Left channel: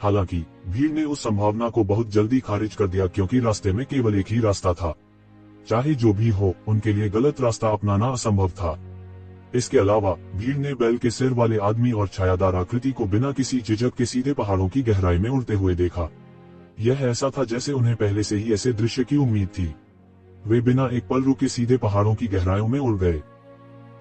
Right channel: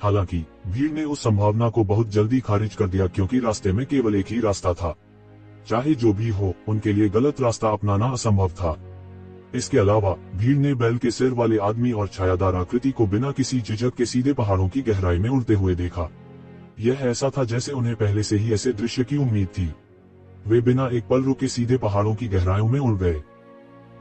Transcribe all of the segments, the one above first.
हालांकि भीड़ ने उस संभावना को बहुत जल्दी खारिज कर दिया, क्योंकि रास्ते में केवल एक ही रास्ता था। चाहे जो भी हो, उनके लिए गलत रास्ता अपनाना असंभव था। इसके अलावा भीड़ ने बैल के सिर वाले आदमी और छायादार आकृति को बिना किसी झिझक के सीधे पहाड़ों की गहराई में उड़ते हुए देखा। यह ऐसा था जैसे उन्हें पहले से ही ऐसे दृश्य की उम्मीद थी। वे बिना एक पल रुके सीधे पहाड़ों की गहराइयों में उड़ गए।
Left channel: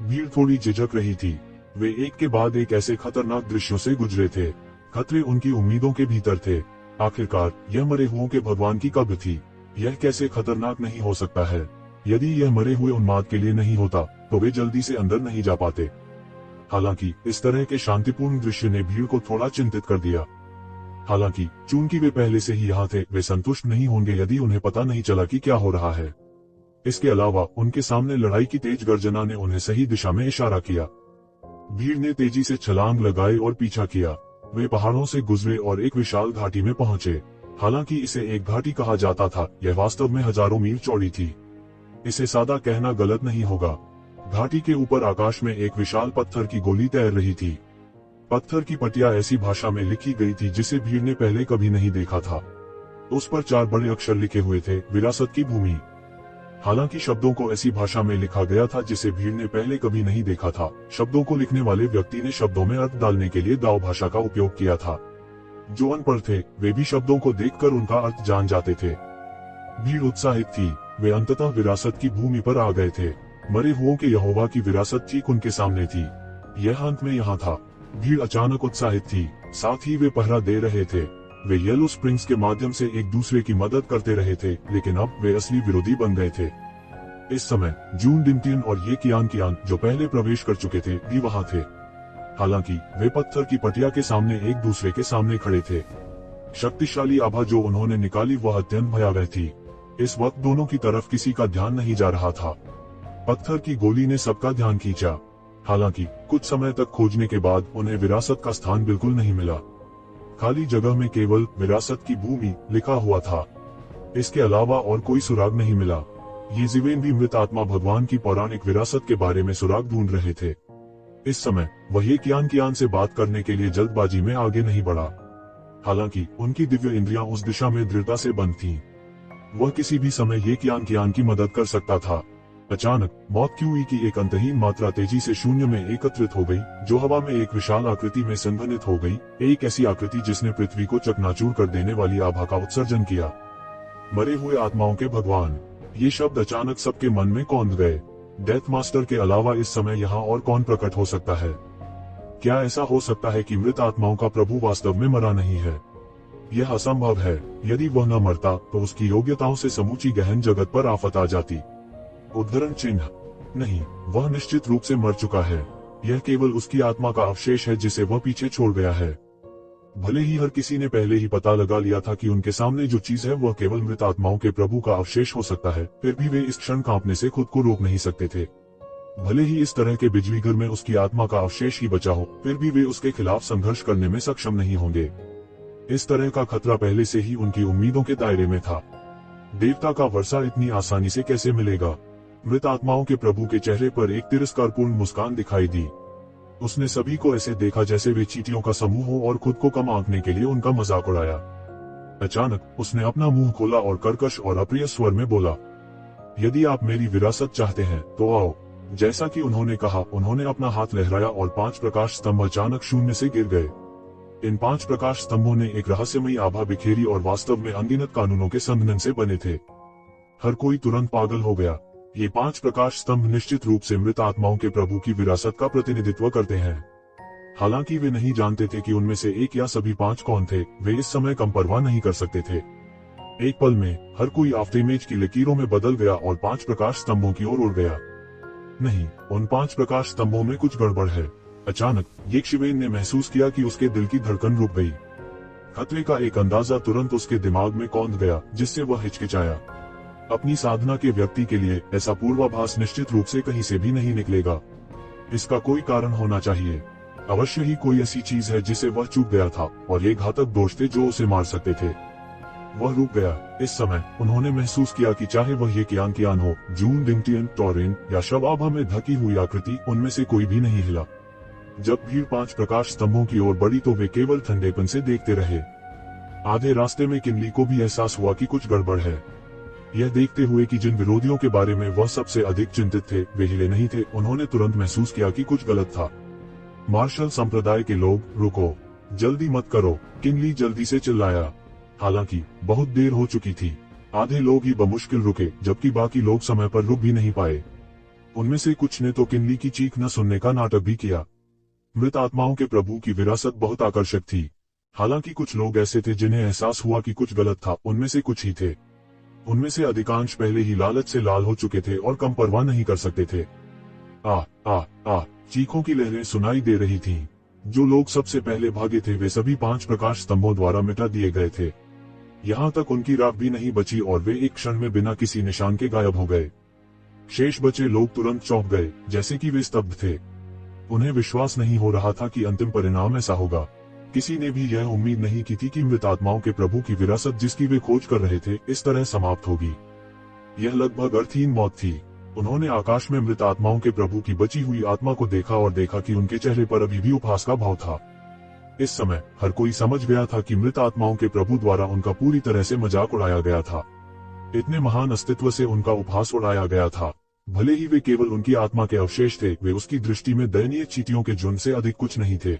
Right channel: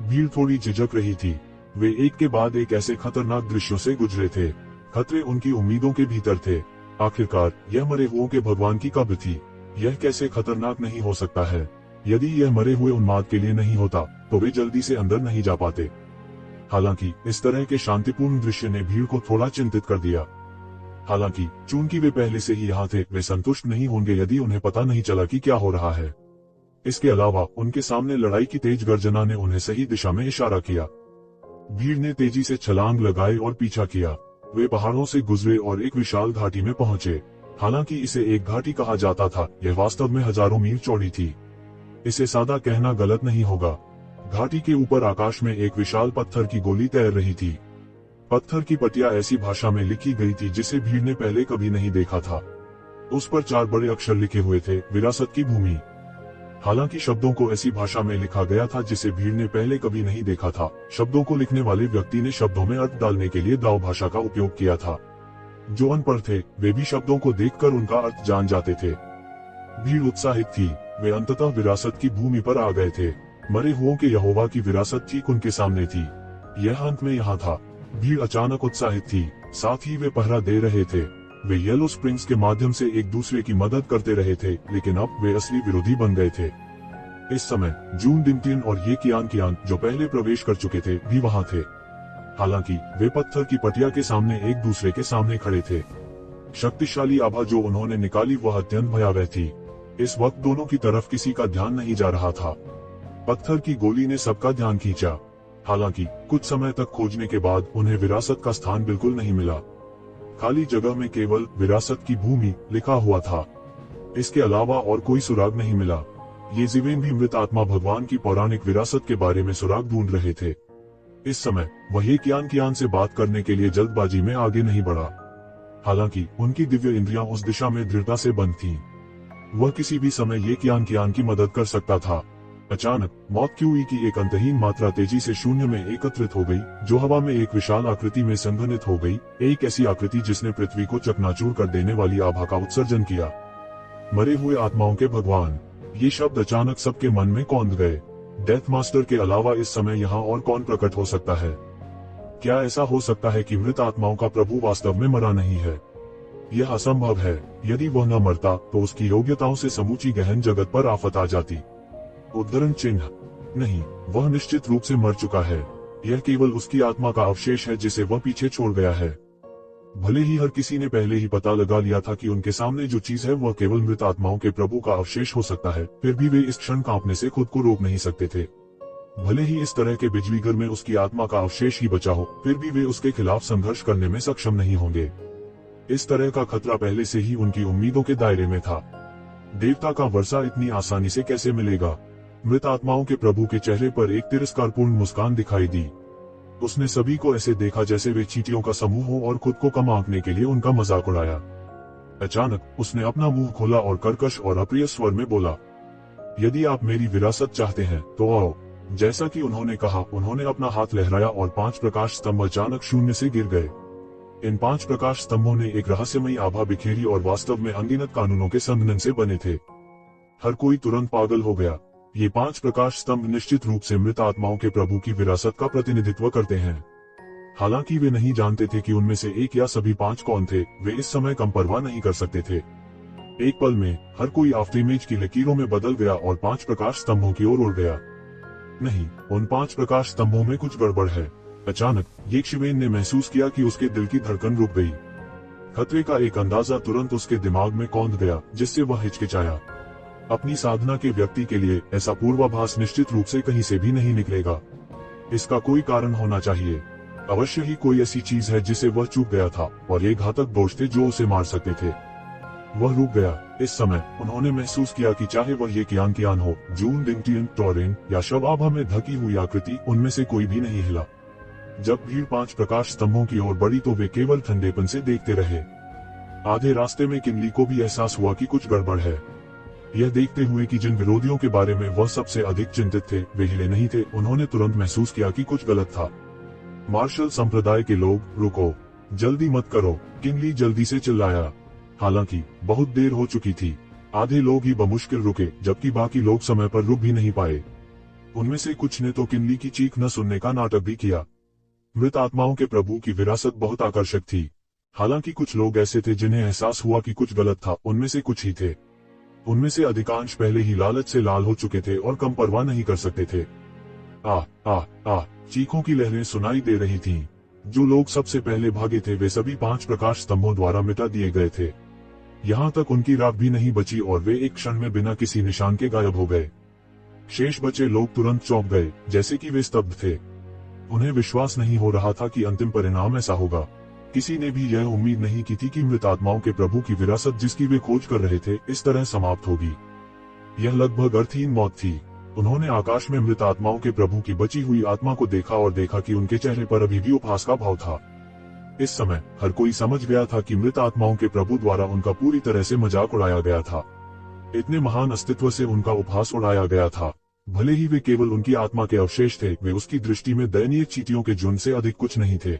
भीड़ थोड़ी झिझक रही थी। वे एक के बाद एक ऐसे खतरनाक दृश्यों से गुजरे थे। खतरे उनकी उम्मीदों के भीतर थे। आखिरकार यह मरे हुओं के भगवान की कब्र थी। यह कैसे खतरनाक नहीं हो सकता है? यदि यह मरे हुए उन्माद के लिए नहीं होता तो वे जल्दी से अंदर नहीं जा पाते। हालांकि इस तरह के शांतिपूर्ण दृश्य ने भीड़ को थोड़ा चिंतित कर दिया। हालांकि चूंकि वे पहले से ही यहाँ थे, वे संतुष्ट नहीं होंगे यदि उन्हें पता नहीं चला कि क्या हो रहा है। इसके अलावा उनके सामने लड़ाई की तेज गर्जना ने उन्हें सही दिशा में इशारा किया। भीड़ ने तेजी से छलांग लगाई और पीछा किया। वे पहाड़ों से गुजरे और एक विशाल घाटी में पहुंचे। हालांकि इसे एक घाटी कहा जाता था, यह वास्तव में हजारों मील चौड़ी थी। इसे सादा कहना गलत नहीं होगा। घाटी के ऊपर आकाश में एक विशाल पत्थर की गोली तैर रही थी। पत्थर की पट्टियां ऐसी भाषा में लिखी गई थी जिसे भीड़ ने पहले कभी नहीं देखा था। उस पर 4 बड़े अक्षर लिखे हुए थे, विरासत की भूमि। हालांकि शब्दों को ऐसी भाषा में लिखा गया था जिसे भीड़ ने पहले कभी नहीं देखा था। शब्दों को लिखने वाले व्यक्ति ने शब्दों में अर्थ डालने के लिए दाव भाषा का उपयोग किया था। जो अनपढ़ थे वे भी शब्दों को देखकर उनका अर्थ जान जाते थे। भीड़ उत्साहित थी। वे अंततः विरासत की भूमि पर आ गए थे। मरे हुओं के यहोवा की विरासत ठीक उनके सामने थी। यह अंत में यहाँ था। भीड़ अचानक उत्साहित थी, साथ ही वे पहरा दे रहे थे। वे येलो स्प्रिंग्स के माध्यम से एक दूसरे की मदद करते रहे थे, लेकिन अब वे असली विरोधी बन गए थे। इस समय जून डिंटियन और ये कियान जो पहले प्रवेश कर चुके थे भी वहाँ थे। हालांकि वे पत्थर की पटिया के सामने एक दूसरे के सामने खड़े थे। शक्तिशाली आभा जो उन्होंने निकाली वह अत्यंत भयावह थी। इस वक्त दोनों की तरफ किसी का ध्यान नहीं जा रहा था। पत्थर की गोली ने सबका ध्यान खींचा। हालांकि कुछ समय तक खोजने के बाद उन्हें विरासत का स्थान बिल्कुल नहीं मिला। खाली जगह में केवल विरासत की भूमि लिखा हुआ था। इसके अलावा और कोई सुराग नहीं मिला। ये जीवेन भी मृत आत्मा भगवान की पौराणिक विरासत के बारे में सुराग ढूंढ रहे थे। इस समय वह ये कियान से बात करने के लिए जल्दबाजी में आगे नहीं बढ़ा। हालांकि उनकी दिव्य इंद्रियां उस दिशा में दृढ़ता से बंद थीं। वह किसी भी समय ये कियान की मदद कर सकता था। अचानक मौत क्यूई की एक अंतहीन मात्रा तेजी से शून्य में एकत्रित हो गई, जो हवा में एक विशाल आकृति में संघनित हो गई। एक ऐसी आकृति जिसने पृथ्वी को चकनाचूर कर देने वाली आभा का उत्सर्जन किया। मरे हुए आत्माओं के भगवान, ये शब्द अचानक सबके मन में कौंध गए। डेथ मास्टर के अलावा इस समय यहाँ और कौन प्रकट हो सकता है? क्या ऐसा हो सकता है कि मृत आत्माओं का प्रभु वास्तव में मरा नहीं है? यह असंभव है। यदि वह न मरता तो उसकी योग्यताओं से समूची गहन जगत पर आफत आ जाती। उद्धरण चिन्ह नहीं, वह निश्चित रूप से मर चुका है। यह केवल उसकी आत्मा का अवशेष है जिसे वह पीछे छोड़ गया है। भले ही हर किसी ने पहले ही पता लगा लिया था कि उनके सामने जो चीज है वह केवल मृत आत्माओं के प्रभु का अवशेष हो सकता है, फिर भी वे इस क्षण कांपने से खुद को रोक नहीं सकते थे। भले ही इस तरह के बिजली घर में उसकी आत्मा का अवशेष ही बचा हो, फिर भी वे उसके खिलाफ संघर्ष करने में सक्षम नहीं होंगे। इस तरह का खतरा पहले से ही उनकी उम्मीदों के दायरे में था। देवता का वर्षा इतनी आसानी से कैसे मिलेगा? मृत आत्माओं के प्रभु के चेहरे पर एक तिरस्कारपूर्ण मुस्कान दिखाई दी। उसने सभी को ऐसे देखा जैसे वे चींटियों का समूह हो और खुद को कम आंकने के लिए उनका मजाक उड़ाया। अचानक उसने अपना मुंह खोला और कर्कश और अप्रिय स्वर में बोला, यदि आप मेरी विरासत चाहते हैं तो आओ। जैसा कि उन्होंने कहा, उन्होंने अपना हाथ लहराया और 5 प्रकाश स्तंभ अचानक शून्य से गिर गए। इन 5 प्रकाश स्तंभों ने एक रहस्यमयी आभा बिखेरी और वास्तव में अनगिनत कानूनों के संघनन से बने थे। हर कोई तुरंत पागल हो गया। ये 5 प्रकाश स्तंभ निश्चित रूप से मृत आत्माओं के प्रभु की विरासत का प्रतिनिधित्व करते हैं। हालांकि वे नहीं जानते थे कि उनमें से एक या सभी 5 कौन थे। वे इस समय कम परवाह नहीं कर सकते थे। एक पल में हर कोई आफ्तेमेज की लकीरों में बदल गया और 5 प्रकाश स्तंभों की ओर उड़ गया। नहीं, उन 5 प्रकाश स्तंभों में कुछ गड़बड़ है। अचानक येशिवेन ने महसूस किया कि उसके दिल की धड़कन रुक गई। खतरे का एक अंदाजा तुरंत उसके दिमाग में कौंध गया, जिससे वह हिचकिचाया। अपनी साधना के व्यक्ति के लिए ऐसा पूर्वाभास निश्चित रूप से कहीं से भी नहीं निकलेगा। इसका कोई कारण होना चाहिए। अवश्य ही कोई ऐसी चीज है जिसे वह चूक गया था, और ये घातक दोष थे जो उसे मार सकते थे। वह रुक गया। इस समय उन्होंने महसूस किया कि चाहे वह ये कियान हो, जून डिंटियन, टोरेन या शव आभा में ढकी हुई आकृति, उनमें से कोई भी नहीं हिला। जब भीड़ 5 प्रकाश स्तंभों की ओर बढ़ी तो वे केवल ठंडेपन से देखते रहे। आधे रास्ते में किनली को भी एहसास हुआ कि कुछ गड़बड़ है। यह देखते हुए कि जिन विरोधियों के बारे में वह सबसे अधिक चिंतित थे वे हिले नहीं थे, उन्होंने तुरंत महसूस किया कि कुछ गलत था। मार्शल संप्रदाय के लोग, रुको, जल्दी मत करो, किनली जल्दी से चिल्लाया। हालांकि बहुत देर हो चुकी थी। आधे लोग ही बमुश्किल रुके, जबकि बाकी लोग समय पर रुक भी नहीं पाए। उनमें से कुछ ने तो किनली की चीख न सुनने का नाटक भी किया। मृत आत्माओं के प्रभु की विरासत बहुत आकर्षक थी। हालांकि कुछ लोग ऐसे थे जिन्हें एहसास हुआ कि कुछ गलत था, उनमें से कुछ ही थे। उनमें से अधिकांश पहले ही लालच से लाल हो चुके थे और कम परवाह नहीं कर सकते थे। आ आ आ चीखों की लहरें सुनाई दे रही थीं। जो लोग सबसे पहले भागे थे वे सभी 5 प्रकाश स्तंभों द्वारा मिटा दिए गए थे। यहाँ तक उनकी राख भी नहीं बची और वे एक क्षण में बिना किसी निशान के गायब हो गए। शेष बचे लोग तुरंत चौंक गए, जैसे कि वे स्तब्ध थे। उन्हें विश्वास नहीं हो रहा था कि अंतिम परिणाम ऐसा होगा। किसी ने भी यह उम्मीद नहीं की थी कि मृत आत्माओं के प्रभु की विरासत जिसकी वे खोज कर रहे थे इस तरह समाप्त होगी। यह लगभग अर्थहीन मौत थी। उन्होंने आकाश में मृत आत्माओं के प्रभु की बची हुई आत्मा को देखा और देखा कि उनके चेहरे पर अभी भी उपहास का भाव था। इस समय हर कोई समझ गया था कि मृत आत्माओं के प्रभु द्वारा उनका पूरी तरह से मजाक उड़ाया गया था। इतने महान अस्तित्व से उनका उपहास उड़ाया गया था। भले ही वे केवल उनकी आत्मा के अवशेष थे, वे उसकी दृष्टि में दयनीय चींटियों के झुंड से अधिक कुछ नहीं थे।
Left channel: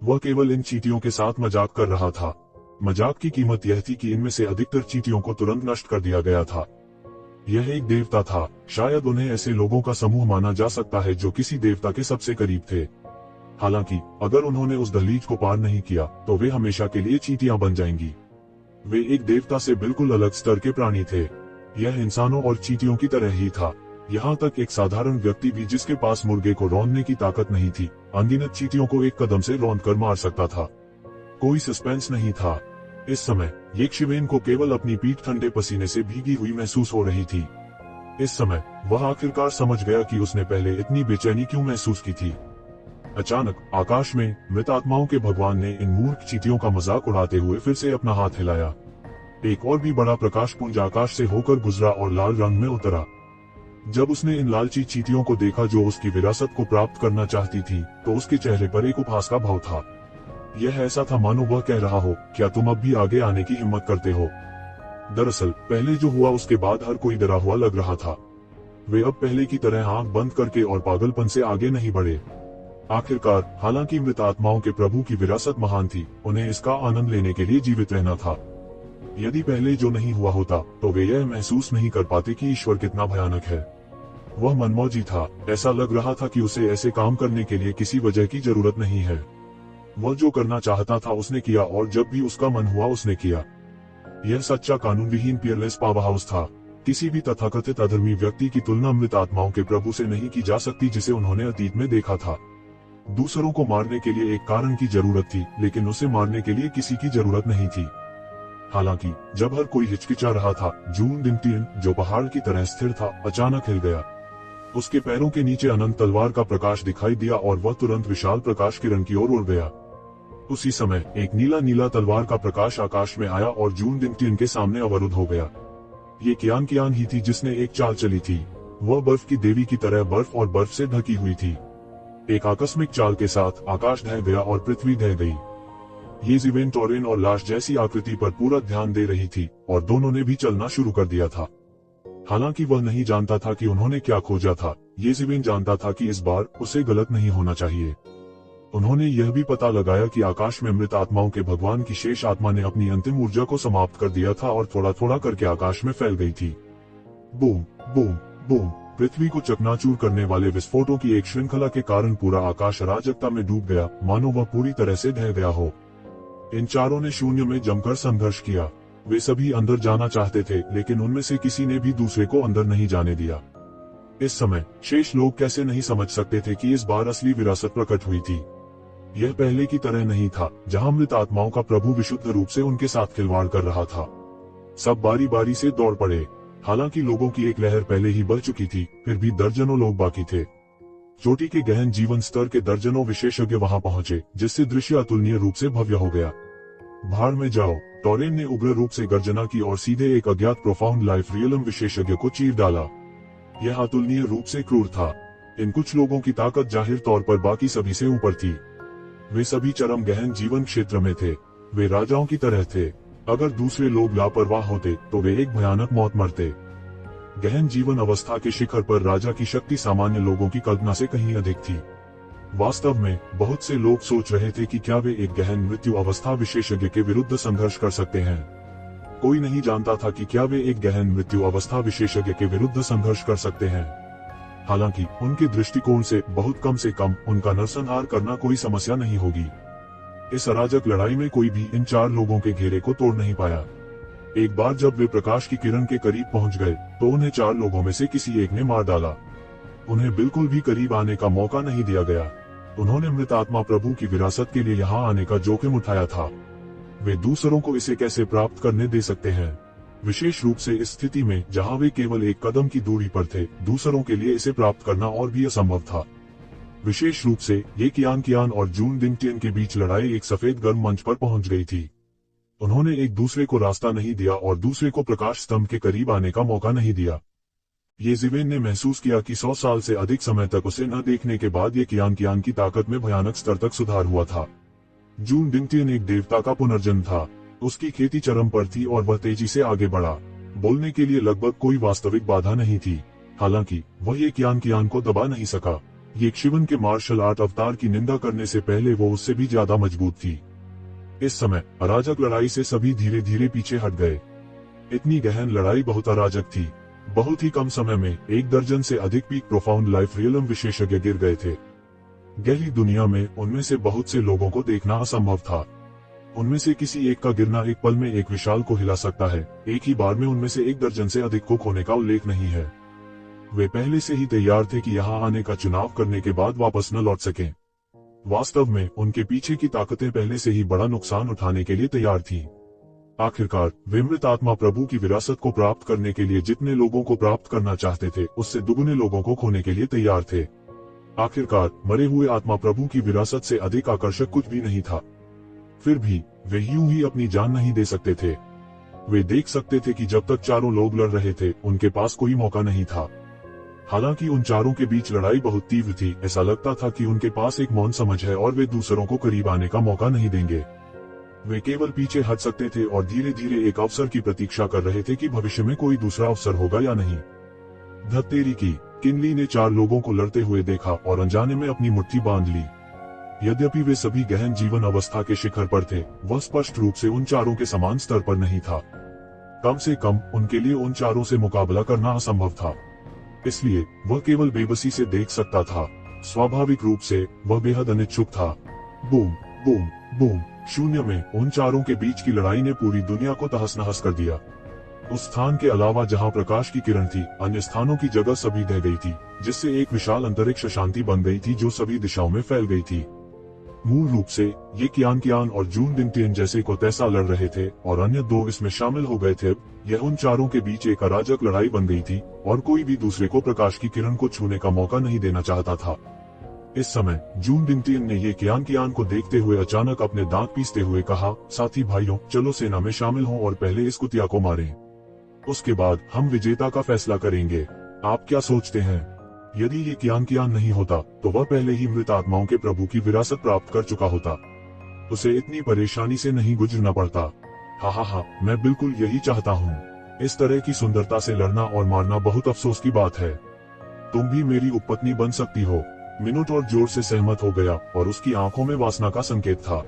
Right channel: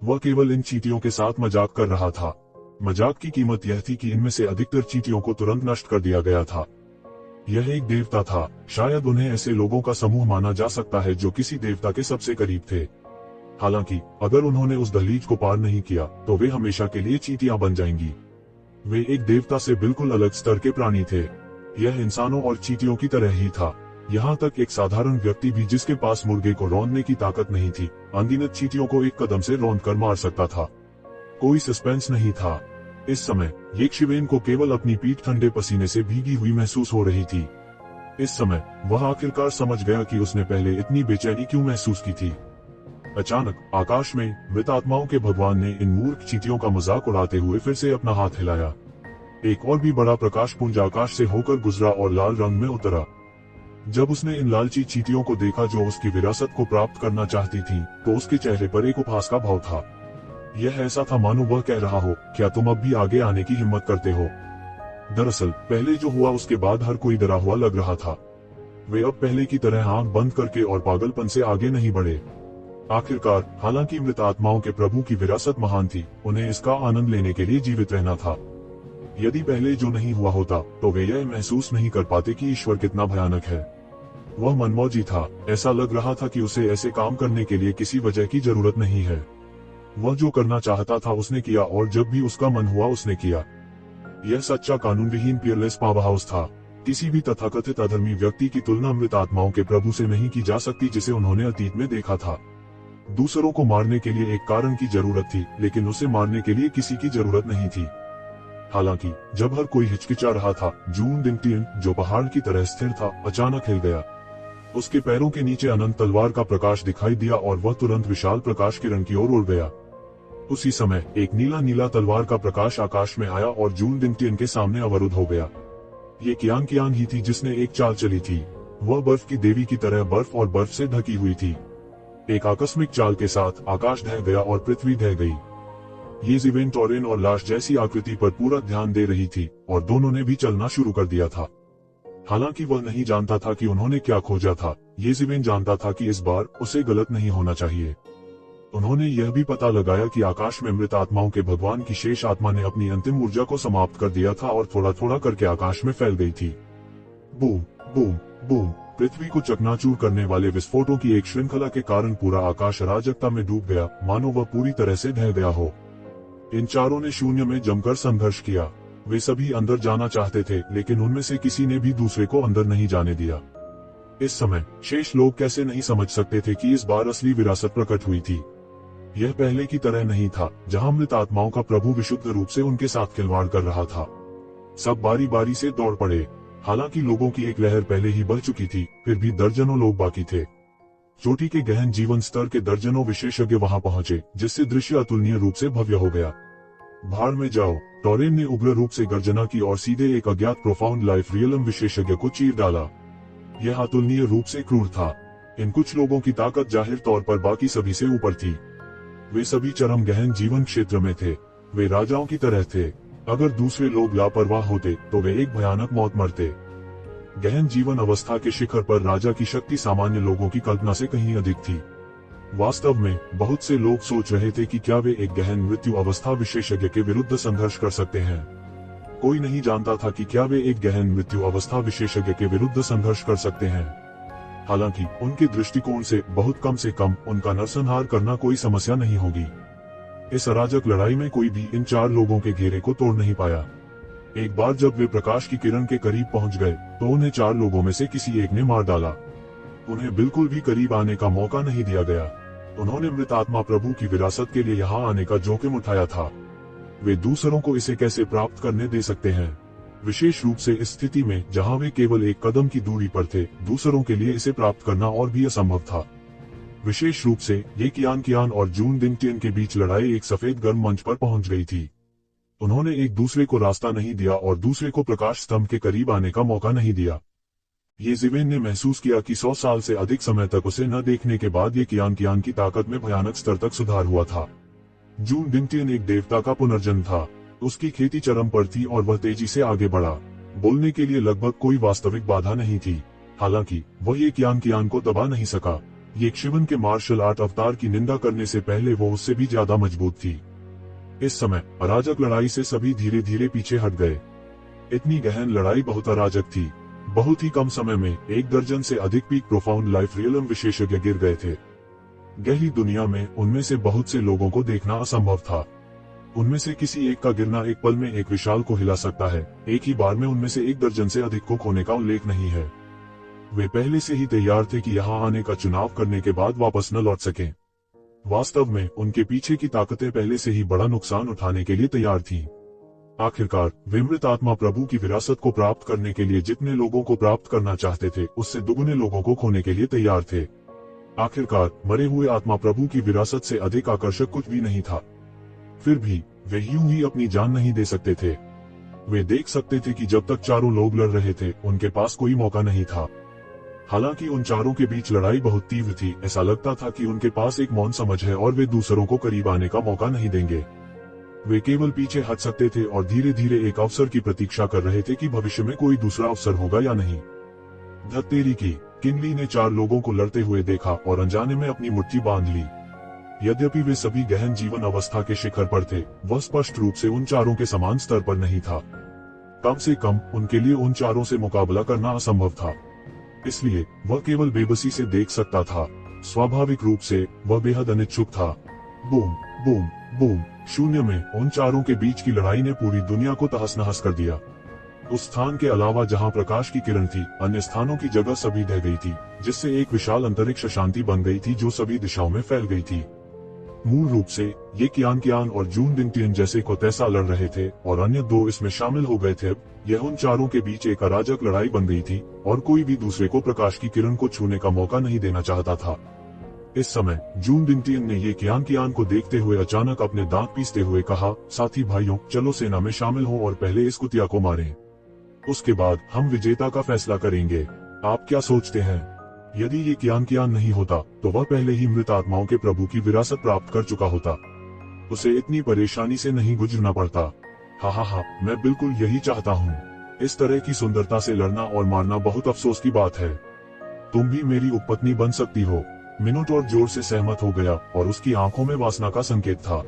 वह केवल इन चींटियों के साथ मजाक कर रहा था। मजाक की कीमत यह थी कि इनमें से अधिकतर चींटियों को तुरंत नष्ट कर दिया गया था। यह एक देवता था। शायद उन्हें ऐसे लोगों का समूह माना जा सकता है जो किसी देवता के सबसे करीब थे। हालांकि अगर उन्होंने उस दहलीज को पार नहीं किया तो वे हमेशा के लिए चींटियां बन जाएंगी। वे एक देवता से बिल्कुल अलग स्तर के प्राणी थे। यह इंसानों और चींटियों की तरह ही था। यहाँ तक एक साधारण व्यक्ति भी जिसके पास मुर्गे को रौंदने की ताकत नहीं थी, अनगिनत चींटियों को एक कदम से रौंद कर मार सकता था। कोई सस्पेंस नहीं था। इस समय येक्षिवेन को केवल अपनी पीठ ठंडे पसीने से भीगी हुई महसूस हो रही थी। इस समय वह आखिरकार समझ गया कि उसने पहले इतनी बेचैनी क्यों महसूस की थी। अचानक आकाश में मृत आत्माओं के भगवान ने इन मूर्ख चींटियों का मजाक उड़ाते हुए फिर से अपना हाथ हिलाया। एक और भी बड़ा प्रकाश पुंज आकाश से होकर गुजरा और लाल रंग में उतरा। जब उसने इन लालची चींटियों को देखा जो उसकी विरासत को प्राप्त करना चाहती थीं, तो उसके चेहरे पर एक उपहास का भाव था। यह ऐसा था मानो वह कह रहा हो, क्या तुम अब भी आगे आने की हिम्मत करते हो? दरअसल पहले जो हुआ उसके बाद हर कोई डरा हुआ लग रहा था। वे अब पहले की तरह आंख बंद करके और पागलपन से आगे नहीं बढ़े। आखिरकार हालांकि मृत आत्माओं के प्रभु की विरासत महान थी, उन्हें इसका आनंद लेने के लिए जीवित रहना था। यदि पहले जो नहीं हुआ होता तो वे यह महसूस नहीं कर पाते कि ईश्वर कितना भयानक है। वह मनमौजी था। ऐसा लग रहा था कि उसे ऐसे काम करने के लिए किसी वजह की जरूरत नहीं है। वह जो करना चाहता था उसने किया और जब भी उसका मन हुआ उसने किया। यह सच्चा कानून विहीन पियरलेस पावर हाउस था। किसी भी तथाकथित अधर्मी व्यक्ति की तुलना मृत आत्माओं के प्रभु से नहीं की जा सकती जिसे उन्होंने अतीत में देखा था। दूसरों को मारने के लिए एक कारण की जरूरत थी, लेकिन उसे मारने के लिए किसी की जरूरत नहीं थी। हालांकि जब हर कोई हिचकिचा रहा था, जून दिंगटियन जो पहाड़ की तरह स्थिर था अचानक हिल गया। उसके पैरों के नीचे अनंत तलवार का प्रकाश दिखाई दिया और वह तुरंत विशाल प्रकाश किरण की ओर उड़ गया। उसी समय एक नीला नीला तलवार का प्रकाश आकाश में आया और जून दिंगटियन के सामने अवरुद्ध हो गया। ये कियांग ही थी जिसने एक चाल चली थी। वह बर्फ की देवी की तरह बर्फ और बर्फ से ढकी हुई थी। एक आकस्मिक चाल के साथ आकाश ढह गया और पृथ्वी ढह गई। ये जीवेन टोरेन और लाश जैसी आकृति पर पूरा ध्यान दे रही थी और दोनों ने भी चलना शुरू कर दिया था। हालांकि वह नहीं जानता था कि उन्होंने क्या खोजा था। ये जीवेन जानता था कि इस बार उसे गलत नहीं होना चाहिए। उन्होंने यह भी पता लगाया कि आकाश में मृत आत्माओं के भगवान की शेष आत्मा ने अपनी अंतिम ऊर्जा को समाप्त कर दिया था और थोड़ा थोड़ा करके आकाश में फैल गई थी। Boom boom boom. पृथ्वी को चकनाचूर करने वाले विस्फोटों की एक श्रृंखला के कारण पूरा आकाश अराजकता में डूब गया, मानो वह पूरी तरह से ढह गया हो। इन चारों ने शून्य में जमकर संघर्ष किया। वे सभी अंदर जाना चाहते थे, लेकिन उनमें से किसी ने भी दूसरे को अंदर नहीं जाने दिया। इस समय शेष लोग कैसे नहीं समझ सकते थे कि इस बार असली विरासत प्रकट हुई थी। यह पहले की तरह नहीं था, जहां मृत आत्माओं का प्रभु विशुद्ध रूप से उनके साथ खिलवाड़ कर रहा था। सब बारी बारी से दौड़ पड़े। हालांकि लोगों की एक लहर पहले ही बढ़ चुकी थी, फिर भी दर्जनों लोग बाकी थे। चोटी के गहन जीवन स्तर के दर्जनों विशेषज्ञ वहां पहुंचे, जिससे दृश्य अतुलनीय रूप से भव्य हो गया। भाड़ में जाओ, टोरेन ने उग्र रूप से गर्जना की और सीधे एक अज्ञात प्रोफाउंड लाइफ रियलम विशेषज्ञ को चीर डाला। यह अतुलनीय रूप से क्रूर था। इन कुछ लोगों की ताकत जाहिर तौर पर बाकी सभी से ऊपर थी। वे सभी चरम गहन जीवन क्षेत्र में थे। वे राजाओं की तरह थे। अगर दूसरे लोग लापरवाह होते तो वे एक भयानक मौत मरते। गहन जीवन अवस्था के शिखर पर राजा की शक्ति सामान्य लोगों की कल्पना से कहीं अधिक थी। वास्तव में बहुत से लोग सोच रहे थे कि क्या वे एक गहन मृत्यु अवस्था विशेषज्ञ के विरुद्ध संघर्ष कर सकते हैं। कोई नहीं जानता था कि क्या वे एक गहन मृत्यु अवस्था विशेषज्ञ के विरुद्ध संघर्ष कर सकते हैं। हालांकि उनके दृष्टिकोण से कम उनका नरसंहार करना कोई समस्या नहीं होगी। इस अराजक लड़ाई में कोई भी इन 4 लोगों के घेरे को तोड़ नहीं पाया। एक बार जब वे प्रकाश की किरण के करीब पहुंच गए तो उन्हें 4 लोगों में से किसी एक ने मार डाला। उन्हें बिल्कुल भी करीब आने का मौका नहीं दिया गया। उन्होंने मृत आत्मा प्रभु की विरासत के लिए यहाँ आने का जोखिम उठाया था। वे दूसरों को इसे कैसे प्राप्त करने दे सकते हैं, विशेष रूप से इस स्थिति में जहाँ वे केवल एक कदम की दूरी पर थे। दूसरों के लिए इसे प्राप्त करना और भी असंभव था। विशेष रूप से ये कियान और जून दिंगटियन के बीच लड़ाई एक सफेद गर्म मंच पर पहुंच गई थी। उन्होंने एक दूसरे को रास्ता नहीं दिया और दूसरे को प्रकाश स्तंभ के करीब आने का मौका नहीं दिया। ये जिवेन ने महसूस किया कि 100 साल से अधिक समय तक उसे न देखने के बाद ये कियान की ताकत में भयानक स्तर तक सुधार हुआ था। जून दिंगटियन एक देवता का पुनर्जन्म था। उसकी खेती चरम पर थी और वह तेजी से आगे बढ़ा। बोलने के लिए लगभग कोई वास्तविक बाधा नहीं थी। हालांकि वह ये कियान को दबा नहीं सका। ये शिवन के मार्शल आर्ट अवतार की निंदा करने से पहले वो उससे भी ज्यादा मजबूत थी। इस समय अराजक लड़ाई से सभी धीरे धीरे पीछे हट गए। इतनी गहन लड़ाई बहुत अराजक थी। बहुत ही कम समय में 1 दर्जन से अधिक पीक प्रोफाउंड लाइफ रियलम विशेषज्ञ गिर गए थे। गहरी दुनिया में उनमें से बहुत से लोगों को देखना असंभव था। उनमें से किसी एक का गिरना एक पल में एक विशाल को हिला सकता है। एक ही बार में उनमें से 1 दर्जन से अधिक को खोने का उल्लेख नहीं है। वे पहले से ही तैयार थे कि यहाँ आने का चुनाव करने के बाद वापस न लौट सकें। वास्तव में उनके पीछे की ताकतें पहले से ही बड़ा नुकसान उठाने के लिए तैयार थीं। आखिरकार वे मृत आत्मा प्रभु की विरासत को प्राप्त करने के लिए जितने लोगों को प्राप्त करना चाहते थे उससे दुगने लोगों को खोने के लिए तैयार थे। आखिरकार मरे हुए आत्मा प्रभु की विरासत से अधिक आकर्षक कुछ भी नहीं था। फिर भी वे यूं ही अपनी जान नहीं दे सकते थे। वे देख सकते थे कि जब तक चारों लोग लड़ रहे थे उनके पास कोई मौका नहीं था। हालांकि उन चारों के बीच लड़ाई बहुत तीव्र थी। ऐसा लगता था कि उनके पास एक मौन समझ है और वे दूसरों को करीब आने का मौका नहीं देंगे। वे केवल पीछे हट सकते थे और धीरे धीरे एक अवसर की प्रतीक्षा कर रहे थे कि भविष्य में कोई दूसरा अवसर होगा या नहीं। धत्तेरी की किंगली ने 4 लोगों को लड़ते हुए देखा और अनजाने में अपनी मुट्ठी बांध ली। यद्यपि वे सभी गहन जीवन अवस्था के शिखर पर थे, वह स्पष्ट रूप से उन चारों के समान स्तर पर नहीं था। कम से कम उनके लिए उन चारों से मुकाबला करना असंभव था। इसलिए वह केवल बेबसी से देख सकता था। स्वाभाविक रूप से वह बेहद अनिच्छुक था। Boom boom boom. शून्य में उन चारों के बीच की लड़ाई ने पूरी दुनिया को तहस नहस कर दिया। उस स्थान के अलावा जहां प्रकाश की किरण थी, अन्य स्थानों की जगह सभी ढह गई थी, जिससे एक विशाल अंतरिक्ष शांति बन गई थी जो सभी दिशाओं में फैल गई थी। मूल रूप से ये कियान और जून दिंगटियन जैसे को तैसा लड़ रहे थे और अन्य 2 इसमें शामिल हो गए थे। यह उन चारों के बीच एक अराजक लड़ाई बन गई थी और कोई भी दूसरे को प्रकाश की किरण को छूने का मौका नहीं देना चाहता था। इस समय जून दिंगटियन ने ये कियान को देखते हुए अचानक अपने दांत पीसते हुए कहा, साथी भाइयों, चलो सेना में शामिल हो और पहले इस कुतिया को मारें। उसके बाद हम विजेता का फैसला करेंगे। आप क्या सोचते हैं? यदि ये कियान नहीं होता तो वह पहले ही मृत आत्माओं के प्रभु की विरासत प्राप्त कर चुका होता। उसे इतनी परेशानी से नहीं गुजरना पड़ता। हाँ, मैं बिल्कुल यही चाहता हूँ। इस तरह की सुंदरता से लड़ना और मारना बहुत अफसोस की बात है। तुम भी मेरी उपपत्नी बन सकती हो। मिनोटॉर जोर से सहमत हो गया और उसकी आंखों में वासना का संकेत था।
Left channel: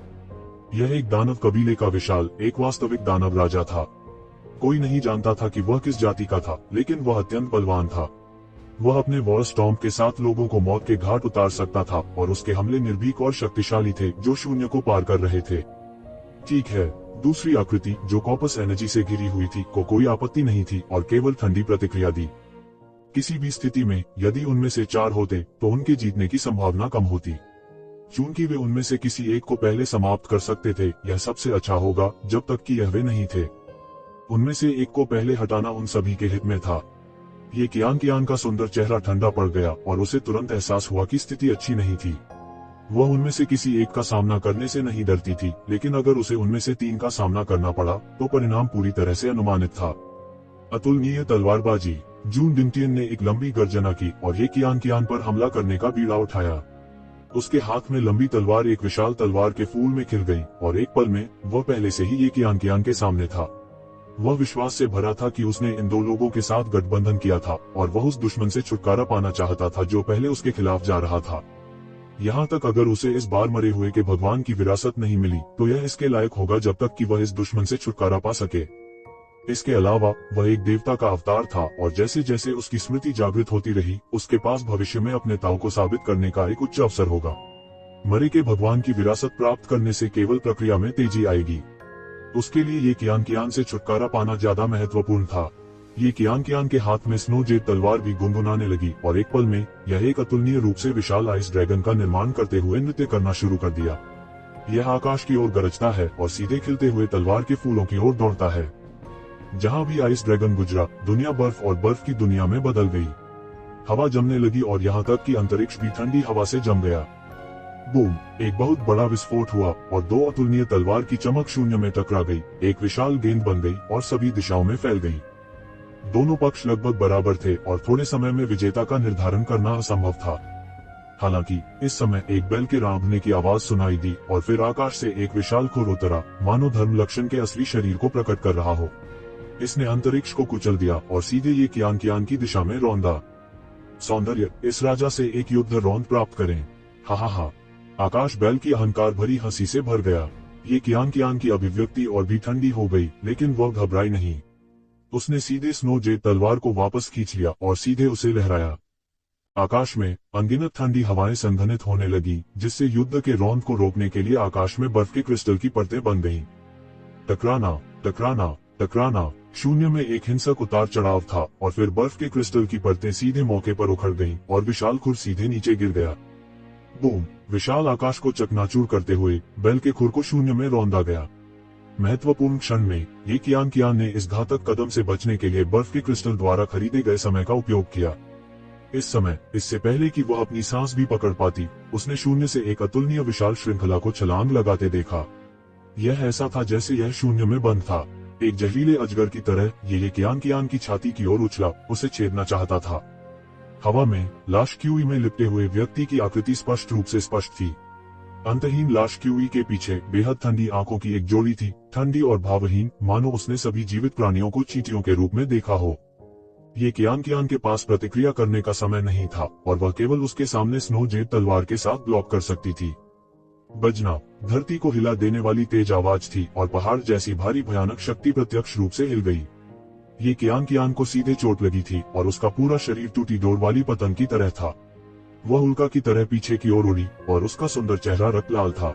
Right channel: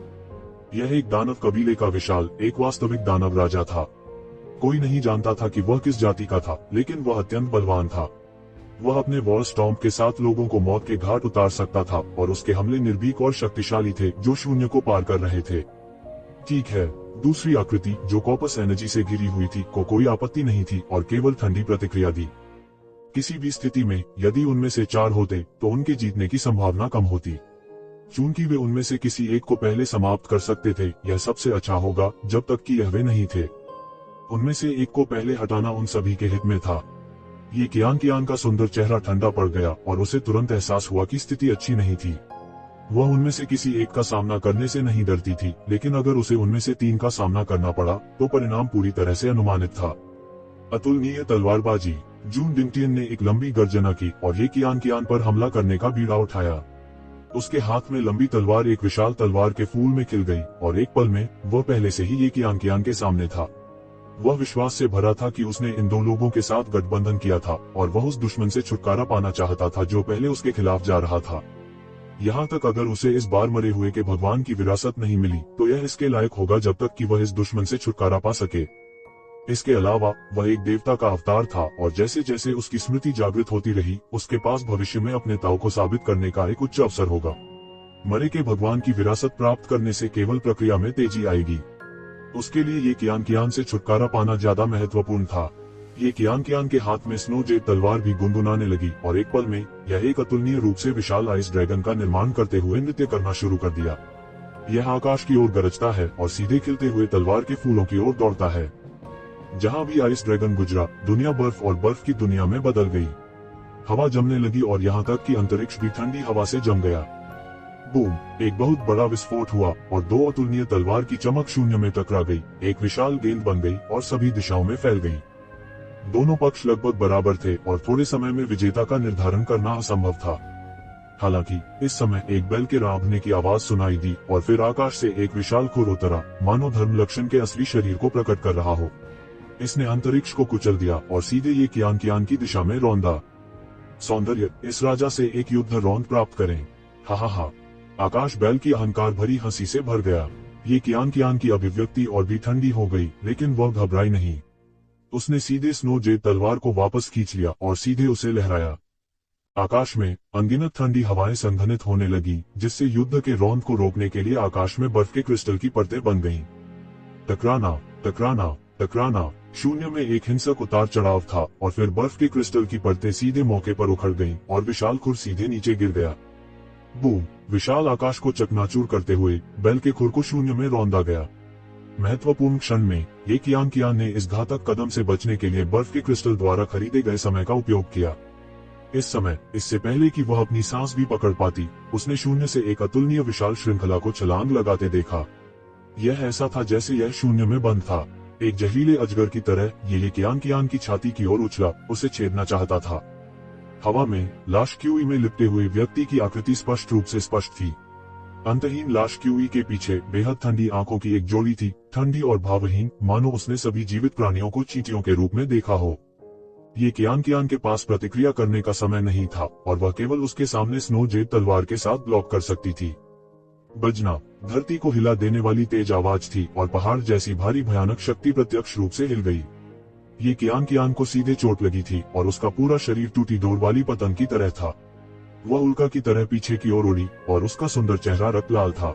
यह एक दानव कबीले का विशाल, एक वास्तविक दानव राजा था। कोई नहीं जानता था कि वह किस जाति का था, लेकिन वह अत्यंत बलवान था। वह अपने वॉर स्टॉर्म के साथ लोगों को मौत के घाट उतार सकता था और उसके हमले निर्भीक और शक्तिशाली थे जो शून्य को पार कर रहे थे। ठीक है, दूसरी आकृति जो कॉपस एनर्जी से घिरी हुई थी को कोई आपत्ति नहीं थी और केवल ठंडी प्रतिक्रिया दी। किसी भी स्थिति में यदि उनमें से 4 होते तो उनके जीतने की संभावना कम होती। चूंकि वे उनमें से किसी एक को पहले समाप्त कर सकते थे, यह सबसे अच्छा होगा जब तक कि यह वे नहीं थे। उनमें से एक को पहले हटाना उन सभी के हित में था। ये कियान का सुंदर चेहरा ठंडा पड़ गया और उसे तुरंत एहसास हुआ कि स्थिति अच्छी नहीं थी। वह उनमें से किसी एक का सामना करने से नहीं डरती थी, लेकिन अगर उसे उनमें से 3 का सामना करना पड़ा तो परिणाम पूरी तरह से अनुमानित था। अतुलनीय तलवारबाजी। जून दिंगटियन ने एक लंबी गर्जना की और ये कियान पर हमला करने का बीड़ा उठाया। उसके हाथ में लंबी तलवार एक विशाल तलवार के फूल में खिल गई और एक पल में वह पहले से ही ये कियान के सामने था। वह विश्वास से भरा था कि उसने इन दो लोगों के साथ गठबंधन किया था और वह उस दुश्मन से छुटकारा पाना चाहता था जो पहले उसके खिलाफ जा रहा था। यहाँ तक अगर उसे इस बार मरे हुए के भगवान की विरासत नहीं मिली तो यह इसके लायक होगा जब तक कि वह इस दुश्मन से छुटकारा पा सके। इसके अलावा वह एक देवता का अवतार था और जैसे जैसे उसकी स्मृति जागृत होती रही उसके पास भविष्य में अपने ताव को साबित करने का एक उच्च अवसर होगा। मरे के भगवान की विरासत प्राप्त करने से केवल प्रक्रिया में तेजी आएगी। उसके लिए ये कियान से छुटकारा पाना ज्यादा महत्वपूर्ण था। ये कियान के हाथ में स्नो जेड तलवार भी गुनगुनाने लगी और एक पल में यह एक अतुलनीय रूप से विशाल आइस ड्रैगन का निर्माण करते हुए नृत्य करना शुरू कर दिया। यह आकाश की ओर गरजता है और सीधे खिलते हुए तलवार के फूलों की ओर दौड़ता है। जहाँ भी आइस ड्रैगन गुजरा दुनिया बर्फ और बर्फ की दुनिया में बदल गई। हवा जमने लगी और यहाँ तक कि अंतरिक्ष भी ठंडी हवा से जम गया। बूम! एक बहुत बड़ा विस्फोट हुआ और दो अतुलनीय तलवार की चमक शून्य में टकरा गई, एक विशाल गेंद बन गई और सभी दिशाओं में फैल गई। दोनों पक्ष लगभग बराबर थे और थोड़े समय में विजेता का निर्धारण करना असंभव था। हालांकि इस समय एक बैल के रांभने की आवाज सुनाई दी और फिर आकाश से एक विशाल खुर उतरा, मानो धर्म लक्षण के असली शरीर को प्रकट कर रहा हो। इसने अंतरिक्ष को कुचल दिया और सीधे ये कियान की दिशा में रौंदा। सौंदर्य, इस राजा से एक युद्ध रौंद प्राप्त करें। हा। आकाश बैल की अहंकार भरी हंसी से भर गया। ये कियान की अभिव्यक्ति और भी ठंडी हो गई, लेकिन वह घबराई नहीं। उसने सीधे स्नो जेड तलवार को वापस खींच लिया और सीधे उसे लहराया। आकाश में अनगिनत ठंडी हवाएं संघनित होने लगी, जिससे युद्ध के रौंद को रोकने के लिए आकाश में बर्फ के क्रिस्टल की परतें बन गईं। टकराना, टकराना, टकराना। शून्य में एक हिंसक उतार चढ़ाव था और फिर बर्फ के क्रिस्टल की परतें सीधे मौके पर उखड़ गईं और विशाल खुर सीधे नीचे गिर गया। बूम! विशाल आकाश को चकनाचूर करते हुए बैल के खुर को शून्य में रौंदा गया। महत्वपूर्ण क्षण में ये कियान ने इस घातक कदम से बचने के लिए बर्फ के क्रिस्टल द्वारा खरीदे गए समय का उपयोग किया। इस समय, इससे पहले कि वह अपनी सांस भी पकड़ पाती, उसने शून्य से एक अतुलनीय विशाल श्रृंखला को छलांग लगाते देखा। यह ऐसा था जैसे यह शून्य में बंद था। एक जहरीले अजगर की तरह ये कियान की छाती की ओर उछला, उसे छेदना चाहता था। हवा में लाश क्यूई में लिपटे हुए व्यक्ति की आकृति स्पष्ट रूप से स्पष्ट थी। अंतहीन लाश क्यूई के पीछे बेहद ठंडी आंखों की एक जोड़ी थी, ठंडी और भावहीन, मानो उसने सभी जीवित प्राणियों को चींटियों के रूप में देखा हो। ये कियान के पास प्रतिक्रिया करने का समय नहीं था और वह केवल उसके सामने स्नो जेड तलवार के साथ ब्लॉक कर सकती थी। बजना, धरती को हिला देने वाली तेज आवाज थी और पहाड़ जैसी भारी भयानक शक्ति प्रत्यक्ष रूप से हिल गई। ये कियान को सीधे चोट लगी थी और उसका पूरा शरीर टूटी डोर वाली पतंग की तरह था। वह उल्का की तरह पीछे की ओर उड़ी और उसका सुंदर चेहरा रक्त लाल था।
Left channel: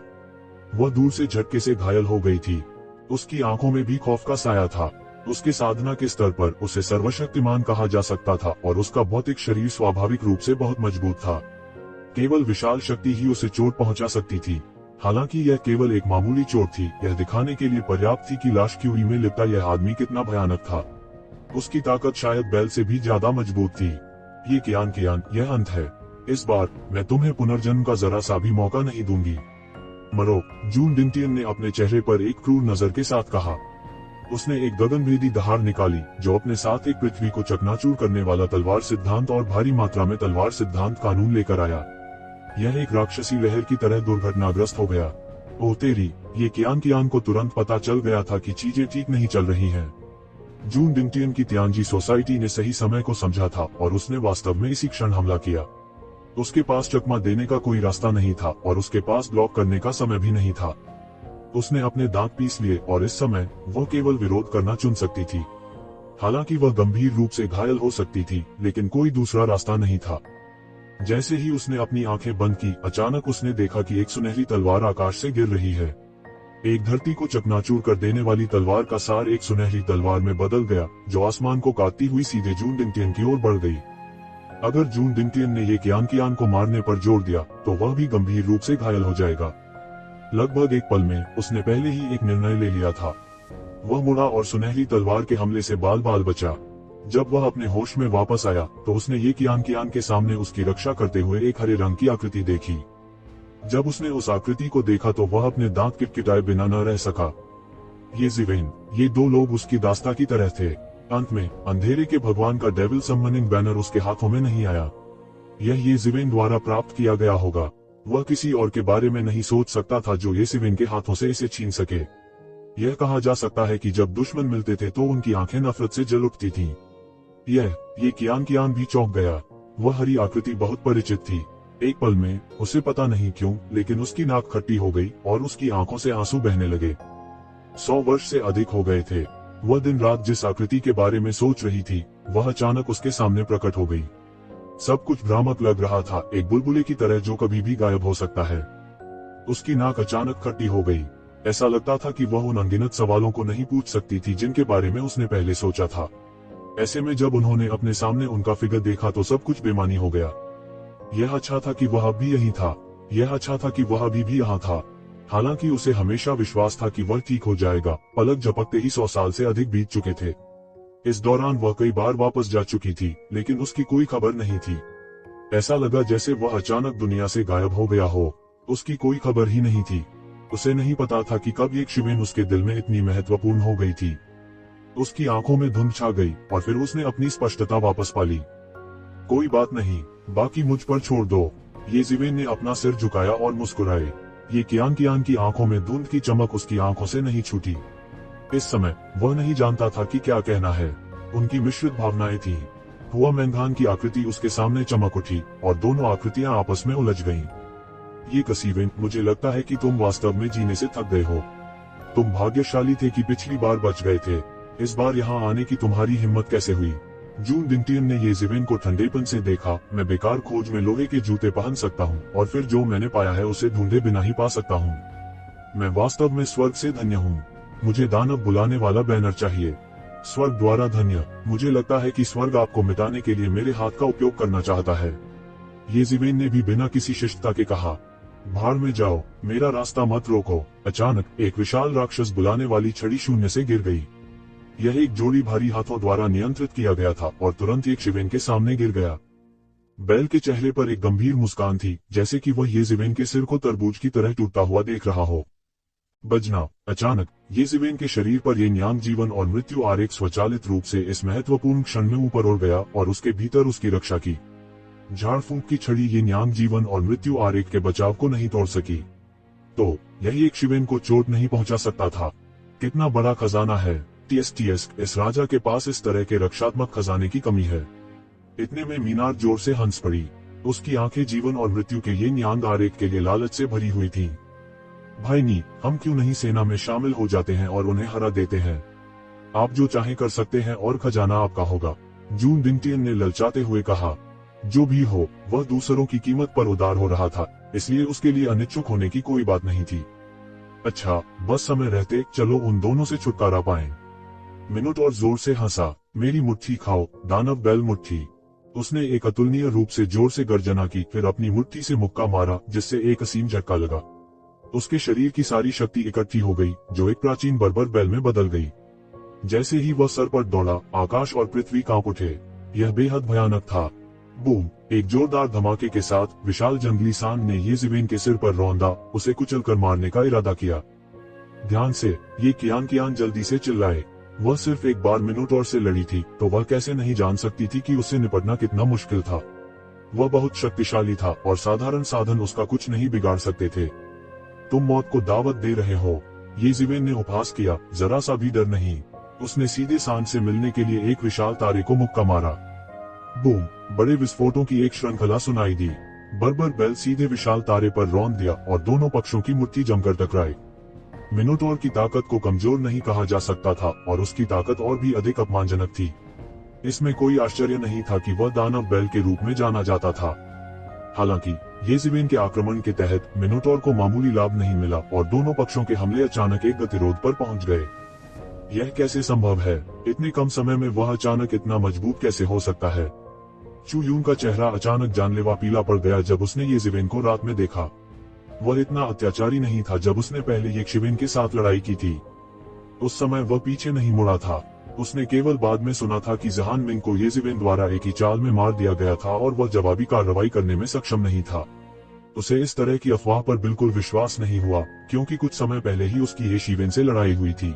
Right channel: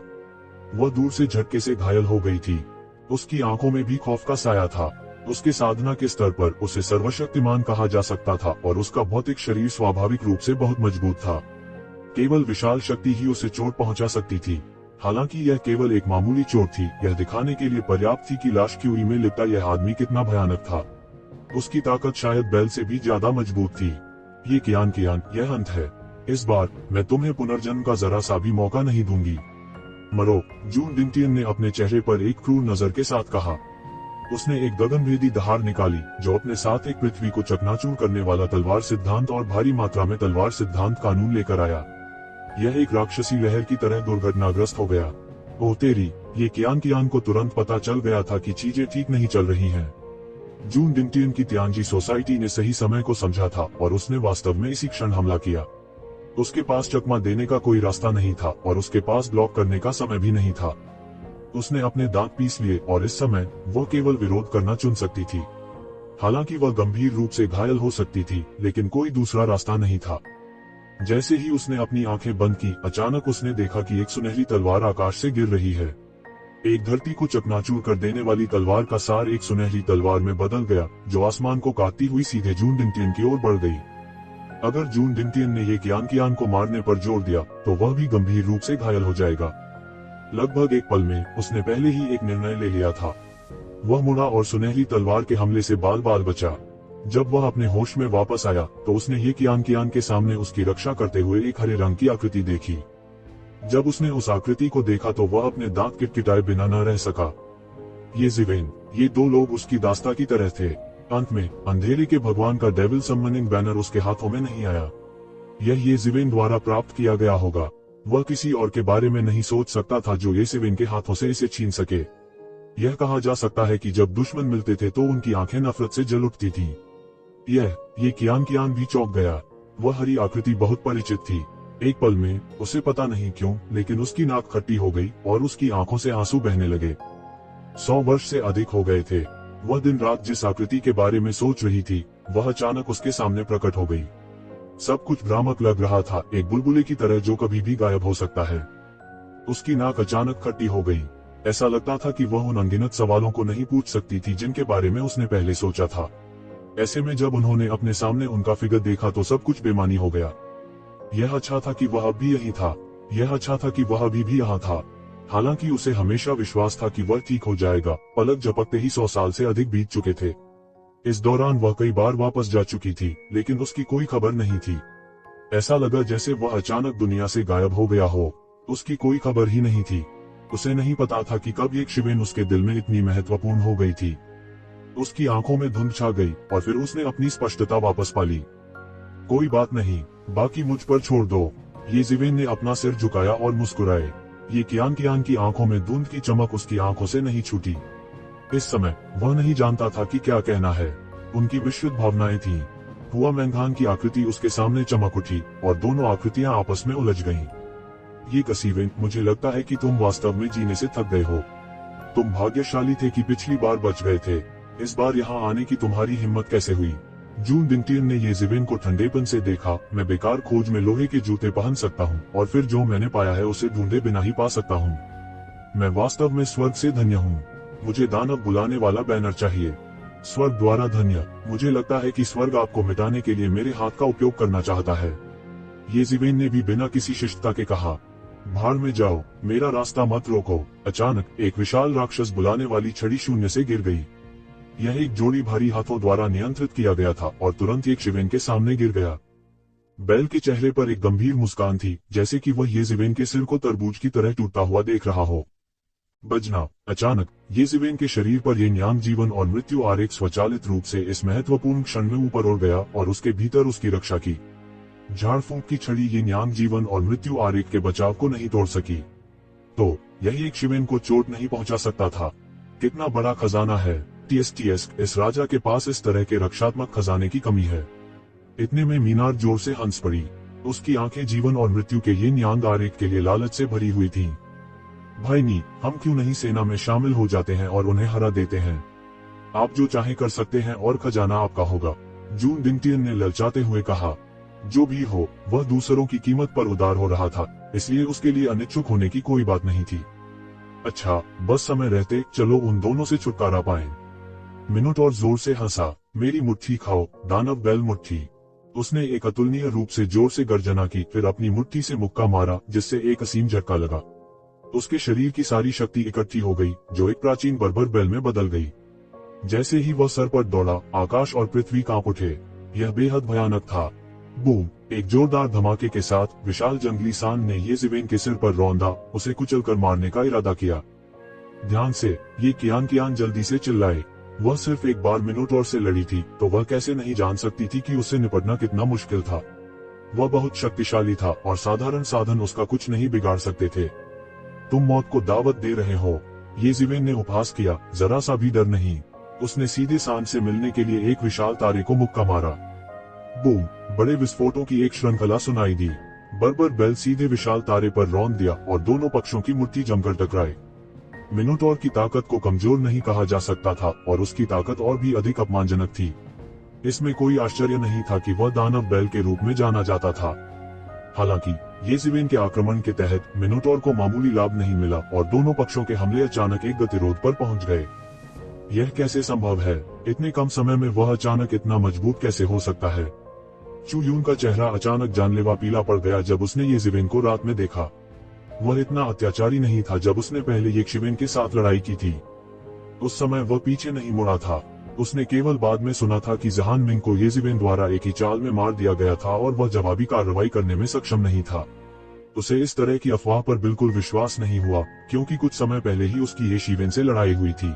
वह दूर से झटके से घायल हो गई थी। उसकी आंखों में भी खौफ का साया था। उसके साधना के स्तर पर उसे सर्वशक्तिमान कहा जा सकता था और उसका भौतिक शरीर स्वाभाविक रूप से बहुत मजबूत था। केवल विशाल शक्ति ही उसे चोट पहुंचा सकती थी। हालांकि यह केवल एक मामूली चोट थी, यह दिखाने के लिए पर्याप्त थी कि लाश क्यूई में लिपटा यह आदमी कितना भयानक था। उसकी ताकत शायद बैल से भी ज्यादा मजबूत थी। ये कियान, यह अंत है। इस बार मैं तुम्हें पुनर्जन्म का जरा सा भी मौका नहीं दूंगी। मरो, जून डिंगटियन ने अपने चेहरे पर एक क्रूर नजर के साथ कहा। उसने एक गगनभेदी दहाड़ निकाली जो अपने साथ एक पृथ्वी को चकनाचूर करने वाला तलवार सिद्धांत और भारी मात्रा में तलवार सिद्धांत कानून लेकर आया। यह एक राक्षसी लहर की तरह दुर्घटनाग्रस्त हो गया। ओह तेरी! ये कियान को तुरंत पता चल गया था कि चीजें ठीक नहीं चल रही हैं। जून डिंगटियन की तियांजी सोसाइटी ने सही समय को समझा था और उसने वास्तव में इसी क्षण हमला किया। उसके पास चकमा देने का कोई रास्ता नहीं था और उसके पास ब्लॉक करने का समय भी नहीं था। उसने अपने दांत पीस लिए और इस समय वह केवल विरोध करना चुन सकती थी। हालांकि वह गंभीर रूप से घायल हो सकती थी, लेकिन कोई दूसरा रास्ता नहीं था। जैसे ही उसने अपनी आंखें बंद की, अचानक उसने देखा कि एक सुनहरी तलवार आकाश से गिर रही है। एक धरती को चकनाचूर कर देने वाली तलवार का सार एक सुनहरी तलवार में बदल गया, जो आसमान को काटती हुई सीधे जून डिंगटियन की ओर बढ़ गई। अगर जून डिंगटियन ने ये कियान को मारने पर जोर दिया, तो वह भी गंभीर रूप से घायल हो जाएगा। लगभग एक पल में उसने पहले ही एक निर्णय ले लिया था। वह मुड़ा और सुनहरी तलवार के हमले से बाल बाल बचा। जब वह अपने होश में वापस आया, तो उसने ये कियान के सामने उसकी रक्षा करते हुए एक हरे रंग की आकृति देखी। जब उसने उस आकृति को देखा तो वह अपने दांत किटकिटाए बिना न रह सका। ये ज़िवेन, ये दो लोग उसकी दास्ता की तरह थे। अंत में अंधेरे के भगवान का डेविल समनिंग बैनर उसके हाथों में नहीं आया। यह ये ज़िवेन द्वारा प्राप्त किया गया होगा। वह किसी और के बारे में नहीं सोच सकता था जो येसेविन के हाथों से इसे छीन सके। यह कहा जा सकता है कि जब दुश्मन मिलते थे तो उनकी आंखें नफरत से जल उठती थीं। ये कियान भी चौंक गया। वह हरी आकृति बहुत परिचित थी। एक पल में उसे पता नहीं क्यों, लेकिन उसकी नाक खट्टी हो गई और उसकी आंखों से आंसू बहने लगे। 100 वर्ष से अधिक हो गए थे। वह दिन रात जिस आकृति के बारे में सोच रही थी, वह अचानक उसके सामने प्रकट हो गई। सब कुछ भ्रामक लग रहा था, एक बुलबुले की तरह जो कभी भी गायब हो सकता है। उसकी नाक अचानक खट्टी हो गई। ऐसा लगता था कि वह उन अनगिनत सवालों को नहीं पूछ सकती थी जिनके बारे में उसने पहले सोचा था। ऐसे में जब उन्होंने अपने सामने उनका फिगर देखा तो सब कुछ बेमानी हो गया। यह अच्छा था कि वह अब भी यही था। यह अच्छा था कि वह अभी भी यहाँ था। हालांकि उसे हमेशा विश्वास था कि वह ठीक हो जाएगा। पलक झपकते ही 100 साल से अधिक बीत चुके थे। इस दौरान वह कई बार वापस जा चुकी थी, लेकिन उसकी कोई खबर नहीं थी। ऐसा लगा जैसे वह अचानक दुनिया से गायब हो गया हो। उसकी कोई खबर ही नहीं थी। उसे नहीं पता था कि कब एक शिवेन उसके दिल में इतनी महत्वपूर्ण हो गई थी। उसकी आंखों में धुंध छा गई और फिर उसने अपनी स्पष्टता वापस पा ली। कोई बात नहीं, बाकी मुझ पर छोड़ दो। येसेविन ने अपना सिर झुकाया और मुस्कुराए। ये कियान की आंखों में धुंध की चमक उसकी आंखों से नहीं छूटी। इस समय वह नहीं जानता था कि क्या कहना है। उनकी मिश्रित भावनाएं थीं। हुआ मैंगान की आकृति उसके सामने चमक उठी और दोनों आकृतियां आपस में उलझ गईं। ये कसीविन, मुझे लगता है कि तुम वास्तव में जीने से थक गए हो। तुम भाग्यशाली थे कि पिछली बार बच गए थे। इस बार यहाँ आने की तुम्हारी हिम्मत कैसे हुई? जून दिंटियन ने येसेविन को ठंडेपन से देखा। मैं बेकार खोज में लोहे के जूते पहन सकता हूँ और फिर जो मैंने पाया है उसे ढूंढे बिना ही पा सकता हूँ। मैं वास्तव में स्वर्ग से धन्य हूँ। मुझे दानव बुलाने वाला बैनर चाहिए। स्वर्ग द्वारा धन्य। मुझे लगता है कि स्वर्ग आपको मिटाने के लिए मेरे हाथ का उपयोग करना चाहता है। येसेविन ने भी बिना किसी शिष्टता के कहा, भाड़ में जाओ, मेरा रास्ता मत रोको। अचानक एक विशाल राक्षस बुलाने वाली छड़ी शून्य से गिर गई। यह एक जोड़ी भारी हाथों द्वारा नियंत्रित किया गया था और तुरंत एक शिवेन के सामने गिर गया। बैल के चेहरे पर एक गंभीर मुस्कान थी, जैसे कि वह येसेविन के सिर को तरबूज की तरह टूटता हुआ देख रहा हो। बजना। अचानक येसेविन के शरीर पर ये न्यांग जीवन और मृत्यु आरेख स्वचालित रूप से इस महत्वपूर्ण क्षण में ऊपर उड़ गया और उसके भीतर उसकी रक्षा की झाड़ फूंक की छड़ी ये न्यांग जीवन और मृत्यु आरेख के बचाव को नहीं तोड़ सकी। तो यही एक शिवेन को चोट नहीं पहुंचा सकता था। कितना बड़ा खजाना है। टीएस, इस राजा के पास इस तरह के रक्षात्मक खजाने की कमी है। इतने में मीनार जोर से हंस पड़ी। उसकी आंखें जीवन और मृत्यु के ये न्यांग आरेख के लिए लालच से भरी हुई थीं। भाईनी, हम क्यों नहीं सेना में शामिल हो जाते हैं और उन्हें हरा देते हैं? आप जो चाहे कर सकते हैं और खजाना आपका होगा। जून दिंटियन ने ललचाते हुए कहा। जो भी हो, वह दूसरों की कीमत पर उदार हो रहा था, इसलिए उसके लिए अनिच्छुक होने की कोई बात नहीं थी। अच्छा, बस समय रहते चलो उन दोनों से छुटकारा पाएं। मिनोटॉर जोर से हंसा। मेरी मुट्ठी खाओ, दानव बैल मुट्ठी। उसने एक अतुलनीय रूप से जोर से गर्जना की, फिर अपनी मुट्ठी से मुक्का मारा जिससे एक असीम झटका लगा। उसके शरीर की सारी शक्ति इकट्ठी हो गई, जो एक प्राचीन बर्बर बैल में बदल गई। जैसे ही वह सर पर दौड़ा, आकाश और पृथ्वी कांप उठे। यह बेहद भयानक था। बूम! एक जोरदार धमाके के साथ विशाल जंगली सांड ने येसेविन के सिर पर रौंदा, उसे कुचलकर मारने का इरादा किया। ध्यान से, ये कियान जल्दी से चिल्लाए। वह सिर्फ एक बार मिनोटॉर से लड़ी थी, तो वह कैसे नहीं जान सकती थी कि उससे निपटना कितना मुश्किल था। वह बहुत शक्तिशाली था और साधारण साधन उसका कुछ नहीं बिगाड़ सकते थे। तुम मौत को दावत दे रहे हो, येसेविन ने उपहास किया। जरा सा भी डर नहीं। उसने सीधे सांड से मिलने के लिए एक विशाल तारे को मुक्का मारा। बूम! बड़े विस्फोटों की एक श्रृंखला सुनाई दी। बर्बर बैल सीधे विशाल तारे पर रौंद दिया और दोनों पक्षों की मुट्ठी जमकर टकराई। मिनोटॉर की ताकत को कमजोर नहीं कहा जा सकता था और उसकी ताकत और भी अधिक अपमानजनक थी। इसमें कोई आश्चर्य नहीं था कि वह दानव बैल के रूप में जाना जाता था। हालांकि येसेविन के आक्रमण के तहत मिनोटॉर को मामूली लाभ नहीं मिला और दोनों पक्षों के हमले अचानक एक गतिरोध पर पहुंच गए। यह कैसे संभव है? इतने कम समय में वह अचानक इतना मजबूत कैसे हो सकता है? चू यून का चेहरा अचानक जानलेवा पीला पड़ गया जब उसने येसेविन को रात में देखा। वह इतना अत्याचारी नहीं था जब उसने पहले येसेविन के साथ लड़ाई की थी। उस समय वह पीछे नहीं मुड़ा था। उसने केवल बाद में सुना था कि जहान मिंग को येसेविन द्वारा एक ही चाल में मार दिया गया था और वह जवाबी कार्रवाई करने में सक्षम नहीं था। उसे इस तरह की अफवाह पर बिल्कुल विश्वास नहीं हुआ, क्योंकि कुछ समय पहले ही उसकी येसेविन से लड़ाई हुई थी।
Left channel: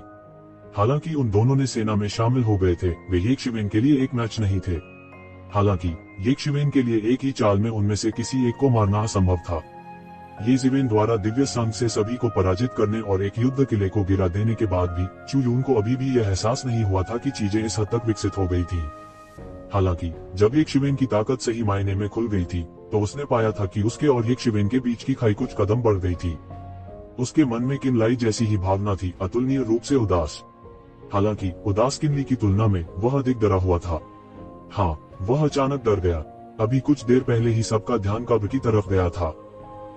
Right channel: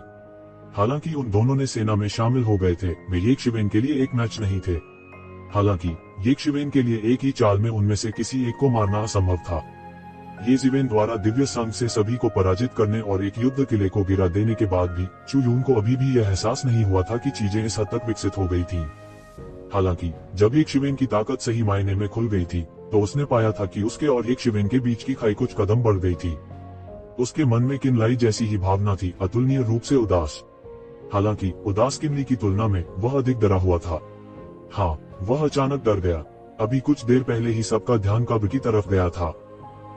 हालांकि उन दोनों ने सेना में शामिल हो गए थे, वे येसेविन के लिए एक मैच नहीं थे। हालांकि येसेविन के लिए एक ही चाल में उनमें से किसी एक को मारना असंभव था। ये जिवेन द्वारा दिव्य संघ से सभी को पराजित करने और एक युद्ध किले को गिरा देने के बाद भी चू यून को अभी भी यह एहसास नहीं हुआ था कि चीजें इस हद तक विकसित हो गई थी। हालांकि जब एक शिवेन की ताकत सही मायने में खुल गई थी तो उसने पाया था कि उसके और एक शिवेन के बीच की खाई कुछ कदम बढ़ गई थी। उसके मन में किनलाई जैसी ही भावना थी, अतुलनीय रूप से उदास। हालांकि उदास किन्नी की तुलना में वह अधिक डरा हुआ था। हाँ, वह अचानक डर गया। अभी कुछ देर पहले ही सबका ध्यान कब्र की तरफ गया था।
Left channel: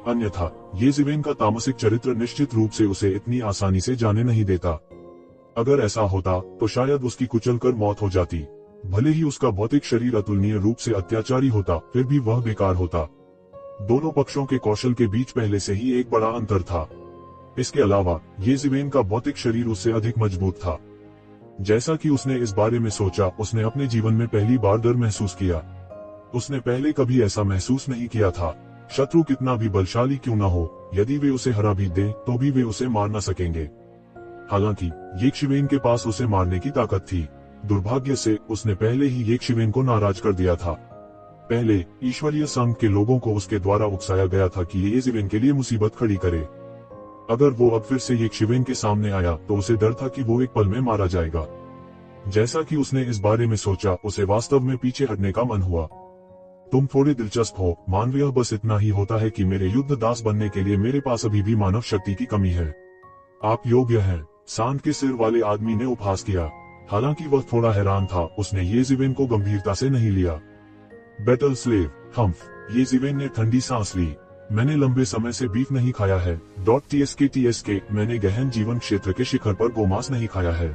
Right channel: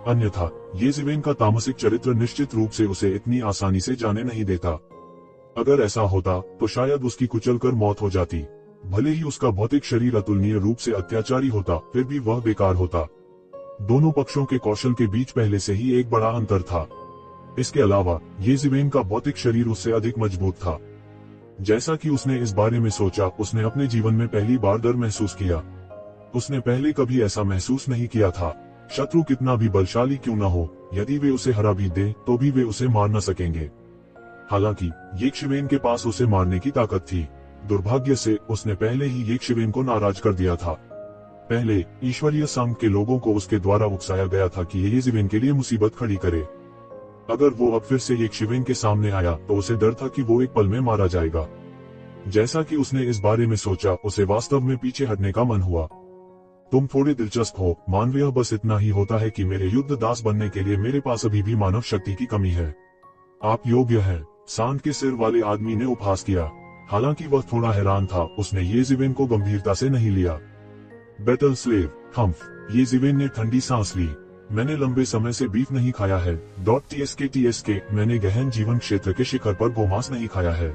अन्यथा ये जिवेन का तामसिक चरित्र निश्चित रूप से उसे इतनी आसानी से जाने नहीं देता। अगर ऐसा होता तो शायद उसकी कुचलकर मौत हो जाती। भले ही उसका भौतिक शरीर अतुलनीय रूप से अत्याचारी होता, फिर भी वह बेकार होता। दोनों पक्षों के कौशल के बीच पहले से ही एक बड़ा अंतर था। इसके अलावा ये जिवेन का भौतिक शरीर उससे अधिक मजबूत था। जैसा कि उसने इस बारे में सोचा, उसने अपने जीवन में पहली बार डर महसूस किया। उसने पहले कभी ऐसा महसूस नहीं किया था। शत्रु कितना भी बलशाली क्यों न हो, यदि वे उसे हरा भी दें तो भी वे उसे मार न सकेंगे। हालांकि येक्षिवेन के पास उसे मारने की ताकत थी। दुर्भाग्य से उसने पहले ही येक्षिवेन को नाराज कर दिया था। पहले ईश्वरीय संघ के लोगों को उसके द्वारा उकसाया गया था कि ये येक्षिवेन के लिए मुसीबत खड़ी करे। अगर वो अब फिर से येक्षिवेन के सामने आया तो उसे डर था कि वो एक पल में मारा जाएगा। जैसा कि उसने इस बारे में सोचा, उसे वास्तव में पीछे हटने का मन हुआ। तुम थोड़े दिलचस्प हो, मानवीय। बस इतना ही होता है कि मेरे युद्ध दास बनने के लिए मेरे पास अभी भी मानव शक्ति की कमी है। आप योग्य हैं, सांड के सिर वाले आदमी ने उपहास किया। हालांकि वह थोड़ा हैरान था, उसने ये जिवेन को गंभीरता से नहीं लिया। बैटल स्लेव हम्फ, ये जिवेन ने ठंडी सांस ली। मैंने लंबे समय से बीफ नहीं खाया है। TSK, मैंने गहन जीवन क्षेत्र के शिखर पर गोमांस नहीं खाया है।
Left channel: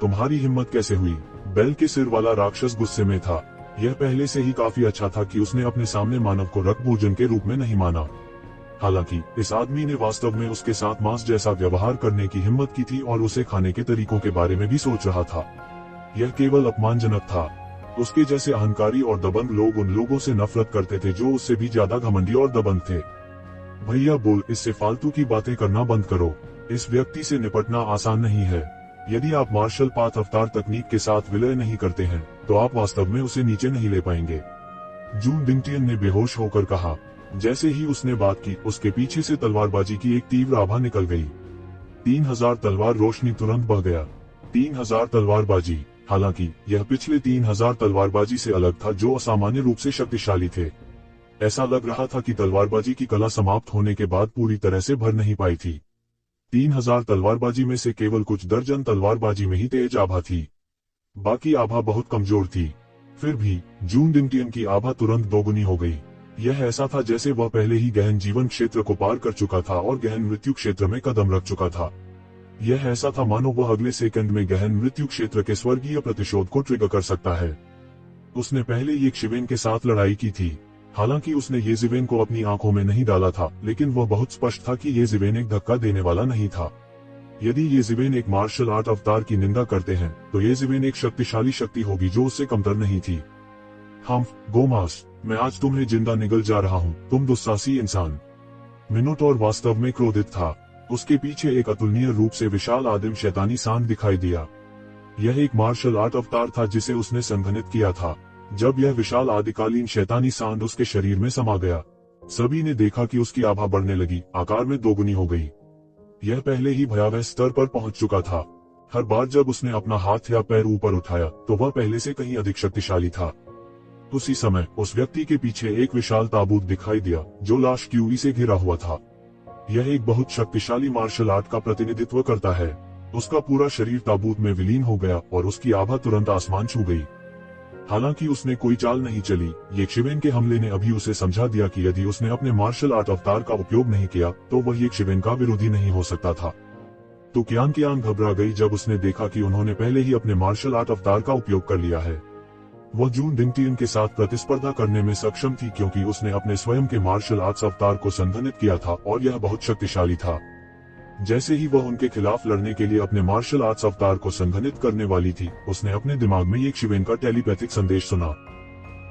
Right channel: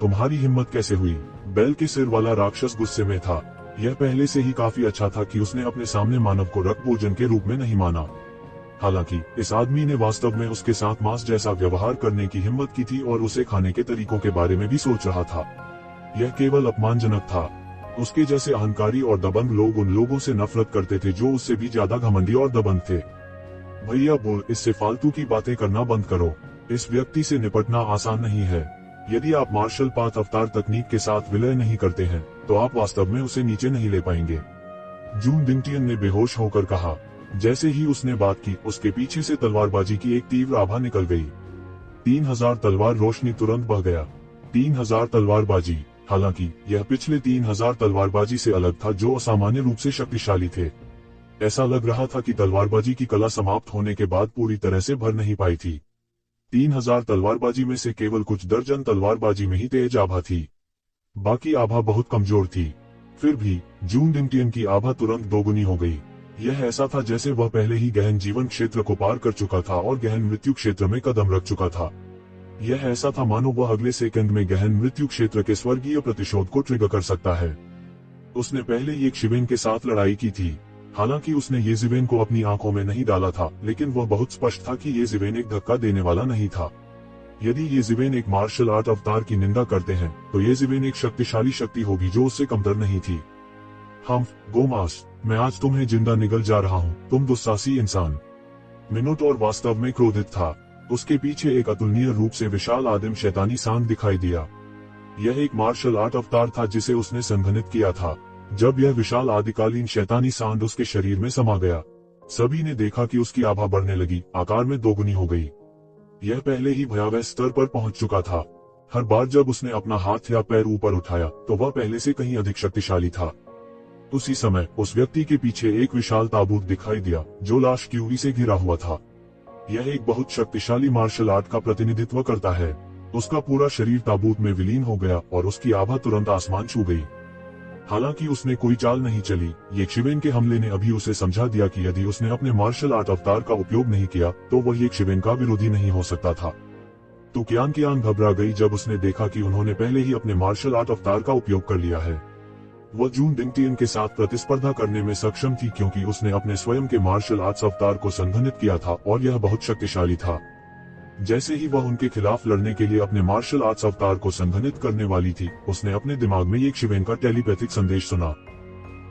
तुम्हारी हिम्मत कैसे हुई? बैल के सिर वाला राक्षस गुस्से में था। यह पहले से ही काफी अच्छा था कि उसने अपने सामने मानव को रक्त भोजन के रूप में नहीं माना। हालांकि इस आदमी ने वास्तव में उसके साथ मांस जैसा व्यवहार करने की हिम्मत की थी और उसे खाने के तरीकों के बारे में भी सोच रहा था। यह केवल अपमानजनक था। उसके जैसे अहंकारी और दबंग लोग उन लोगों से नफरत करते थे जो उससे भी ज्यादा घमंडी और दबंग थे। भैया बोल, इससे फालतू की बातें करना बंद करो। इस व्यक्ति से निपटना आसान नहीं है। यदि आप मार्शल पाथ अवतार तकनीक के साथ विलय नहीं करते हैं तो आप वास्तव में उसे नीचे नहीं ले पाएंगे। जून डिंगटियन ने बेहोश होकर कहा। जैसे ही उसने बात की, उसके पीछे से तलवारबाजी की एक तीव्र आभा निकल गई। 3000 तलवार रोशनी तुरंत बह गया। 3000 तलवारबाजी। हालांकि यह पिछले 3000 तलवारबाजी से अलग था जो असामान्य रूप से शक्तिशाली थे। ऐसा लग रहा था कि तलवारबाजी की कला समाप्त होने के बाद पूरी तरह से भर नहीं पाई थी। 3000 तलवारबाजी में से केवल कुछ दर्जन तलवारबाजी में ही तेज आभा थी। बाकी आभा बहुत कमजोर थी। फिर भी जून डिंगटियन की आभा तुरंत दोगुनी हो गई। यह ऐसा था जैसे वह पहले ही गहन जीवन क्षेत्र को पार कर चुका था और गहन मृत्यु क्षेत्र में कदम रख चुका था। यह ऐसा था मानो वह अगले सेकंड में गहन मृत्यु क्षेत्र के स्वर्गीय प्रतिशोध को ट्रिगर कर सकता है। उसने पहले येक्षिवेन के साथ लड़ाई की थी। हालांकि उसने ये जिवेन को अपनी आंखों में नहीं डाला था, लेकिन वह बहुत स्पष्ट था कि ये जिवेन एक धक्का देने वाला नहीं था। यदि ये जिवेन एक मार्शल आर्ट अवतार की निंदा करते हैं तो ये जिवेन एक शक्तिशाली शक्ति होगी जो उससे कमतर नहीं थी। हम्फ, गोमास, मैं आज तुम्हें जिंदा निगल जा रहा हूँ, तुम दुस्साहसी इंसान। मिनोटॉर वास्तव में क्रोधित था। उसके पीछे एक अतुलनीय रूप से विशाल आदिम शैतानी सांड दिखाई दिया। यह एक मार्शल आर्ट अवतार था जिसे उसने संघनित किया था। जब यह विशाल आदिकालीन शैतानी सांड उसके शरीर में समा गया, सभी ने देखा कि उसकी आभा बढ़ने लगी, आकार में दोगुनी हो गई। यह पहले ही भयावह स्तर पर पहुंच चुका था। हर बार जब उसने अपना हाथ या पैर ऊपर उठाया तो वह पहले से कहीं अधिक शक्तिशाली था। उसी समय उस व्यक्ति के पीछे एक विशाल ताबूत दिखाई दिया जो लाश क्यूरी से घिरा हुआ था। यह एक बहुत शक्तिशाली मार्शल आर्ट का प्रतिनिधित्व करता है। उसका पूरा शरीर ताबूत में विलीन हो गया और उसकी आभा तुरंत आसमान छू गई। हालांकि उसने कोई चाल नहीं चली। येक्षिवेन के हमले ने अभी उसे समझा दिया कि यदि उसने अपने मार्शल आर्ट अवतार का उपयोग नहीं किया तो वह येक्षिवेन का विरोधी नहीं हो सकता था। तो कियांग घबरा गई जब उसने देखा कि उन्होंने पहले ही अपने मार्शल आर्ट अवतार का उपयोग कर लिया है। वह जून डिंगटियन के साथ प्रतिस्पर्धा करने में सक्षम थी क्योंकि उसने अपने स्वयं के मार्शल आर्ट्स अवतार को संघनित किया था और यह बहुत शक्तिशाली था। जैसे ही वह उनके खिलाफ लड़ने के लिए अपने मार्शल आर्ट्स अवतार को संघनित करने वाली थी, उसने अपने दिमाग में येक्षिवेन का टेलीपैथिक संदेश सुना।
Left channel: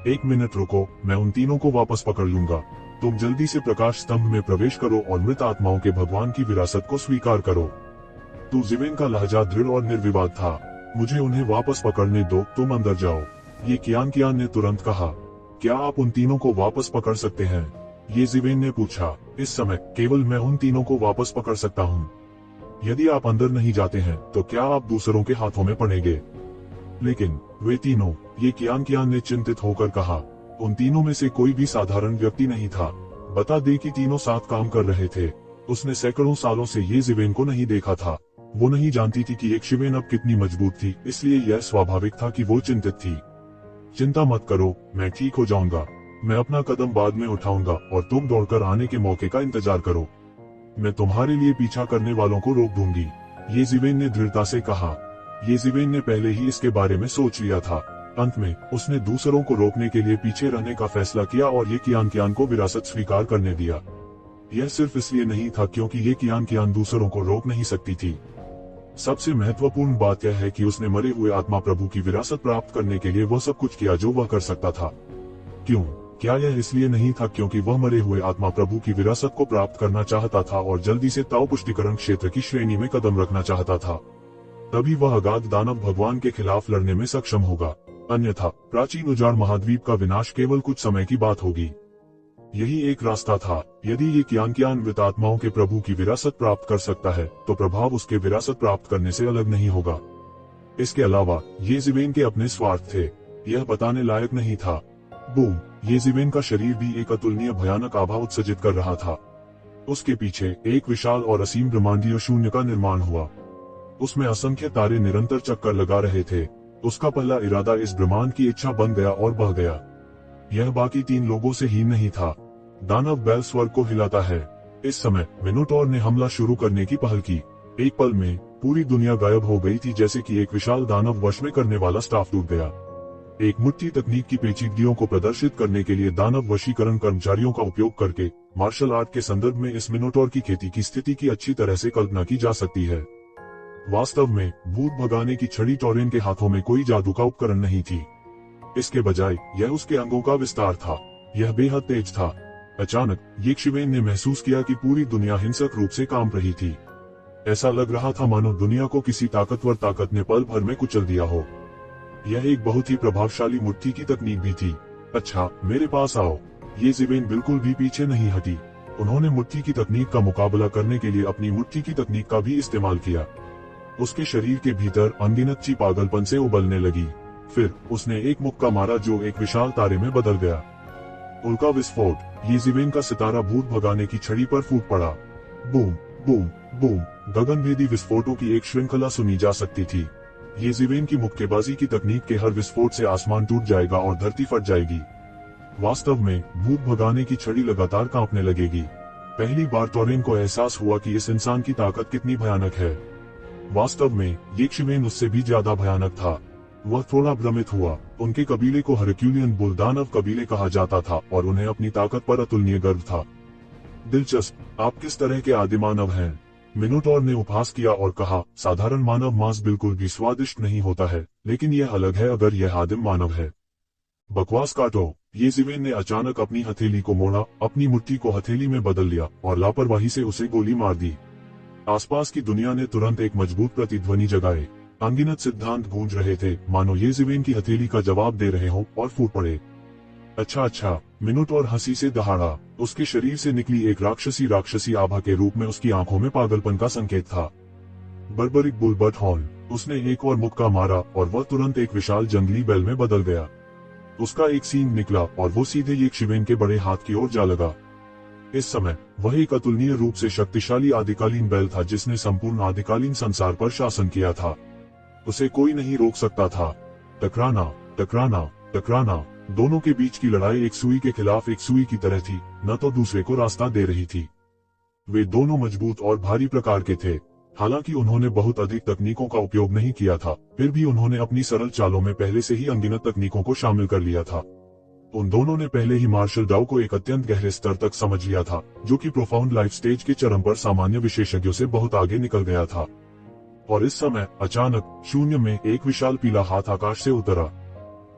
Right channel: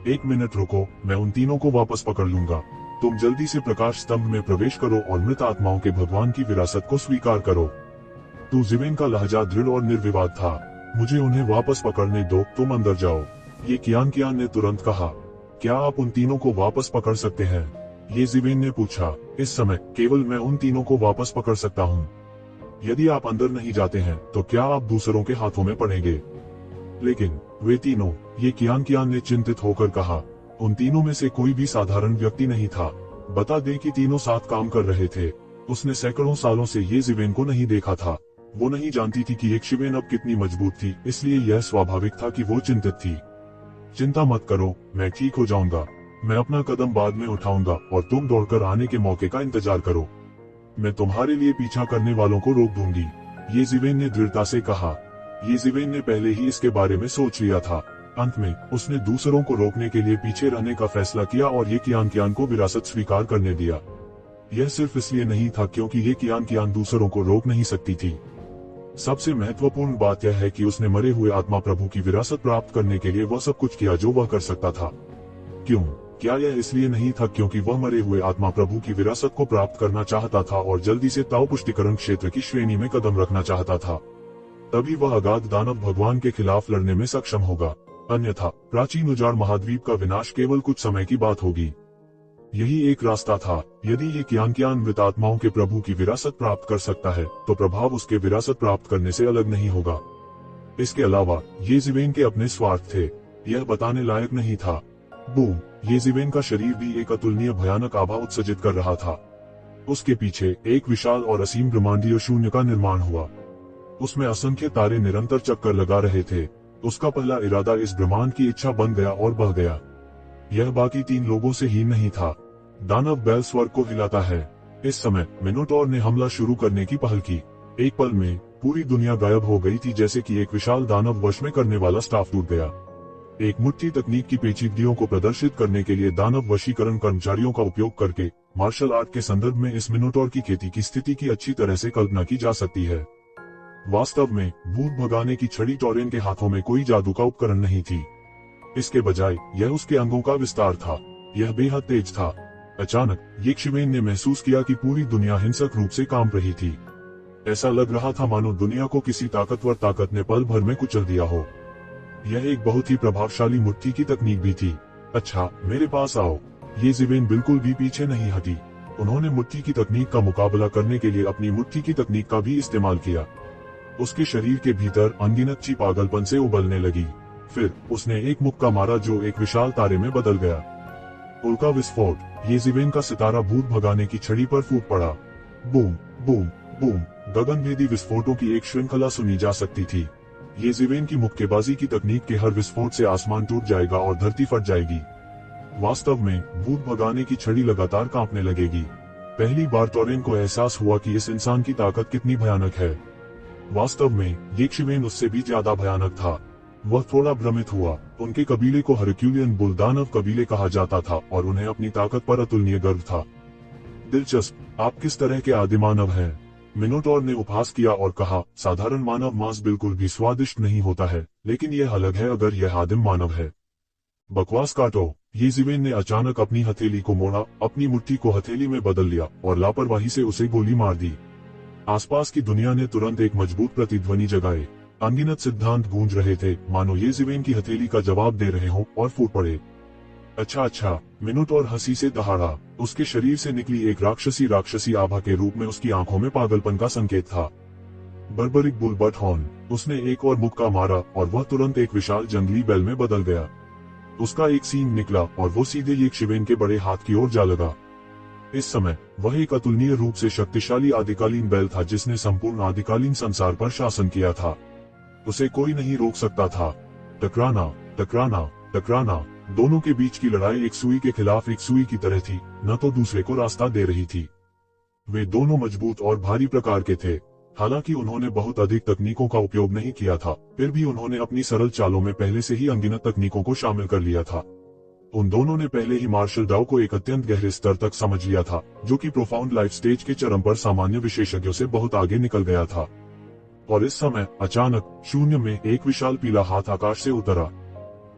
1 मिनट रुको, मैं उन तीनों को वापस पकड़ लूंगा। तुम जल्दी से प्रकाश स्तंभ में प्रवेश करो और मृत आत्माओं के भगवान की विरासत को स्वीकार करो। तो जिवेन का लहजा दृढ़ और निर्विवाद था। मुझे उन्हें वापस पकड़ने दो, तुम अंदर जाओ। ये कियान ने तुरंत कहा। क्या आप उन तीनों को वापस पकड़ सकते हैं? येज़िवेन ने पूछा, इस समय केवल मैं उन तीनों को वापस पकड़ सकता हूँ। यदि आप अंदर नहीं जाते हैं तो क्या आप दूसरों के हाथों में पड़ेंगे? लेकिन वे तीनों, ये कियान ने चिंतित होकर कहा, उन तीनों में से कोई भी साधारण व्यक्ति नहीं था। बता दे कि तीनों साथ काम कर रहे थे। उसने सैकड़ों सालों से येज़िवेन को नहीं देखा था। वो नहीं जानती थी कि येशिवेन अब कितनी मजबूत थी, इसलिए यह स्वाभाविक था कि वो चिंतित थी। चिंता मत करो, मैं ठीक हो जाऊंगा। मैं अपना कदम बाद में उठाऊंगा और तुम दौड़कर आने के मौके का इंतजार करो। मैं तुम्हारे लिए पीछा करने वालों को रोक दूंगी, येज़िवेन ने दृढ़ता से कहा। येज़िवेन ने पहले ही इसके बारे में सोच लिया था। अंत में उसने दूसरों को रोकने के लिए पीछे रहने का फैसला किया और ये कियान को विरासत स्वीकार करने दिया। यह सिर्फ इसलिए नहीं था क्योंकि ये कियान दूसरों को रोक नहीं सकती थी। सबसे महत्वपूर्ण बात यह है कि उसने मरे हुए आत्मा प्रभु की विरासत प्राप्त करने के लिए वह सब कुछ किया जो वह कर सकता था। क्यों? क्या यह इसलिए नहीं था क्योंकि वह मरे हुए आत्मा प्रभु की विरासत को प्राप्त करना चाहता था और जल्दी से ताओ पुष्टिकरण क्षेत्र की श्रेणी में कदम रखना चाहता था? तभी वह अगाध दानव भगवान के खिलाफ लड़ने में सक्षम होगा। अन्यथा प्राचीन उजाड़ महाद्वीप का विनाश केवल कुछ समय की बात होगी। यही एक रास्ता था। यदि ये कियान मृतात्माओं के प्रभु की विरासत प्राप्त कर सकता है तो प्रभाव उसके विरासत प्राप्त करने से अलग नहीं होगा। इसके अलावा येज़िवेन के अपने स्वार्थ थे, यह बताने लायक नहीं था। बूम! येज़िवेन का शरीर भी एक अतुलनीय भयानक आभा उत्सर्जित कर रहा था। उसके पीछे एक विशाल और असीम ब्रह्मांडीय शून्य का निर्माण हुआ। उसमें असंख्य तारे निरंतर चक्कर लगा रहे थे। उसका पहला इरादा इस ब्रह्मांड की इच्छा बन गया और बढ़ गया। यह बाकी तीन लोगों से ही नहीं था। दानव बैल स्वर्ग को हिलाता है। इस समय मिनोटॉर ने हमला शुरू करने की पहल की। एक पल में पूरी दुनिया गायब हो गई थी, जैसे कि एक विशाल दानव वश में करने वाला स्टाफ टूट गया। एक मुट्ठी तकनीक की पेचीदगियों को प्रदर्शित करने के लिए दानव वशीकरण कर्मचारियों का उपयोग करके मार्शल आर्ट के संदर्भ में इस मिनोटॉर की खेती की स्थिति की अच्छी तरह से कल्पना की जा सकती है। वास्तव में भूत भगाने की छड़ी टॉरेन के हाथों में कोई जादू का उपकरण नहीं थी। इसके बजाय यह उसके अंगों का विस्तार था। यह बेहद तेज था। अचानक येशिवेन ने महसूस किया कि पूरी दुनिया हिंसक रूप से कांप रही थी। ऐसा लग रहा था मानो दुनिया को किसी ताकतवर ताकत ने पल भर में कुचल दिया हो। यह एक बहुत ही प्रभावशाली मुट्ठी की तकनीक भी थी। अच्छा, मेरे पास आओ। येशिवेन बिल्कुल भी पीछे नहीं हटी। उन्होंने मुट्ठी की तकनीक का मुकाबला करने के लिए अपनी मुट्ठी की तकनीक का भी इस्तेमाल किया। उसके शरीर के भीतर अनगिनत ची पागलपन से उबलने लगी। फिर उसने एक मुक्का मारा जो एक विशाल तारे में बदल गया। उल्का विस्फोट! येशिवेन का सितारा भूत भगाने की छड़ी पर फूट पड़ा। Boom boom boom! गगनभेदी विस्फोटों की एक श्रृंखला सुनी जा सकती थी। येशिवेन की मुक्केबाजी की तकनीक के हर विस्फोट से आसमान टूट जाएगा और धरती फट जाएगी। वास्तव में भूत भगाने की छड़ी लगातार कांपने लगेगी। पहली बार टॉरेन को एहसास हुआ कि इस इंसान की ताकत कितनी भयानक है। वास्तव में येशिवेन उससे भी ज्यादा भयानक था। वह थोड़ा भ्रमित हुआ। उनके कबीले को हरक्यूलियन बुल दानव कबीले कहा जाता था और उन्हें अपनी ताकत पर अतुलनीय गर्व था। दिलचस्प, आप किस तरह के आदिमानव हैं? मिनोटॉर ने उपहास किया और कहा, साधारण मानव मांस बिल्कुल भी स्वादिष्ट नहीं होता है, लेकिन यह अलग है अगर यह आदिम मानव है। बकवास काटो! येशिवेन ने अचानक अपनी हथेली को मोड़ा, अपनी मुट्ठी को हथेली में बदल लिया और लापरवाही से उसे गोली मार दी। आसपास की दुनिया ने तुरंत एक मजबूत प्रतिध्वनि जगाए। अनगिनत सिद्धांत गूंज रहे थे, मानो येशिवेन की हथेली का जवाब दे रहे हों, और फूट पड़े। अच्छा, मिनोटॉर हंसी से दहाड़ा। उसके शरीर से निकली एक राक्षसी आभा के रूप में उसकी आंखों में पागलपन का संकेत था। Barbarik bull but horn! उसने एक और मुक्का मारा और वह तुरंत एक विशाल जंगली बैल में बदल गया। उसका एक सींग निकला और वो सीधे येशिवेन के बड़े हाथ की ओर जा लगा। इस समय वह एक अतुलनीय रूप से शक्तिशाली आदिकालीन बैल था जिसने संपूर्ण आदिकालीन संसार पर शासन किया था। उसे कोई नहीं रोक सकता था। टकराना, दोनों के बीच की लड़ाई एक सुई के खिलाफ एक सुई की तरह थी, न तो दूसरे को रास्ता दे रही थी। वे दोनों मजबूत और भारी प्रकार के थे। हालांकि उन्होंने बहुत अधिक तकनीकों का उपयोग नहीं किया था, फिर भी उन्होंने अपनी सरल चालों में पहले से ही अनगिनत तकनीकों को शामिल कर लिया था। उन दोनों ने पहले ही मार्शल डाउ को एक अत्यंत गहरे स्तर तक समझ लिया था, जो कि प्रोफाउंड लाइफ स्टेज के चरम पर सामान्य विशेषज्ञों से बहुत आगे निकल गया था। और इस समय अचानक शून्य में एक विशाल पीला हाथ आकाश से उतरा।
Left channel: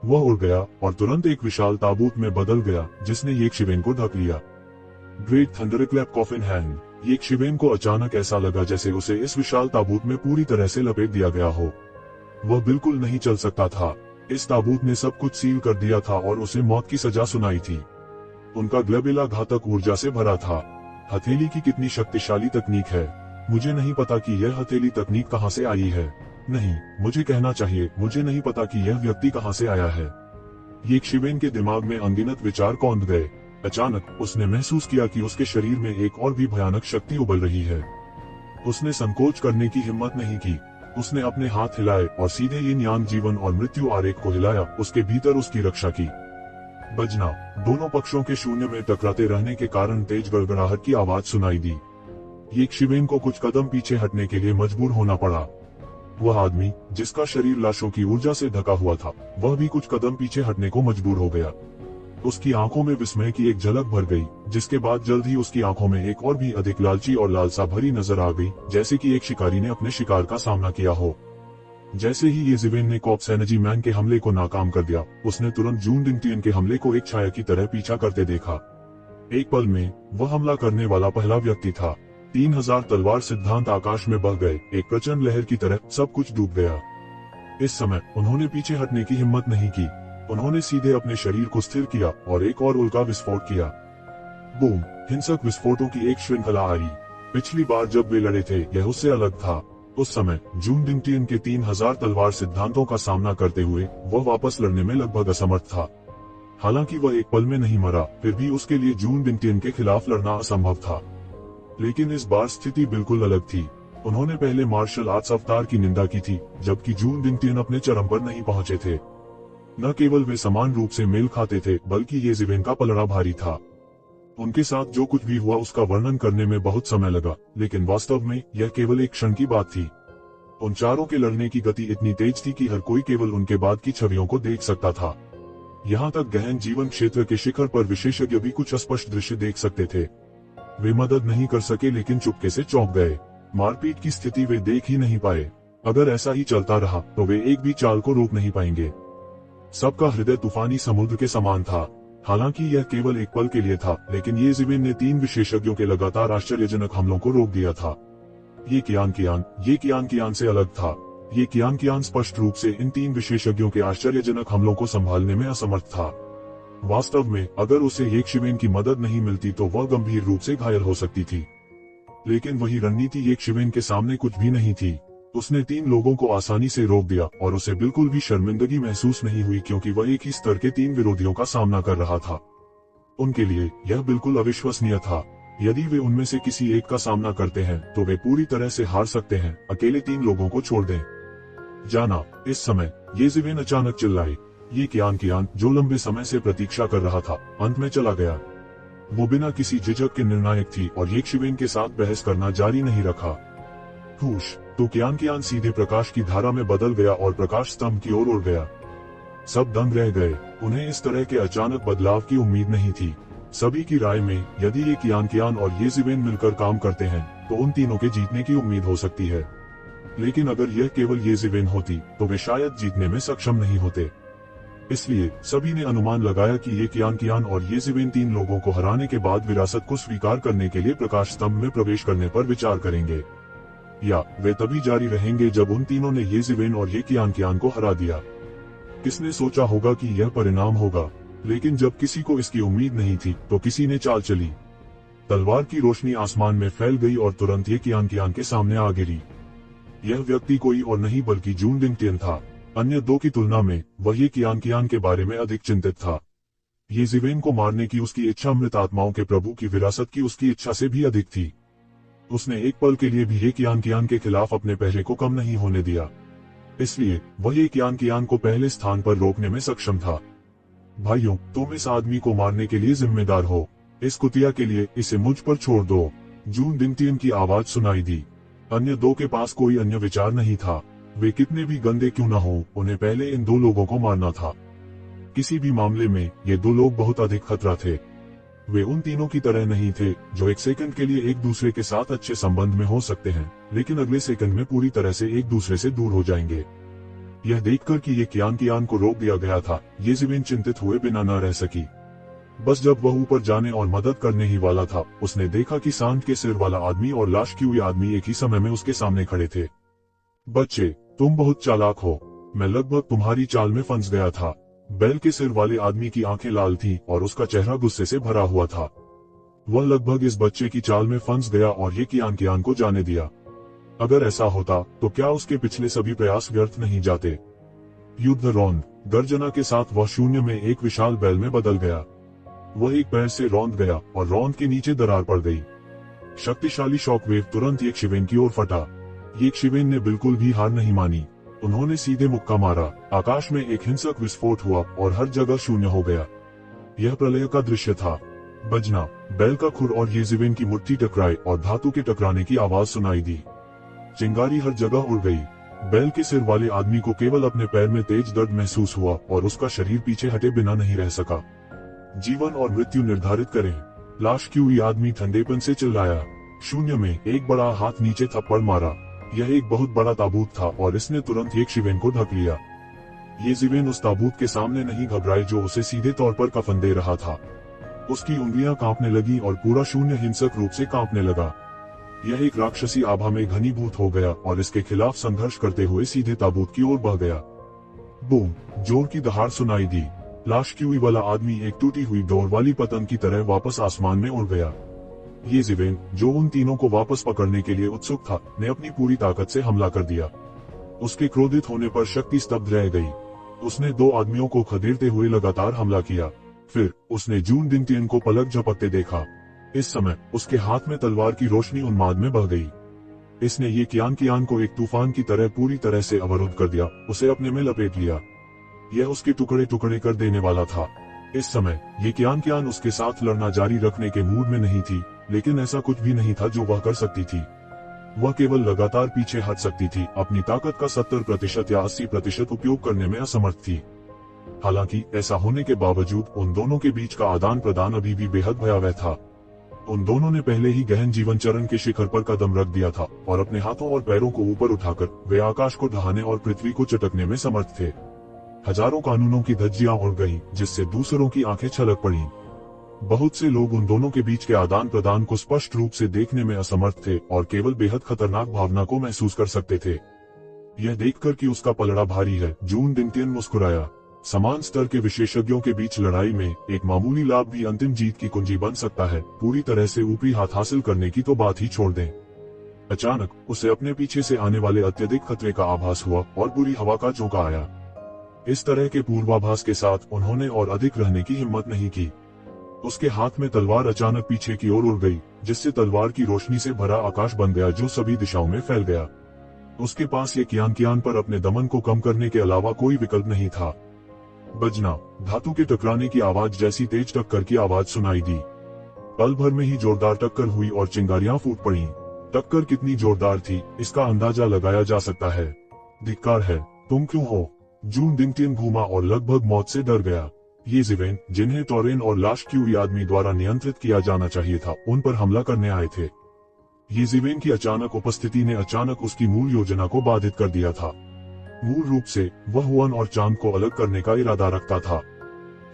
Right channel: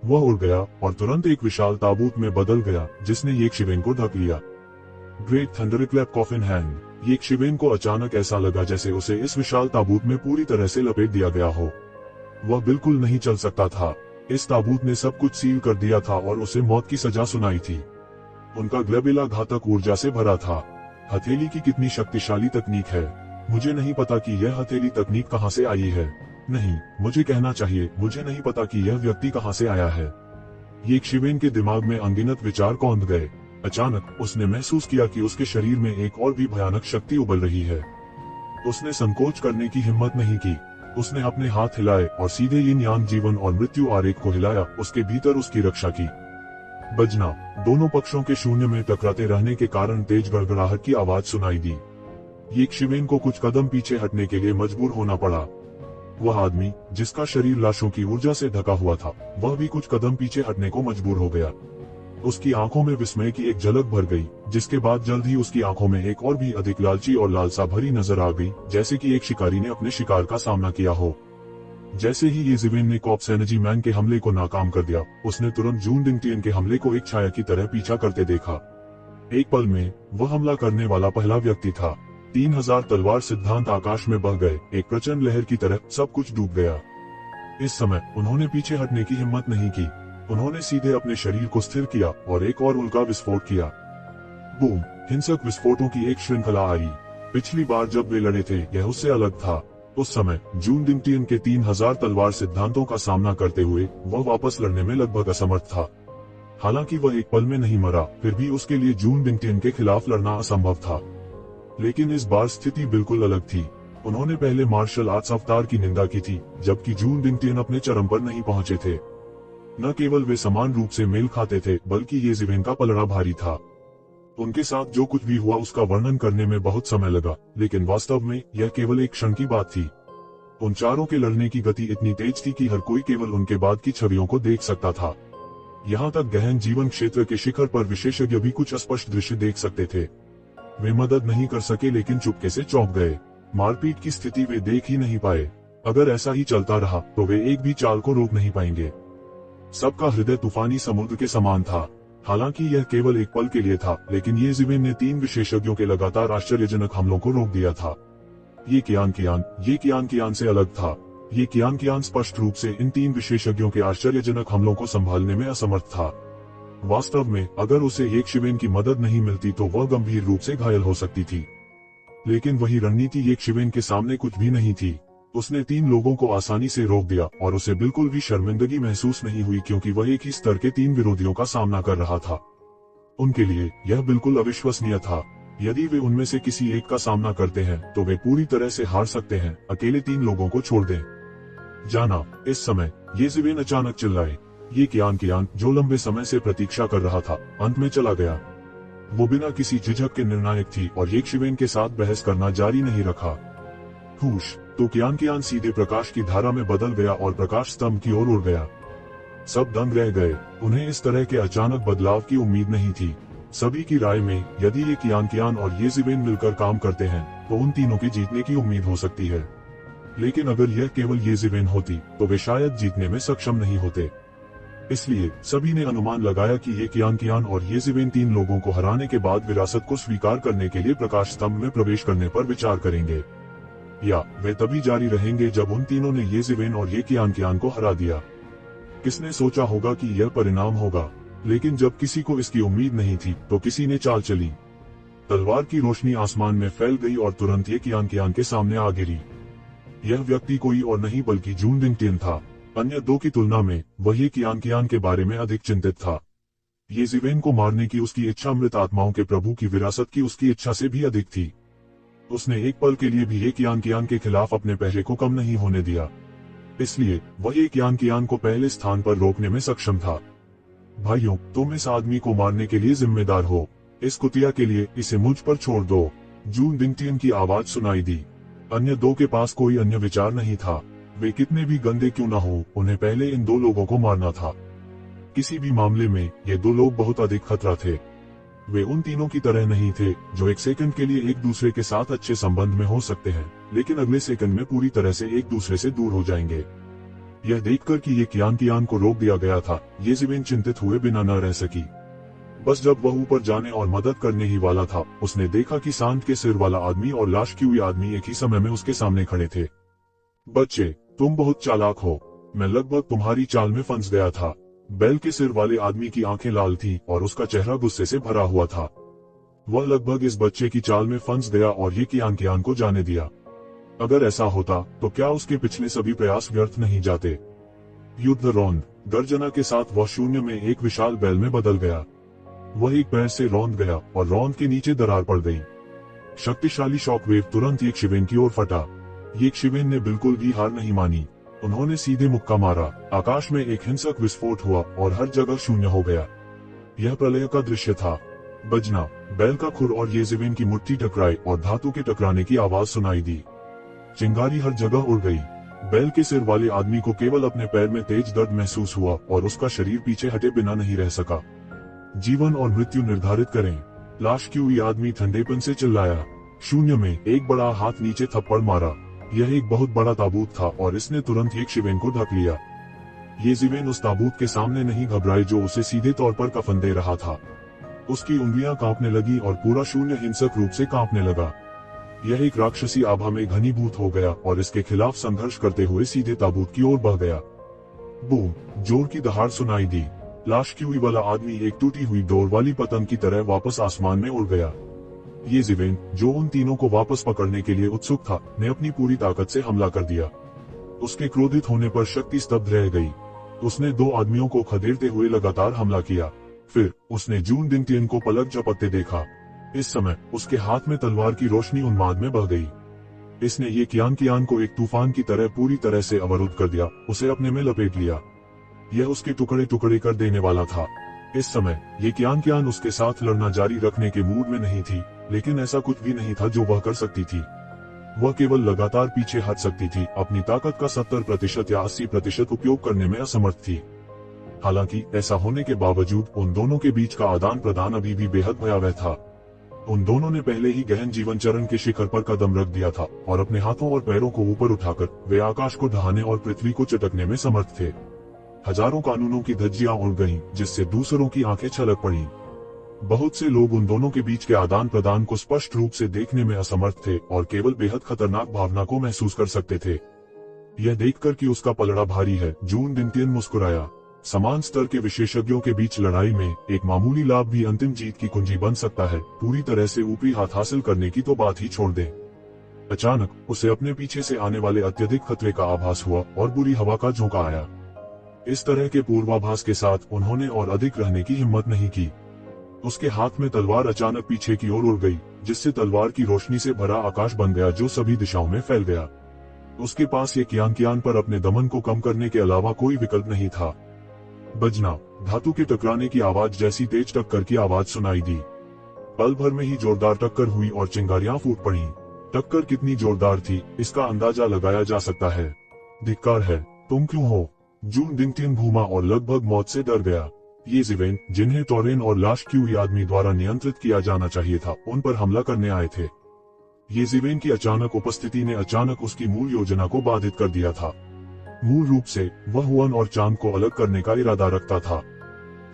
वह उड़ गया और तुरंत एक विशाल ताबूत में बदल गया, जिसने येशिवेन को ढक लिया। Great thunderclap coffin hand! येशिवेन को अचानक ऐसा लगा जैसे उसे इस विशाल ताबूत में पूरी तरह से लपेट दिया गया हो। वह बिल्कुल नहीं चल सकता था। इस ताबूत ने सब कुछ सील कर दिया था और उसे मौत की सजा सुनाई थी। उनका ग्लबेला घातक ऊर्जा से भरा था। हथेली की कितनी शक्तिशाली तकनीक है। मुझे नहीं पता कि यह हथेली तकनीक कहां से आई है। नहीं, मुझे कहना चाहिए, मुझे नहीं पता कि यह व्यक्ति कहां से आया है। ये शिवेन के दिमाग में अनगिनत विचार कौंध गए। अचानक उसने महसूस किया कि उसके शरीर में एक और भी भयानक शक्ति उबल रही है। उसने संकोच करने की हिम्मत नहीं की। उसने अपने हाथ हिलाए और सीधे यिन यांग जीवन और मृत्यु आरेख को हिलाया। उसके भीतर उसकी रक्षा की। बजना, दोनों पक्षों के शून्य में टकराते रहने के कारण तेज गड़गड़ाहट की आवाज सुनाई दी। ये शिवेन को कुछ कदम पीछे हटने के लिए मजबूर होना पड़ा। वह आदमी जिसका शरीर लाशों की ऊर्जा से ढका हुआ था, वह भी कुछ कदम पीछे हटने को मजबूर हो गया। उसकी आंखों में विस्मय की एक झलक भर गई, जिसके बाद जल्द ही उसकी आंखों में एक और भी अधिक लालची और लालसा भरी नजर आ गई, जैसे कि एक शिकारी ने अपने शिकार का सामना किया हो। जैसे ही ये जिवेन ने कॉप्स एनर्जी मैन के हमले को नाकाम कर दिया, उसने तुरंत जून डिंगटियन के हमले को एक छाया की तरह पीछा करते देखा। एक पल में वह हमला करने वाला पहला व्यक्ति था। 3000 तलवार सिद्धांत आकाश में बह गए। एक प्रचंड लहर की तरह सब कुछ डूब गया। इस समय उन्होंने पीछे हटने की हिम्मत नहीं की। उन्होंने सीधे अपने शरीर को स्थिर किया और एक और उल्का विस्फोट किया। बूम! हिंसक विस्फोटों की एक श्रृंखला आई। पिछली बार जब वे लड़े थे, यह उससे अलग था। उस समय जून डिंगटियन के 3000 तलवार सिद्धांतों का सामना करते हुए वह वापस लड़ने में लगभग असमर्थ था। हालांकि वह एक पल में नहीं मरा, फिर भी उसके लिए जून डिंगटियन के खिलाफ लड़ना असंभव था। लेकिन इस बार स्थिति बिल्कुल अलग थी। उन्होंने पहले मार्शल आर्ट्स अवतार की निंदा की थी, जबकि जून डिंगटियन अपने चरम पर नहीं पहुंचे थे। न केवल वे समान रूप से मेल खाते थे, बल्कि ये जिवेन का पलड़ा भारी था। उनके साथ जो कुछ भी हुआ उसका वर्णन करने में बहुत समय लगा, लेकिन वास्तव में यह केवल एक क्षण की बात थी। उन चारों के लड़ने की गति इतनी तेज थी कि हर कोई केवल उनके बाद की छवियों को देख सकता था। यहाँ तक गहन जीवन क्षेत्र के शिखर पर विशेषज्ञ भी कुछ अस्पष्ट दृश्य देख सकते थे। वे मदद नहीं कर सके, लेकिन चुपके से चौंक गए। मारपीट की स्थिति वे देख ही नहीं पाए। अगर ऐसा ही चलता रहा तो वे एक भी चाल को रोक नहीं पाएंगे। सबका हृदय तूफानी समुद्र के समान था। हालांकि यह केवल एक पल के लिए था, लेकिन ये जिवेन ने 3 विशेषज्ञों के लगातार आश्चर्यजनक हमलों को रोक दिया था। ये कियान से अलग था। ये कियान स्पष्ट रूप से इन 3 विशेषज्ञों के आश्चर्यजनक हमलों को संभालने में असमर्थ था। वास्तव में अगर उसे एक शिवेन की मदद नहीं मिलती तो वह गंभीर रूप से घायल हो सकती थी। लेकिन वही रणनीति एक शिवेन के सामने कुछ भी नहीं थी। उसने 3 लोगों को आसानी से रोक दिया और उसे बिल्कुल भी शर्मिंदगी महसूस नहीं हुई, क्योंकि वह एक ही स्तर के 3 विरोधियों का सामना कर रहा था। उनके लिए यह बिल्कुल अविश्वसनीय था। यदि वे उनमें से किसी एक का सामना करते हैं तो वे पूरी तरह से हार सकते हैं। अकेले 3 लोगों को छोड़ दें। जाना। इस समय ये जिवेन अचानक चिल्लाए। ये कियान जो लंबे समय से प्रतीक्षा कर रहा था, अंत में चला गया। वो बिना किसी झिझक के निर्णायक थी और ये शिवेन के साथ बहस करना जारी नहीं रखा। हुश! तो कियान सीधे प्रकाश की धारा में बदल गया और प्रकाश स्तंभ की ओर उड़ गया। सब दंग रह गए। उन्हें इस तरह के अचानक बदलाव की उम्मीद नहीं थी। सभी की राय में यदि ये कियान और ये जिवेन मिलकर काम करते हैं तो उन तीनों के जीतने की उम्मीद हो सकती है। लेकिन अगर यह केवल ये जिवेन होती तो वे शायद जीतने में सक्षम नहीं होते। इसलिए सभी ने अनुमान लगाया कि ये कियान और ये जिवेन 3 लोगों को हराने के बाद विरासत को स्वीकार करने के लिए प्रकाश स्तंभ में प्रवेश करने पर विचार करेंगे, या वे तभी जारी रहेंगे जब उन तीनों ने ये जिवेन और ये कियान को हरा दिया। किसने सोचा होगा कि यह परिणाम होगा? लेकिन जब किसी को इसकी उम्मीद नहीं थी तो किसी ने चाल चली। तलवार की रोशनी आसमान में फैल गई और तुरंत ये कियान के सामने आ गिरी। यह व्यक्ति कोई और नहीं बल्कि जून डिंगटियन था। अन्य 2 की तुलना में वह ये कियान के बारे में अधिक चिंतित था। ये जिवेन को मारने की उसकी इच्छा मृत आत्माओं के प्रभु की विरासत की उसकी इच्छा से भी अधिक थी। उसने एक पल के लिए भी ये कियान के खिलाफ अपने पहरे को कम नहीं होने दिया। इसलिए वह ये कियान को पहले स्थान पर रोकने में सक्षम था। भाइयों, तुम इस आदमी को मारने के लिए जिम्मेदार हो। इस कुतिया के लिए इसे मुझ पर छोड़ दो। जून डिंगटियन की आवाज सुनाई दी। अन्य 2 के पास कोई अन्य विचार नहीं था। वे कितने भी गंदे क्यों न हो, उन्हें पहले इन 2 लोगों को मारना था। किसी भी मामले में ये 2 लोग बहुत अधिक खतरा थे। वे उन तीनों की तरह नहीं थे जो एक सेकंड के लिए एक दूसरे के साथ अच्छे संबंध में हो सकते हैं, लेकिन अगले सेकंड में पूरी तरह से एक दूसरे से दूर हो जाएंगे। यह देखकर कि ये कियान को रोक दिया गया था, ये जिवेन चिंतित हुए बिना न रह सकी। बस जब वह ऊपर जाने और मदद करने ही वाला था, उसने देखा कि सांड के सिर वाला आदमी और लाश की हुई आदमी एक ही समय में उसके सामने खड़े थे। बच्चे, तुम बहुत चालाक हो। मैं लगभग तुम्हारी चाल में फंस गया था। बेल के सिर वाले आदमी की आंखें लाल थीं और उसका चेहरा गुस्से से भरा हुआ था। वह लगभग इस बच्चे की चाल में फंस गया और ये कियान को जाने दिया। अगर ऐसा होता तो क्या उसके पिछले सभी प्रयास व्यर्थ नहीं जाते? युद्ध रौंद गर्जना के साथ वह शून्य में एक विशाल बैल में बदल गया। वह एक पैर से रौंद गया और रौंद के नीचे दरार पड़ गई। शक्तिशाली शॉकवेव तुरंत यक्षिवेन की ओर फटा। यक्षिवेन ने बिल्कुल भी हार नहीं मानी। उन्होंने सीधे मुक्का मारा। आकाश में एक हिंसक विस्फोट हुआ और हर जगह शून्य हो गया। यह प्रलय का दृश्य था। बजना, बैल का खुर और येजिवेन की मुट्ठी टकराई और धातु के टकराने की आवाज सुनाई दी। चिंगारी हर जगह उड़ गई। बैल के सिर वाले आदमी को केवल अपने पैर में तेज दर्द महसूस हुआ और उसका शरीर पीछे हटे बिना नहीं रह सका। जीवन और मृत्यु निर्धारित करें। लाश क्यों? ये आदमी ठंडेपन से चिल्लाया। शून्य में एक बड़ा हाथ नीचे थप्पड़ मारा। यह एक बहुत बड़ा ताबूत था और इसने तुरंत यक्षिवेन को ढक लिया। येजिवेन उस ताबूत के सामने नहीं घबराई जो उसे सीधे तौर पर कफन दे रहा था। उसकी उंगलियां कांपने लगी और पूरा शून्य हिंसक रूप से कांपने लगा। यह एक राक्षसी आभा में घनीभूत हो गया और इसके खिलाफ संघर्ष करते हुए सीधे ताबूत की ओर बढ़ गया। बूम! जोर की दहाड़ सुनाई दी। लाश क्यूई वाला आदमी एक टूटी हुई डोर वाली पतंग की तरह वापस आसमान में उड़ गया। येजिवेन, जो उन तीनों को वापस पकड़ने के लिए उत्सुक था, ने अपनी पूरी ताकत से हमला कर दिया। उसके क्रोधित होने पर शक्ति स्तब्ध रह गई। उसने दो आदमियों को खदेड़ते हुए लगातार हमला किया। फिर उसने जून दिनटियन को पलक झपकते देखा। इस समय उसके हाथ में तलवार की रोशनी उन्माद में बह गई। इसने ये कियान को एक तूफान की तरह पूरी तरह से अवरुद्ध कर दिया, उसे अपने में लपेट लिया। यह उसके टुकड़े टुकड़े कर देने वाला था। इस समय ये कियान उसके साथ लड़ना जारी रखने के मूड में नहीं थी, लेकिन ऐसा कुछ भी नहीं था जो वह कर सकती थी। वह केवल लगातार पीछे हट सकती थी, अपनी ताकत का 70% या 80% उपयोग करने में असमर्थ थी। हालांकि ऐसा होने के बावजूद उन दोनों के बीच का आदान प्रदान अभी भी बेहद भयावह था। उन दोनों ने पहले ही गहन जीवन चरण के शिखर पर कदम रख दिया था और अपने हाथों और पैरों को ऊपर उठाकर वे आकाश को ढहाने और पृथ्वी को चटकने में समर्थ थे। हजारों कानूनों की धज्जियां उड़ गईं, जिससे दूसरों की आंखें छलक पड़ी। बहुत से लोग उन दोनों के बीच के आदान प्रदान को स्पष्ट रूप से देखने में असमर्थ थे और केवल बेहद खतरनाक भावना को महसूस कर सकते थे। यह देखकर कि उसका पलड़ा भारी है, जून दिनटियन मुस्कुराया। समान स्तर के विशेषज्ञों के बीच लड़ाई में एक मामूली लाभ भी अंतिम जीत की कुंजी बन सकता है। पूरी तरह से ऊपरी हाथ हासिल करने की तो बात ही छोड़ दें। अचानक उसे अपने पीछे से आने वाले अत्यधिक खतरे का आभास हुआ और बुरी हवा का झोंका आया। इस तरह के पूर्वाभास के साथ उन्होंने और अधिक रहने की हिम्मत नहीं की। उसके हाथ में तलवार अचानक पीछे की ओर उड़ गई, जिससे तलवार की रोशनी से भरा आकाश बन गया जो सभी दिशाओं में फैल गया। उसके पास ये कियान पर अपने दमन को कम करने के अलावा कोई विकल्प नहीं था। बजना, धातु के टकराने की आवाज जैसी तेज टक्कर की आवाज सुनाई दी। पल भर में ही जोरदार टक्कर हुई और चिंगारियां फूट पड़ी। टक्कर कितनी जोरदार थी, इसका अंदाजा लगाया जा सकता है। धिक्कार है, तुम क्यों हो? जून दिनटियन घूमा और लगभग मौत से डर गया। येजिवेन, जिन्हें टोरेन और लाश क्यूई आदमी द्वारा नियंत्रित किया जाना चाहिए था, उन पर हमला करने आए थे। येजिवेन की अचानक उपस्थिति ने अचानक उसकी मूल योजना को बाधित कर दिया था। मूल रूप से वह हुआन और चांद को अलग करने का इरादा रखता था।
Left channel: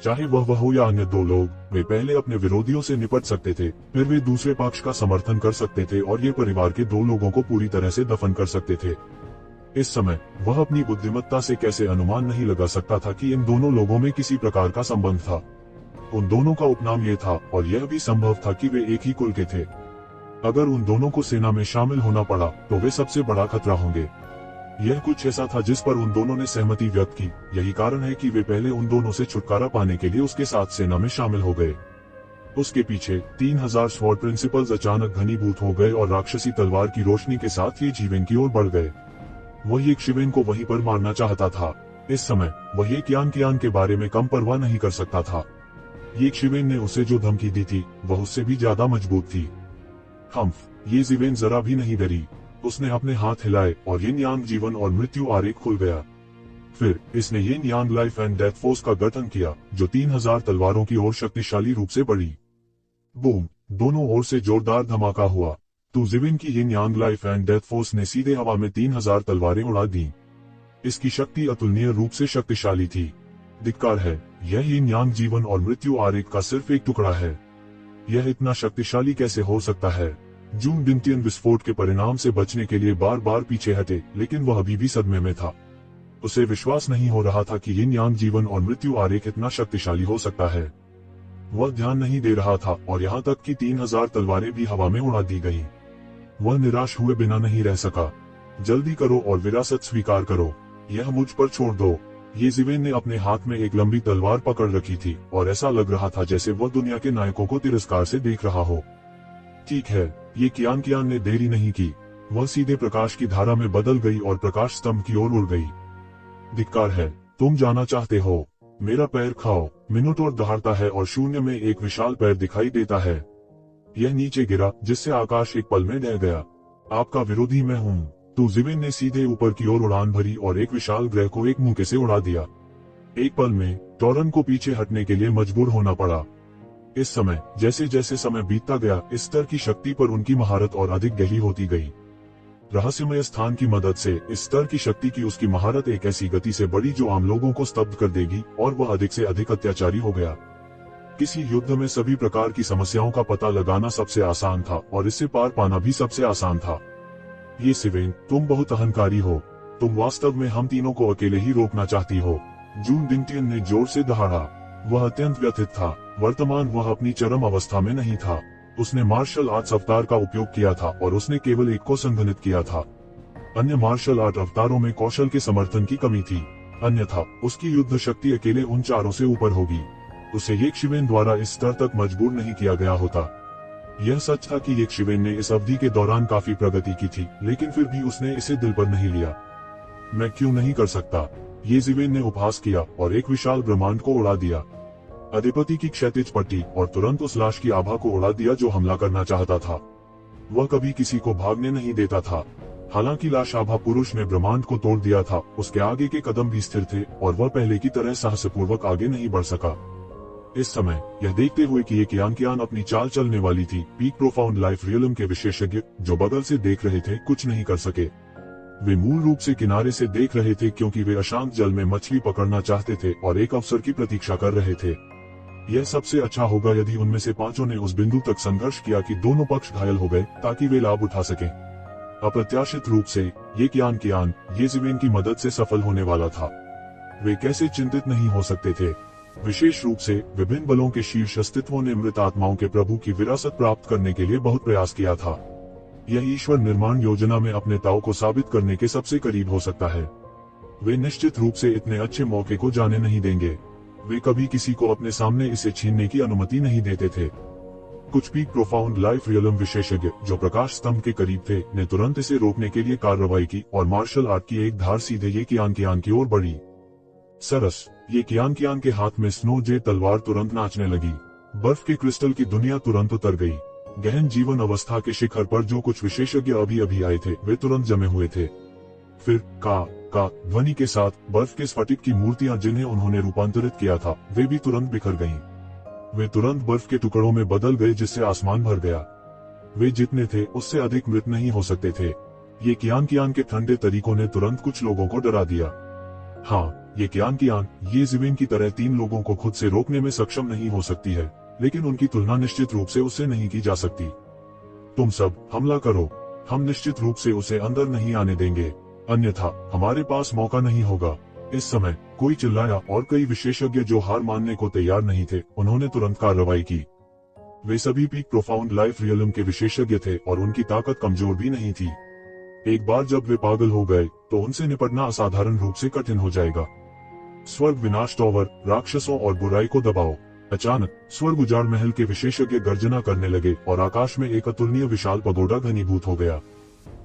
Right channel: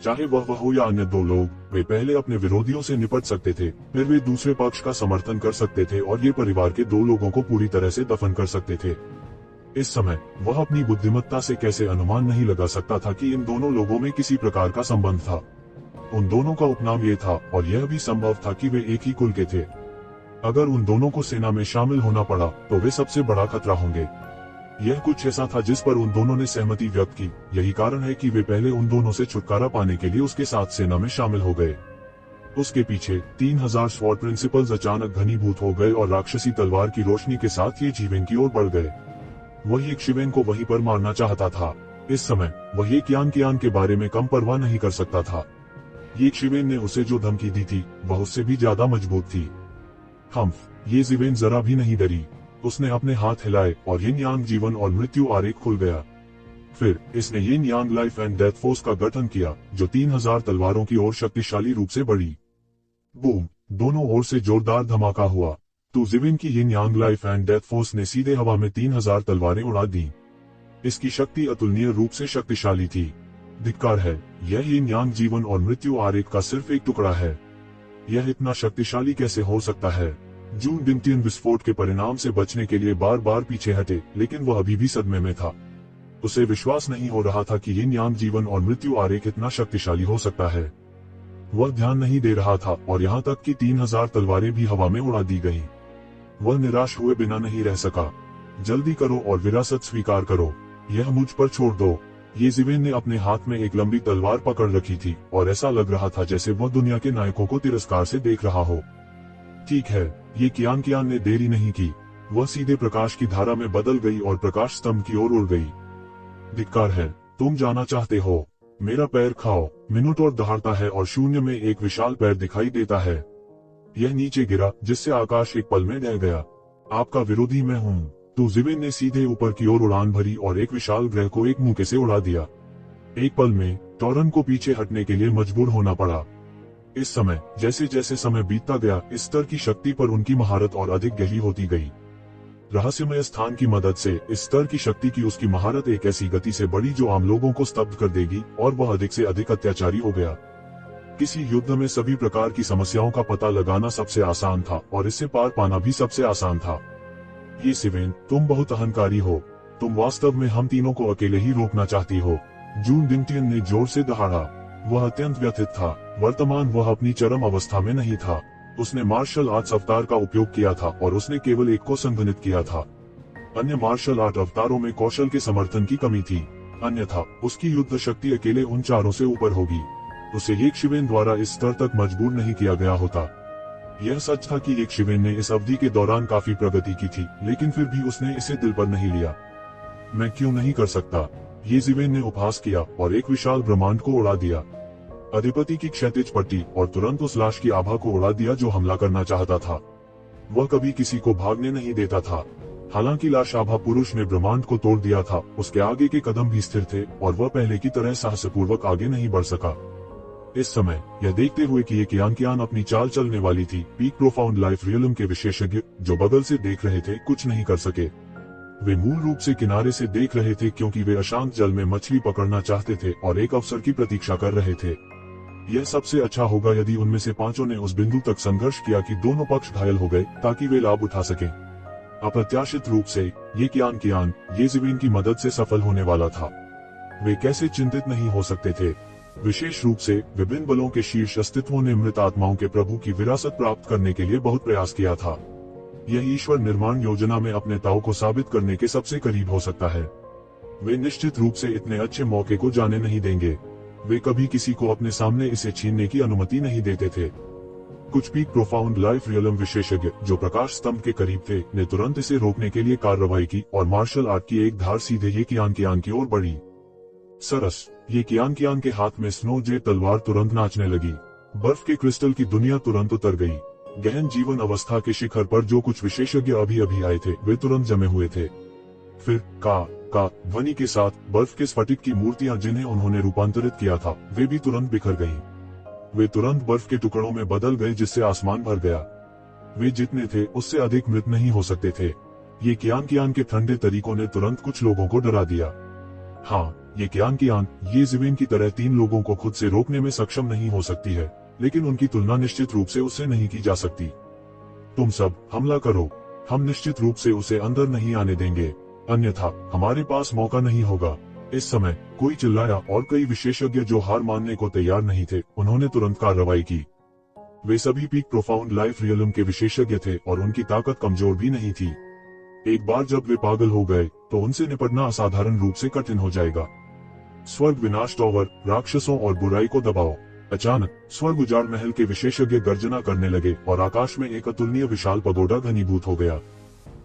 चाहे वह हो या अन्य दो लोग, वे पहले अपने विरोधियों से निपट सकते थे, फिर वे दूसरे पक्ष का समर्थन कर सकते थे और ये परिवार के दो लोगों को पूरी तरह से दफन कर सकते थे। इस समय वह अपनी बुद्धिमत्ता से कैसे अनुमान नहीं लगा सकता था कि इन दोनों लोगों में किसी प्रकार का संबंध था। उन दोनों का उपनाम ये था और यह भी संभव था कि वे एक ही कुल के थे। अगर उन दोनों को सेना में शामिल होना पड़ा तो वे सबसे बड़ा खतरा होंगे। यह कुछ ऐसा था जिस पर उन दोनों ने सहमति व्यक्त की। यही कारण है कि वे पहले उन दोनों से छुटकारा पाने के लिए उसके साथ सेना में शामिल हो गए। उसके पीछे 3000 स्वॉर्ड प्रिंसिपल्स अचानक घनीभूत हो गए और राक्षसी तलवार की रोशनी के साथ येजिवेन की ओर बढ़ गए। वह यक्षिवेन को वहीं पर मारना चाहता था। इस समय वह ये कियान के बारे में कम परवाह नहीं कर सकता था। यक्षिवेन ने उसे जो धमकी दी थी वह उससे भी ज्यादा मजबूत थी। येजिवेन जरा भी नहीं डरी। उसने अपने हाथ हिलाए और यिन यांग जीवन और मृत्यु आरेख खुल गया। फिर इसने यिन यांग लाइफ एंड डेथ फोर्स का गठन किया, जो 3000 तलवारों की ओर शक्तिशाली रूप से बढ़ी। बूम! दोनों ओर से जोरदार धमाका हुआ। तो जिविन की यिन यांग लाइफ एंड डेथ फोर्स ने सीधे हवा में 3000 तलवारें उड़ा दी। इसकी शक्ति अतुलनीय रूप से शक्तिशाली थी। धिक्कार है, यह यिन यांग जीवन और मृत्यु आरेख का सिर्फ एक टुकड़ा है। यह इतना शक्तिशाली कैसे हो सकता है? जून दिनटियन विस्फोट के परिणाम से बचने के लिए बार बार पीछे हटे, लेकिन वह अभी भी सदमे में था। उसे विश्वास नहीं हो रहा था कि ये ज्ञान जीवन और मृत्यु आरेख इतना शक्तिशाली हो सकता है। वह ध्यान नहीं दे रहा था और यहाँ तक कि 3000 तलवारें भी हवा में उड़ा दी गईं। वह निराश हुए बिना नहीं रह सका। जल्दी करो और विरासत स्वीकार करो, यह मुझ पर छोड़ दो। येज़िवेन ने अपने हाथ में एक लंबी तलवार पकड़ रखी थी और ऐसा लग रहा था जैसे वह दुनिया के नायकों को तिरस्कार से देख रहा हो। ठीक है, ये कियान ने देरी नहीं की। वह सीधे प्रकाश की धारा में बदल गई और प्रकाश स्तंभ की ओर उड़ गई। धिक्कार है, तुम जाना चाहते हो? मेरा पैर खाओ। मिनोटॉर दहाड़ता है और शून्य में एक विशाल पैर दिखाई देता है। यह नीचे गिरा जिससे आकाश एक पल में ढह गया। आपका विरोधी मैं हूँ। तो ज़िवेन ने सीधे ऊपर की ओर उड़ान भरी और एक विशाल ग्रह को एक मुक्के से उड़ा दिया। एक पल में टॉरन को पीछे हटने के लिए मजबूर होना पड़ा। इस समय जैसे जैसे समय बीतता गया, इस स्तर की शक्ति पर उनकी महारत और अधिक गहरी होती गई। रहस्यमय स्थान की मदद से इस स्तर की शक्ति की उसकी महारत एक ऐसी गति से बढ़ी जो आम लोगों को स्तब्ध कर देगी और वह अधिक से अधिक अत्याचारी हो गया। किसी युद्ध में सभी प्रकार की समस्याओं का पता लगाना सबसे आसान था और इससे पार पाना भी सबसे आसान था। येज़िवेन, तुम बहुत अहंकारी हो। तुम वास्तव में हम तीनों को अकेले ही रोकना चाहती हो। जून डिंगटियन ने जोर से दहाड़ा। वह अत्यंत व्यथित था। वर्तमान वह अपनी चरम अवस्था में नहीं था। उसने मार्शल आर्ट्स अवतार का उपयोग किया था और उसने केवल एक को संघनित किया था। अन्य मार्शल आर्ट अवतारों में कौशल के समर्थन की कमी थी, अन्यथा उसकी युद्ध शक्ति अकेले उन चारों से ऊपर होगी। उसे येज़िवेन द्वारा इस स्तर तक मजबूर नहीं किया गया होता। यह सच था कि येज़िवेन ने इस अवधि के दौरान काफी प्रगति की थी, लेकिन फिर भी उसने इसे दिल पर नहीं लिया। मैं क्यों नहीं कर सकता? येज़िवेन ने उपहास किया और एक विशाल ब्रह्मांड को उड़ा दिया। अधिपति की क्षैतिज पट्टी और तुरंत उस लाश की आभा को उड़ा दिया जो हमला करना चाहता था। वह कभी किसी को भागने नहीं देता था। हालांकि लाश आभा पुरुष ने ब्रह्मांड को तोड़ दिया था, उसके आगे के कदम भी स्थिर थे और वह पहले की तरह साहसपूर्वक आगे नहीं बढ़ सका। इस समय यह देखते हुए कि ये कियान अपनी चाल चलने वाली थी, पीक प्रोफाउंड लाइफ रियलम के विशेषज्ञ जो बगल से देख रहे थे कुछ नहीं कर सके। वे मूल रूप से किनारे से देख रहे थे क्योंकि वे अशांत जल में मछली पकड़ना चाहते थे और एक अवसर की प्रतीक्षा कर रहे थे। यह सबसे अच्छा होगा यदि उनमें से पांचों ने उस बिंदु तक संघर्ष किया कि दोनों पक्ष घायल हो गए ताकि वे लाभ उठा सकें। अप्रत्याशित रूप से ये कियान येज़िवेन की मदद से सफल होने वाला था। वे कैसे चिंतित नहीं हो सकते थे? विशेष रूप से विभिन्न बलों के शीर्ष अस्तित्वों ने मृत आत्माओं के प्रभु की विरासत प्राप्त करने के लिए बहुत प्रयास किया था। यह ईश्वर निर्माण योजना में अपने ताऊ को साबित करने के सबसे करीब हो सकता है। वे निश्चित रूप से इतने अच्छे मौके को जाने नहीं देंगे। वे कभी किसी को अपने सामने इसे छीनने की अनुमति नहीं देते थे। कुछ पीक प्रोफाउंड लाइफ रियलम विशेषज्ञ जो प्रकाश स्तंभ के करीब थे ने तुरंत इसे रोकने के लिए कार्रवाई की और मार्शल आर्ट की एक धार सीधे ये कियान की ओर बढ़ी। सरस, ये कियान के हाथ में स्नो जे तलवार तुरंत नाचने लगी। बर्फ के क्रिस्टल की दुनिया तुरंत उतर गई। गहन जीवन अवस्था के शिखर पर जो कुछ विशेषज्ञ अभी अभी आए थे वे तुरंत जमे हुए थे। फिर का ध्वनि के साथ बर्फ के स्फटिक की मूर्तियां जिन्हें उन्होंने रूपांतरित किया था वे भी तुरंत बिखर गईं। वे तुरंत बर्फ के टुकड़ों में बदल गए जिससे आसमान भर गया। वे जितने थे उससे अधिक मृत नहीं हो सकते थे। ये कियान के ठंडे तरीकों ने तुरंत कुछ लोगों को डरा दिया। हाँ, ये कियान येज़िवेन की तरह 3 लोगों को खुद से रोकने में सक्षम नहीं हो सकती है, लेकिन उनकी तुलना निश्चित रूप से उससे नहीं की जा सकती। तुम सब हमला करो। हम निश्चित रूप से उसे अंदर नहीं आने देंगे, अन्यथा हमारे पास मौका नहीं होगा। इस समय कोई चिल्लाया और कई विशेषज्ञ जो हार मानने को तैयार नहीं थे उन्होंने तुरंत कार्रवाई की। वे सभी पीक प्रोफाउंड लाइफ रियलम के विशेषज्ञ थे और उनकी ताकत कमजोर भी नहीं थी। एक बार जब वे पागल हो गए तो उनसे निपटना असाधारण रूप से कठिन हो जाएगा। स्वर्ग विनाश टॉवर, राक्षसों और बुराई को दबाओ। अचानक स्वर्ग उजाड़ महल के विशेषज्ञ गर्जना करने लगे और आकाश में एक अतुलनीय विशाल पगोडा घनीभूत हो गया।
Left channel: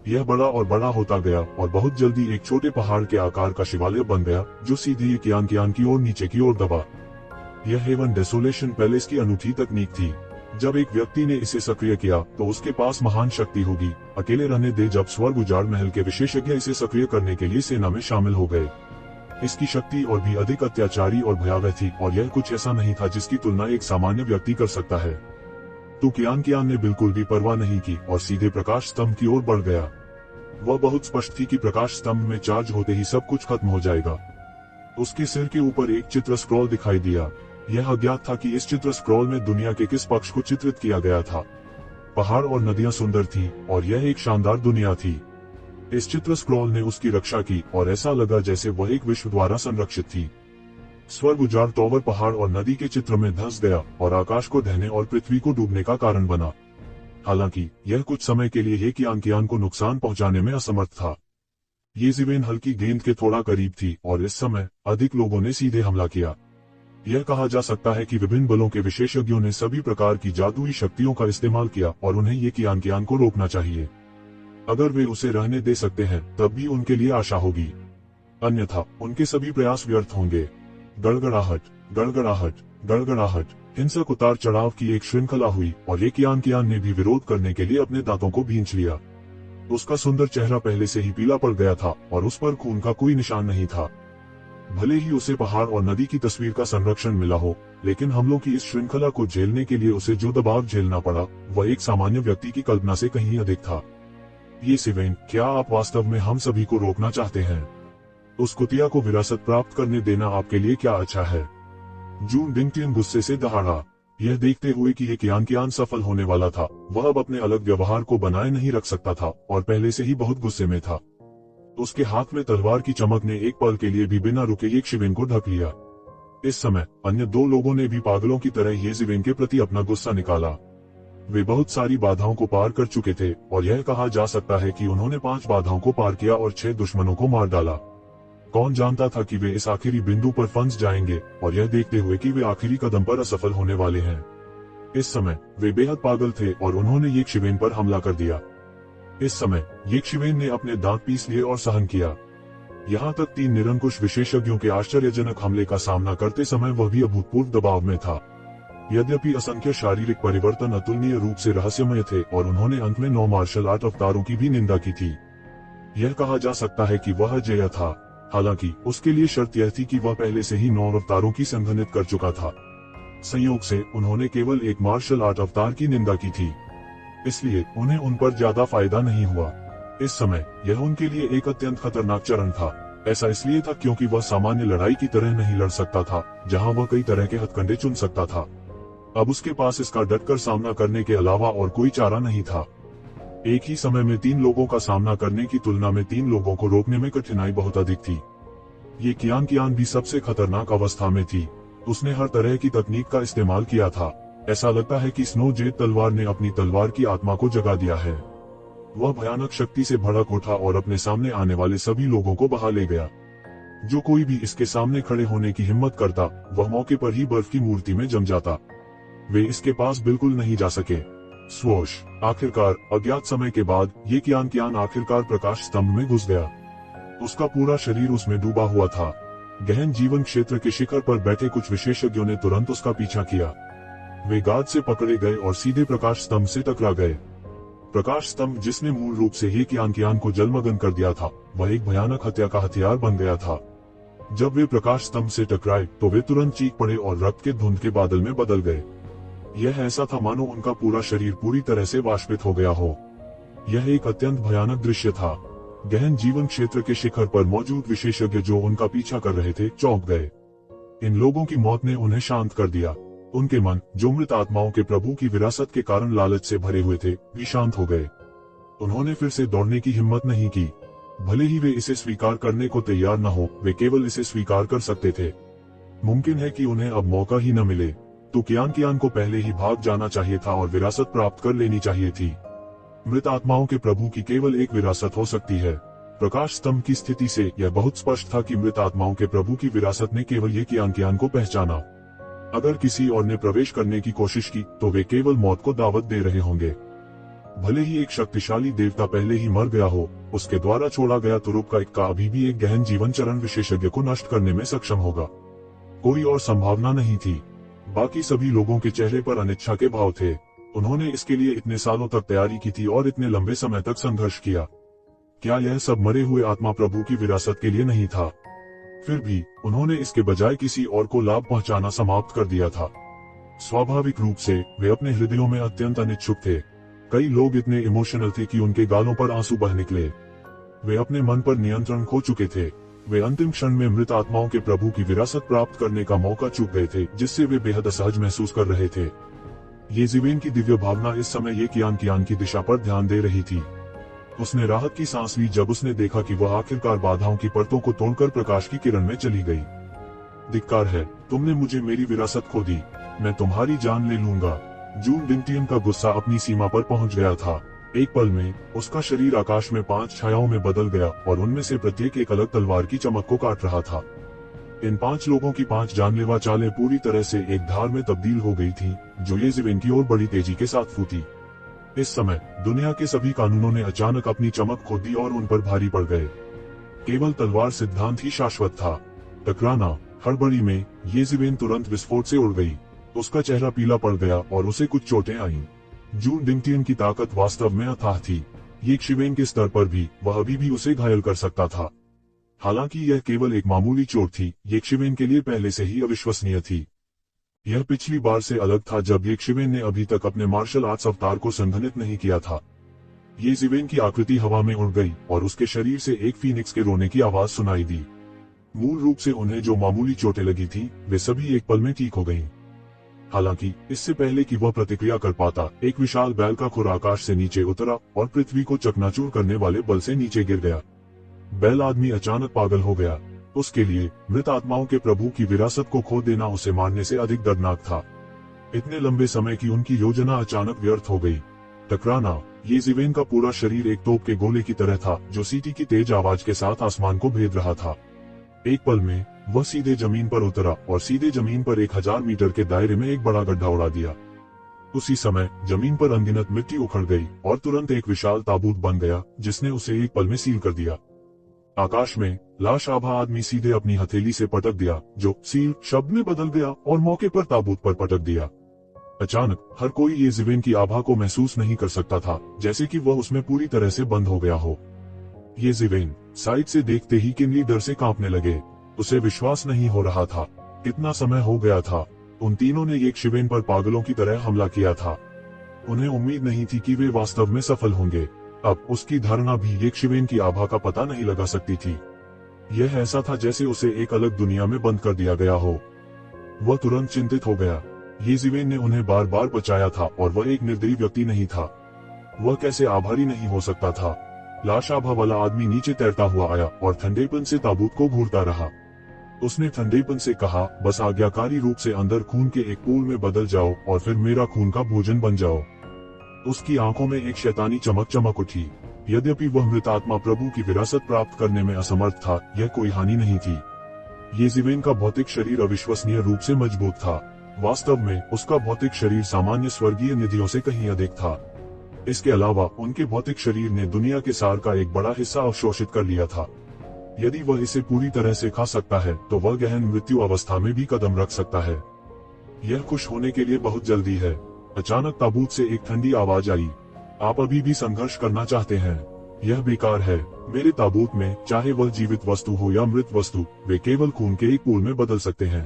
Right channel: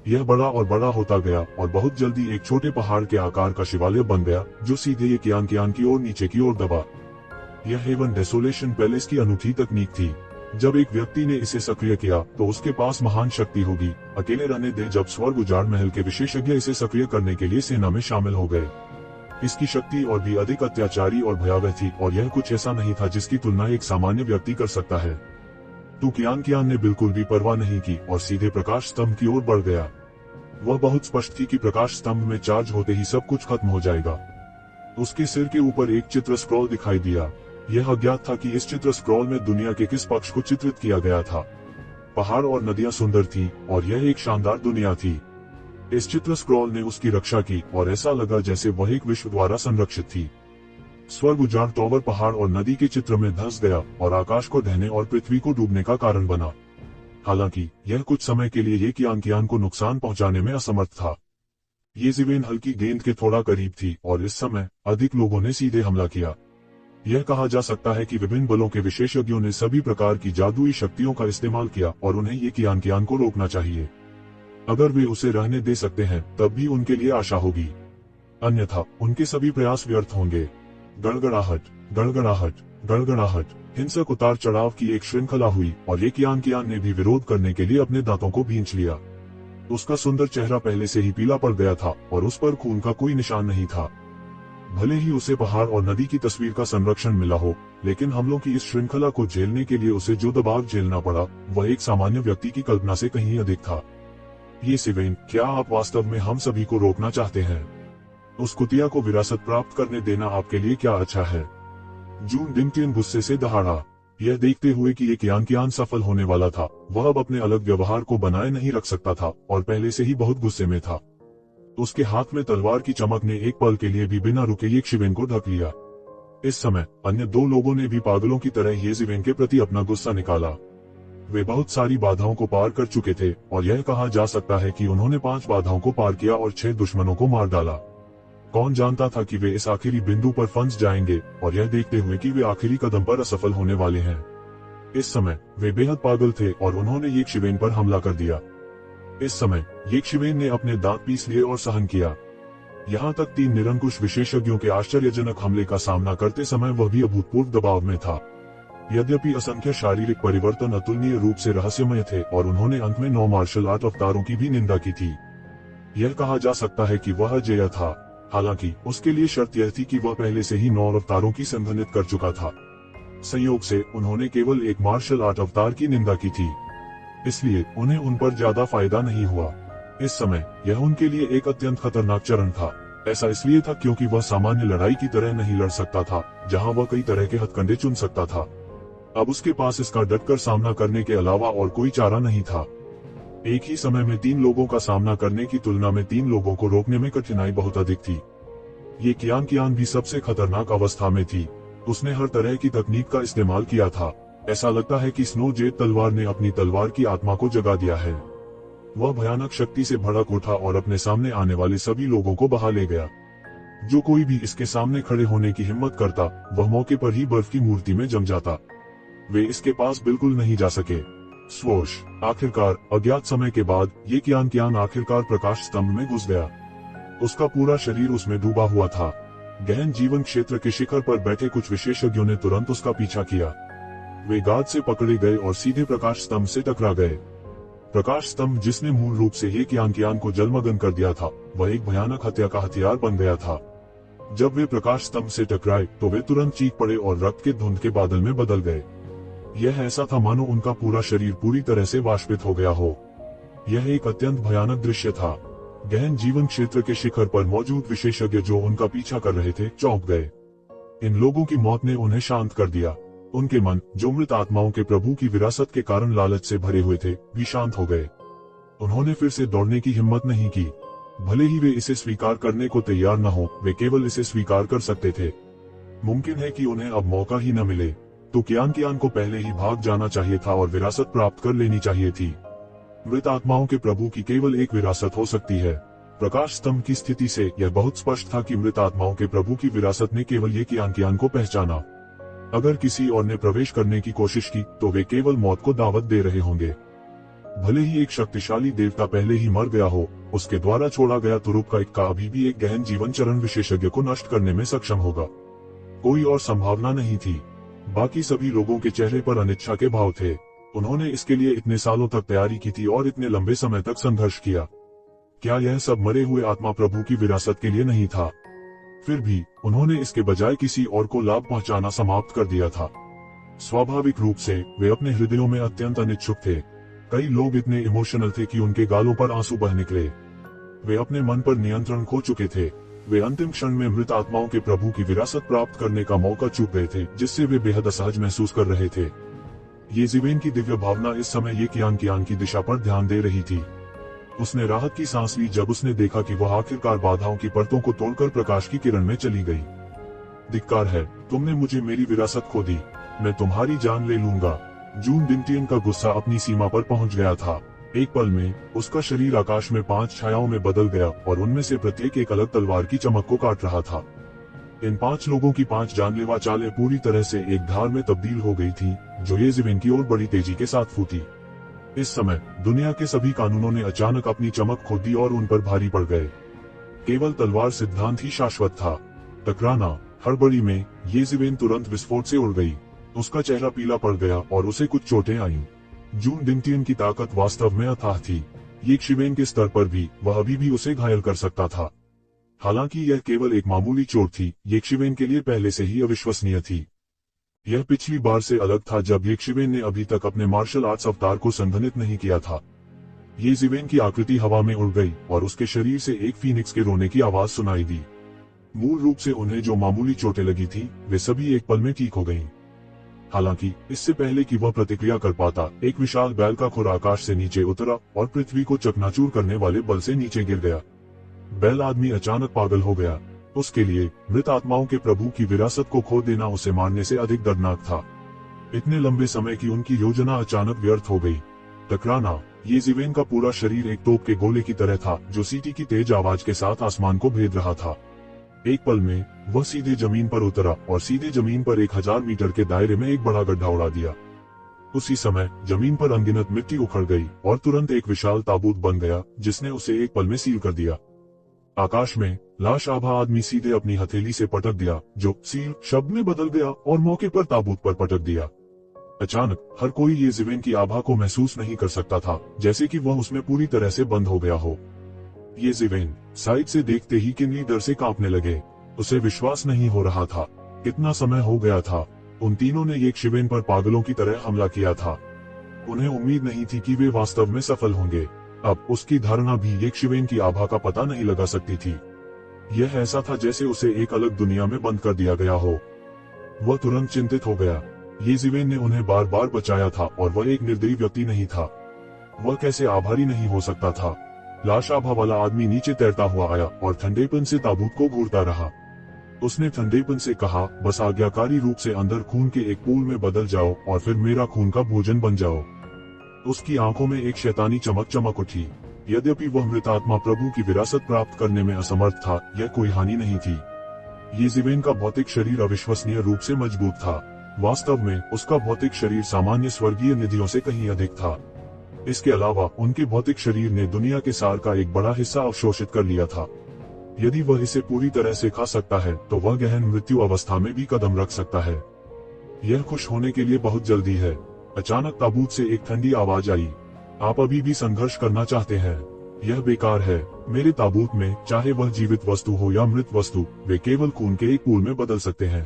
यह बड़ा और बड़ा होता गया और बहुत जल्दी एक छोटे पहाड़ के आकार का शिवालय बन गया जो सीधे ये कियान की ओर नीचे की ओर दबा। यह हेवन डेसोलेशन पैलेस की अनूठी तकनीक थी। जब एक व्यक्ति ने इसे सक्रिय किया तो उसके पास महान शक्ति होगी। अकेले रहने दे जब स्वर्ग उजाड़ महल के विशेषज्ञ इसे सक्रिय करने के लिए सेना में शामिल हो गए। इसकी शक्ति और भी अधिक अत्याचारी और भयावह थी और यह कुछ ऐसा नहीं था जिसकी तुलना एक सामान्य व्यक्ति कर सकता है। तो कियान ने बिल्कुल भी परवाह नहीं की और सीधे प्रकाश स्तंभ की ओर बढ़ गया। वह बहुत स्पष्ट थी कि प्रकाश स्तंभ में चार्ज होते ही सब कुछ खत्म हो जाएगा। उसके सिर के ऊपर एक चित्र स्क्रॉल दिखाई दिया। यह अज्ञात था कि इस चित्र स्क्रॉल में दुनिया के किस पक्ष को चित्रित किया गया था। पहाड़ और नदियां सुंदर थी और यह एक शानदार दुनिया थी। इस चित्र स्क्रॉल ने उसकी रक्षा की और ऐसा लगा जैसे वह एक विश्व द्वारा संरक्षित थी। स्वर्ग उजाड़ टॉवर पहाड़ और नदी के चित्र में धंस गया और आकाश को ढहने और पृथ्वी को डूबने का कारण बना। हालांकि यह कुछ समय के लिए ये कियान को नुकसान पहुंचाने में असमर्थ था। ये ज़िवेन हल्की गेंद के थोड़ा करीब थी और इस समय अधिक लोगों ने सीधे हमला किया। यह कहा जा सकता है कि विभिन्न बलों के विशेषज्ञों ने सभी प्रकार की जादुई शक्तियों का इस्तेमाल किया और उन्हें ये कियान को रोकना चाहिए। अगर वे उसे रहने दे सकते हैं तब भी उनके लिए आशा होगी, अन्यथा उनके सभी प्रयास व्यर्थ होंगे। गड़गड़ाहट, गड़गड़ाहट, गड़गड़ाहट। हिंसक उतार चढ़ाव की एक श्रृंखला हुई और ये कियान ने भी विरोध करने के लिए अपने दांतों को भींच लिया। उसका सुंदर चेहरा पहले से ही पीला पड़ गया था और उस पर खून का कोई निशान नहीं था। भले ही उसे पहाड़ और नदी की तस्वीर का संरक्षण मिला हो, लेकिन हमलों की इस श्रृंखला को झेलने के लिए उसे जो दबाव झेलना पड़ा वह एक सामान्य व्यक्ति की कल्पना से कहीं अधिक था। ये ज़िवेन, क्या आप वास्तव में हम सभी को रोकना चाहते हैं? उस कुतिया को विरासत प्राप्त करने देना आपके लिए क्या अच्छा है? जून डिंगटिन गुस्से से दहाड़ा। यह देखते हुए कि ये कियान सफल होने वाला था, वह अब अपने अलग व्यवहार को बनाए नहीं रख सकता था और पहले से ही बहुत गुस्से में था। उसके हाथ में तलवार की चमक ने एक पल के लिए भी बिना रुके ये ज़िवेन को ढक लिया। इस समय अन्य दो लोगों ने भी पागलों की तरह ये ज़िवेन के प्रति अपना गुस्सा निकाला। वे बहुत सारी बाधाओं को पार कर चुके थे और यह कहा जा सकता है कि उन्होंने 5 बाधाओं को पार किया और 6 दुश्मनों को मार डाला। कौन जानता था कि वे इस आखिरी बिंदु पर फंस जाएंगे और यह देखते हुए कि वे आखिरी कदम पर असफल होने वाले हैं। इस समय वे बेहद पागल थे और उन्होंने ये ज़िवेन पर हमला कर दिया। इस समय ये ज़िवेन ने अपने दांत पीस लिए और सहन किया। यहाँ तक 3 निरंकुश विशेषज्ञों के आश्चर्यजनक हमले का सामना करते समय वह भी अभूतपूर्व दबाव में था। यद्यपि असंख्य शारीरिक परिवर्तन अतुलनीय रूप से रहस्यमय थे और उन्होंने अंत में 9 मार्शल आर्ट अवतारों की भी निंदा की थी। यह कहा जा सकता है कि वह अजेय था, हालांकि उसके लिए शर्त यह थी कि वह पहले से ही 9 अवतारों की संघनित कर चुका था। संयोग से उन्होंने केवल एक मार्शल आर्ट अवतार की निंदा की थी, इसलिए उन्हें उन पर ज्यादा फायदा नहीं हुआ। इस समय यह उनके लिए एक अत्यंत खतरनाक चरण था। ऐसा इसलिए था क्योंकि वह सामान्य लड़ाई की तरह नहीं लड़ सकता था, जहां वह कई तरह के हथकंडे चुन सकता था। अब उसके पास इसका डटकर सामना करने के अलावा और कोई चारा नहीं था। एक ही समय में 3 लोगों का सामना करने की तुलना में 3 लोगों को रोकने में कठिनाई बहुत अधिक थी। ये कियान भी सबसे खतरनाक अवस्था में थी। उसने हर तरह की तकनीक का इस्तेमाल किया था। ऐसा लगता है कि स्नो जेड तलवार ने अपनी तलवार की आत्मा को जगा दिया है। वह भयानक शक्ति से भड़क उठा और अपने सामने आने वाले सभी लोगों को बहा ले गया। जो कोई भी इसके सामने खड़े होने की हिम्मत करता, वह मौके पर ही बर्फ की मूर्ति में जम जाता। वे इसके पास बिल्कुल नहीं जा सके। स्वोश। आखिरकार अज्ञात समय के बाद ये कियान आखिरकार प्रकाश स्तंभ में घुस गया। उसका पूरा शरीर उसमें डूबा हुआ था। गहन जीवन क्षेत्र के शिखर पर बैठे कुछ विशेषज्ञों ने तुरंत उसका पीछा किया। वे गाद से पकड़े गए और सीधे प्रकाश स्तंभ से टकरा गए। प्रकाश स्तंभ, जिसने मूल रूप से ये कियान को जलमग्न कर दिया था, वह एक भयानक हत्या का हथियार बन गया था। जब वे प्रकाश स्तंभ से टकराए तो वे तुरंत चीख पड़े और रक्त के धुंध के बादल में बदल गए। यह ऐसा था मानो उनका पूरा शरीर पूरी तरह से वाष्पित हो गया हो। यह एक अत्यंत भयानक दृश्य था। गहन जीवन क्षेत्र के शिखर पर मौजूद विशेषज्ञ जो उनका पीछा कर रहे थे, चौंक गए। इन लोगों की मौत ने उन्हें शांत कर दिया। उनके मन, जो मृत आत्माओं के प्रभु की विरासत के कारण लालच से भरे हुए थे, भी शांत हो गए। उन्होंने फिर से दौड़ने की हिम्मत नहीं की। भले ही वे इसे स्वीकार करने को तैयार न हो, वे केवल इसे स्वीकार कर सकते थे। मुमकिन है कि उन्हें अब मौका ही न मिले, तो कियान को पहले ही भाग जाना चाहिए था और विरासत प्राप्त कर लेनी चाहिए थी। मृत आत्माओं के प्रभु की केवल एक विरासत हो सकती है। प्रकाश स्तंभ की स्थिति से यह बहुत स्पष्ट था कि मृत आत्माओं के प्रभु की विरासत ने केवल ये कियान को पहचाना। अगर किसी और ने प्रवेश करने की कोशिश की तो वे केवल मौत को दावत दे रहे होंगे। भले ही एक शक्तिशाली देवता पहले ही मर गया हो, उसके द्वारा छोड़ा गया तुरुप का इक्का अभी भी एक गहन जीवन चरण विशेषज्ञ को नष्ट करने में सक्षम होगा। कोई और संभावना नहीं थी। बाकी सभी लोगों के चेहरे पर अनिच्छा के भाव थे। उन्होंने इसके लिए इतने सालों तक तैयारी की थी और इतने लंबे समय तक संघर्ष किया। क्या यह सब मरे हुए आत्मा प्रभु की विरासत के लिए नहीं था? फिर भी उन्होंने इसके बजाय किसी और को लाभ पहुंचाना समाप्त कर दिया था। स्वाभाविक रूप से वे अपने हृदयों में अत्यंत अनिच्छुक थे। कई लोग इतने इमोशनल थे कि उनके गालों पर आंसू बह निकले। वे अपने मन पर नियंत्रण खो चुके थे। वे अंतिम क्षण में मृत आत्माओं के प्रभु की विरासत प्राप्त करने का मौका चूक गए थे, जिससे वे बेहद असहज महसूस कर रहे थे। ये ज़िवेन की दिव्य भावना इस समय ये कियान की दिशा पर ध्यान दे रही थी। उसने राहत की सांस ली जब उसने देखा कि वह आखिरकार बाधाओं की परतों को तोड़कर प्रकाश की किरण में चली गई। धिक्कार है, तुमने मुझे मेरी विरासत खो दी, मैं तुम्हारी जान ले लूंगा। जून डिंगटियन का गुस्सा अपनी सीमा पर पहुंच गया था। एक पल में उसका शरीर आकाश में 5 छायाओं में बदल गया और उनमें से प्रत्येक एक अलग तलवार की चमक को काट रहा था। इन 5 लोगों की 5 जानलेवा चालें पूरी तरह से एक धार में तब्दील हो गई थीं, जो येज़िवेन की ओर बड़ी तेजी के साथ फूटी। इस समय दुनिया के सभी कानूनों ने अचानक अपनी चमक खो दी और उन पर भारी पड़ गए। केवल तलवार सिद्धांत ही शाश्वत था। टकराना। हड़बड़ी में येज़िवेन तुरंत विस्फोट से उड़ गई। उसका चेहरा पीला पड़ गया और उसे कुछ चोटें आईं। जून डिंगटियन की ताकत वास्तव में अथाह थी। येज़िवेन के स्तर पर भी वह अभी भी उसे घायल कर सकता था। हालांकि यह केवल एक मामूली चोट थी, येज़िवेन के लिए पहले से ही अविश्वसनीय थी। यह पिछली बार से अलग था जब येज़िवेन ने अभी तक अपने मार्शल आर्ट्स अवतार को संघनित नहीं किया था। येज़िवेन की आकृति हवा में उड़ गई और उसके शरीर से एक फीनिक्स के रोने की आवाज सुनाई दी। मूल रूप से उन्हें जो मामूली चोटें लगी थीं, वे सभी एक पल में ठीक हो गईं। हालांकि इससे पहले कि वह प्रतिक्रिया कर पाता, एक विशाल बैल का खुर आकाश से नीचे उतरा और पृथ्वी को चकनाचूर करने वाले बल से नीचे गिर गया। बैल आदमी अचानक पागल हो गया। उसके लिए मृत आत्माओं के प्रभु की विरासत को खो देना उसे मारने से अधिक दर्दनाक था। इतने लंबे समय की उनकी योजना अचानक व्यर्थ हो गई। टकराना। येज़िवेन का पूरा शरीर एक तोप के गोले की तरह था, जो सीटी की तेज आवाज के साथ आसमान को भेद रहा था। एक पल में वह सीधे जमीन पर उतरा और सीधे जमीन पर 1000 मीटर के दायरे में एक बड़ा गड्ढा उड़ा दिया। उसी समय जमीन पर अनगिनत मिट्टी उखड़ गई और तुरंत एक विशाल ताबूत बन गया, जिसने उसे एक पल में सील कर दिया। आकाश में लाश आभा आदमी सीधे अपनी हथेली से पटक दिया, जो सील शब्द में बदल गया और मौके पर ताबूत पर पटक दिया। अचानक हर कोई येज़िवेन की आभा को महसूस नहीं कर सकता था, जैसे कि वह उसमें पूरी तरह से बंद हो गया हो। येज़िवेन साइड से देखते ही किन्ही डर से कांपने लगे। उसे विश्वास नहीं हो रहा था। कितना समय हो गया था उन तीनों ने येज़िवेन पर पागलों की तरह हमला किया था। उन्हें उम्मीद नहीं थी कि वे वास्तव में सफल होंगे। अब उसकी धारणा भी येज़िवेन की आभा का पता नहीं लगा सकती थी। यह ऐसा था जैसे उसे एक अलग दुनिया में बंद कर दिया गया हो। वह तुरंत चिंतित हो गया। येज़िवेन ने उन्हें बार बार बचाया था और वह एक निर्दयी व्यक्ति नहीं था। वह कैसे आभारी नहीं हो सकता था। लाश आभा वाला आदमी नीचे तैरता हुआ आया और ठंडेपन से ताबूत को घूरता रहा। उसने ठंडेपन से कहा, बस आज्ञाकारी रूप से अंदर खून के एक पूल में बदल जाओ और फिर मेरा खून का भोजन बन जाओ। उसकी आंखों में एक शैतानी चमक चमक उठी। यद्यपि वह मृत आत्मा प्रभु की विरासत प्राप्त करने में असमर्थ था, यह कोई हानि नहीं थी। येज़िवेन का भौतिक शरीर अविश्वसनीय रूप से मजबूत था। वास्तव में उसका भौतिक शरीर सामान्य स्वर्गीय निधियों से कहीं अधिक था। इसके अलावा उनके भौतिक शरीर ने दुनिया के सार का एक बड़ा हिस्सा अवशोषित कर लिया था। यदि वह इसे पूरी तरह से खा सकता है, तो वह गहन मृत्यु अवस्था में भी कदम रख सकता है। यह खुश होने के लिए बहुत जल्दी है। अचानक ताबूत से एक ठंडी आवाज आई। आप अभी भी संघर्ष करना चाहते हैं? यह बेकार है। मेरे ताबूत में चाहे वह जीवित वस्तु हो या मृत वस्तु, वे केवल खून के एक पूल में बदल सकते हैं।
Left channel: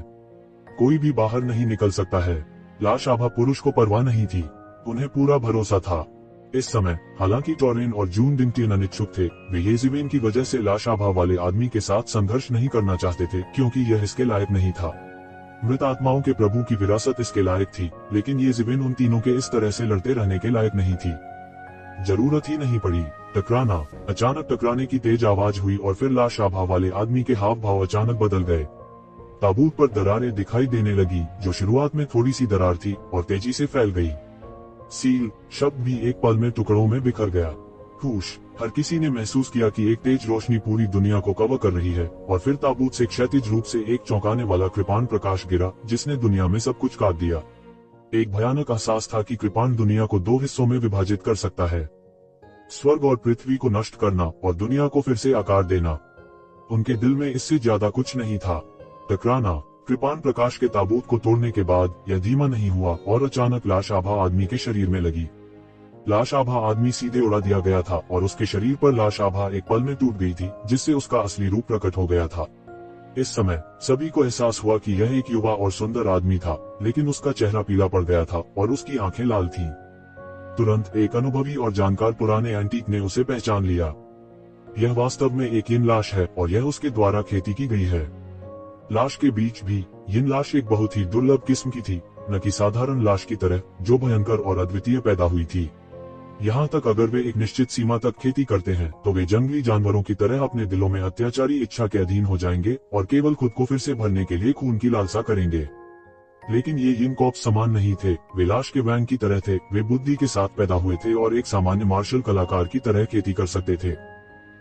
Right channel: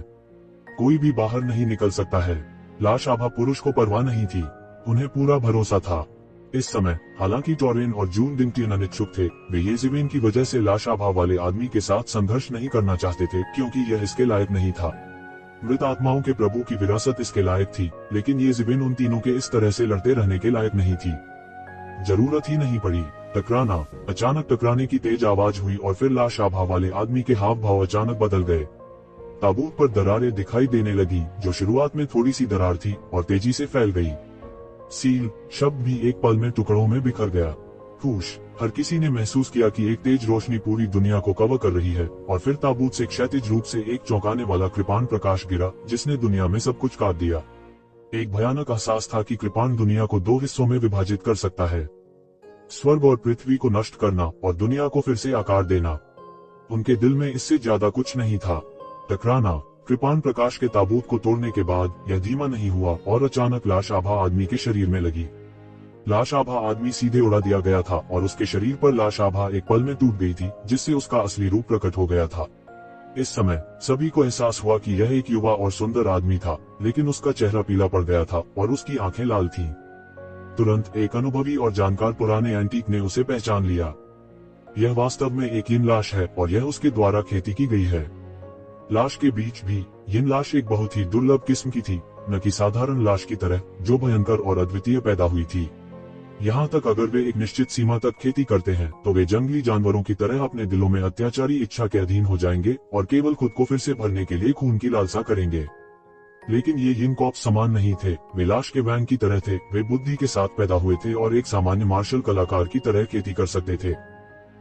कोई भी बाहर नहीं निकल सकता है। लाश आभा पुरुष को परवाह नहीं थी। उन्हें पूरा भरोसा था। इस समय हालांकि टॉरेन और जून डिंगटियन अनिच्छुक थे, वे येज़िवेन की वजह से लाश आभा वाले आदमी के साथ संघर्ष नहीं करना चाहते थे, क्योंकि यह इसके लायक नहीं था। मृत आत्माओं के प्रभु की विरासत इसके लायक थी, लेकिन येज़िवेन उन तीनों के इस तरह से लड़ते रहने के लायक नहीं थी। जरूरत ही नहीं पड़ी। टकराना। अचानक टकराने की तेज आवाज हुई और फिर लाश आभा वाले आदमी के हाव भाव अचानक बदल गए। ताबूत पर दरारें दिखाई देने लगी, जो शुरुआत में थोड़ी सी दरार थी और तेजी से फैल गई। सील शब्द भी एक पल में टुकड़ों में बिखर गया। खुश। हर किसी ने महसूस किया कि एक तेज रोशनी पूरी दुनिया को कवर कर रही है, और फिर ताबूत से क्षैतिज रूप से एक चौंकाने वाला कृपाण प्रकाश गिरा, जिसने दुनिया में सब कुछ काट दिया। एक भयानक एहसास था कि कृपाण दुनिया को 2 हिस्सों में विभाजित कर सकता है। स्वर्ग और पृथ्वी को नष्ट करना और दुनिया को फिर से आकार देना। उनके दिल में इससे ज्यादा कुछ नहीं था। टकराना। कृपाण प्रकाश के ताबूत को तोड़ने के बाद यह धीमा नहीं हुआ और अचानक लाश आभा आदमी के शरीर में लगी। लाश आभा आदमी सीधे उड़ा दिया गया था और उसके शरीर पर लाश आभा एक पल में टूट गई थी, जिससे उसका असली रूप प्रकट हो गया था। इस समय सभी को एहसास हुआ कि यह एक युवा और सुंदर आदमी था, लेकिन उसका चेहरा पीला पड़ गया था और उसकी आंखें लाल थीं। तुरंत एक अनुभवी और जानकार पुराने एंटीक ने उसे पहचान लिया। यह वास्तव में एक यिन लाश है और यह उसके द्वारा खेती की गई है। लाश के बीच भी यिन लाश एक बहुत ही दुर्लभ किस्म की थी, न कि साधारण लाश की तरह जो भयंकर और अद्वितीय पैदा हुई थी। यहाँ तक अगर वे एक निश्चित सीमा तक खेती करते हैं तो वे जंगली जानवरों की तरह अपने दिलों में अत्याचारी इच्छा के अधीन हो जाएंगे और केवल खुद को फिर से भरने के लिए खून की लालसा करेंगे। लेकिन ये यिन कॉप्स समान नहीं थे, वे लाश के वैंग की तरह थे। वे बुद्धि के साथ पैदा हुए थे और एक सामान्य मार्शल कलाकार की तरह खेती कर सकते थे।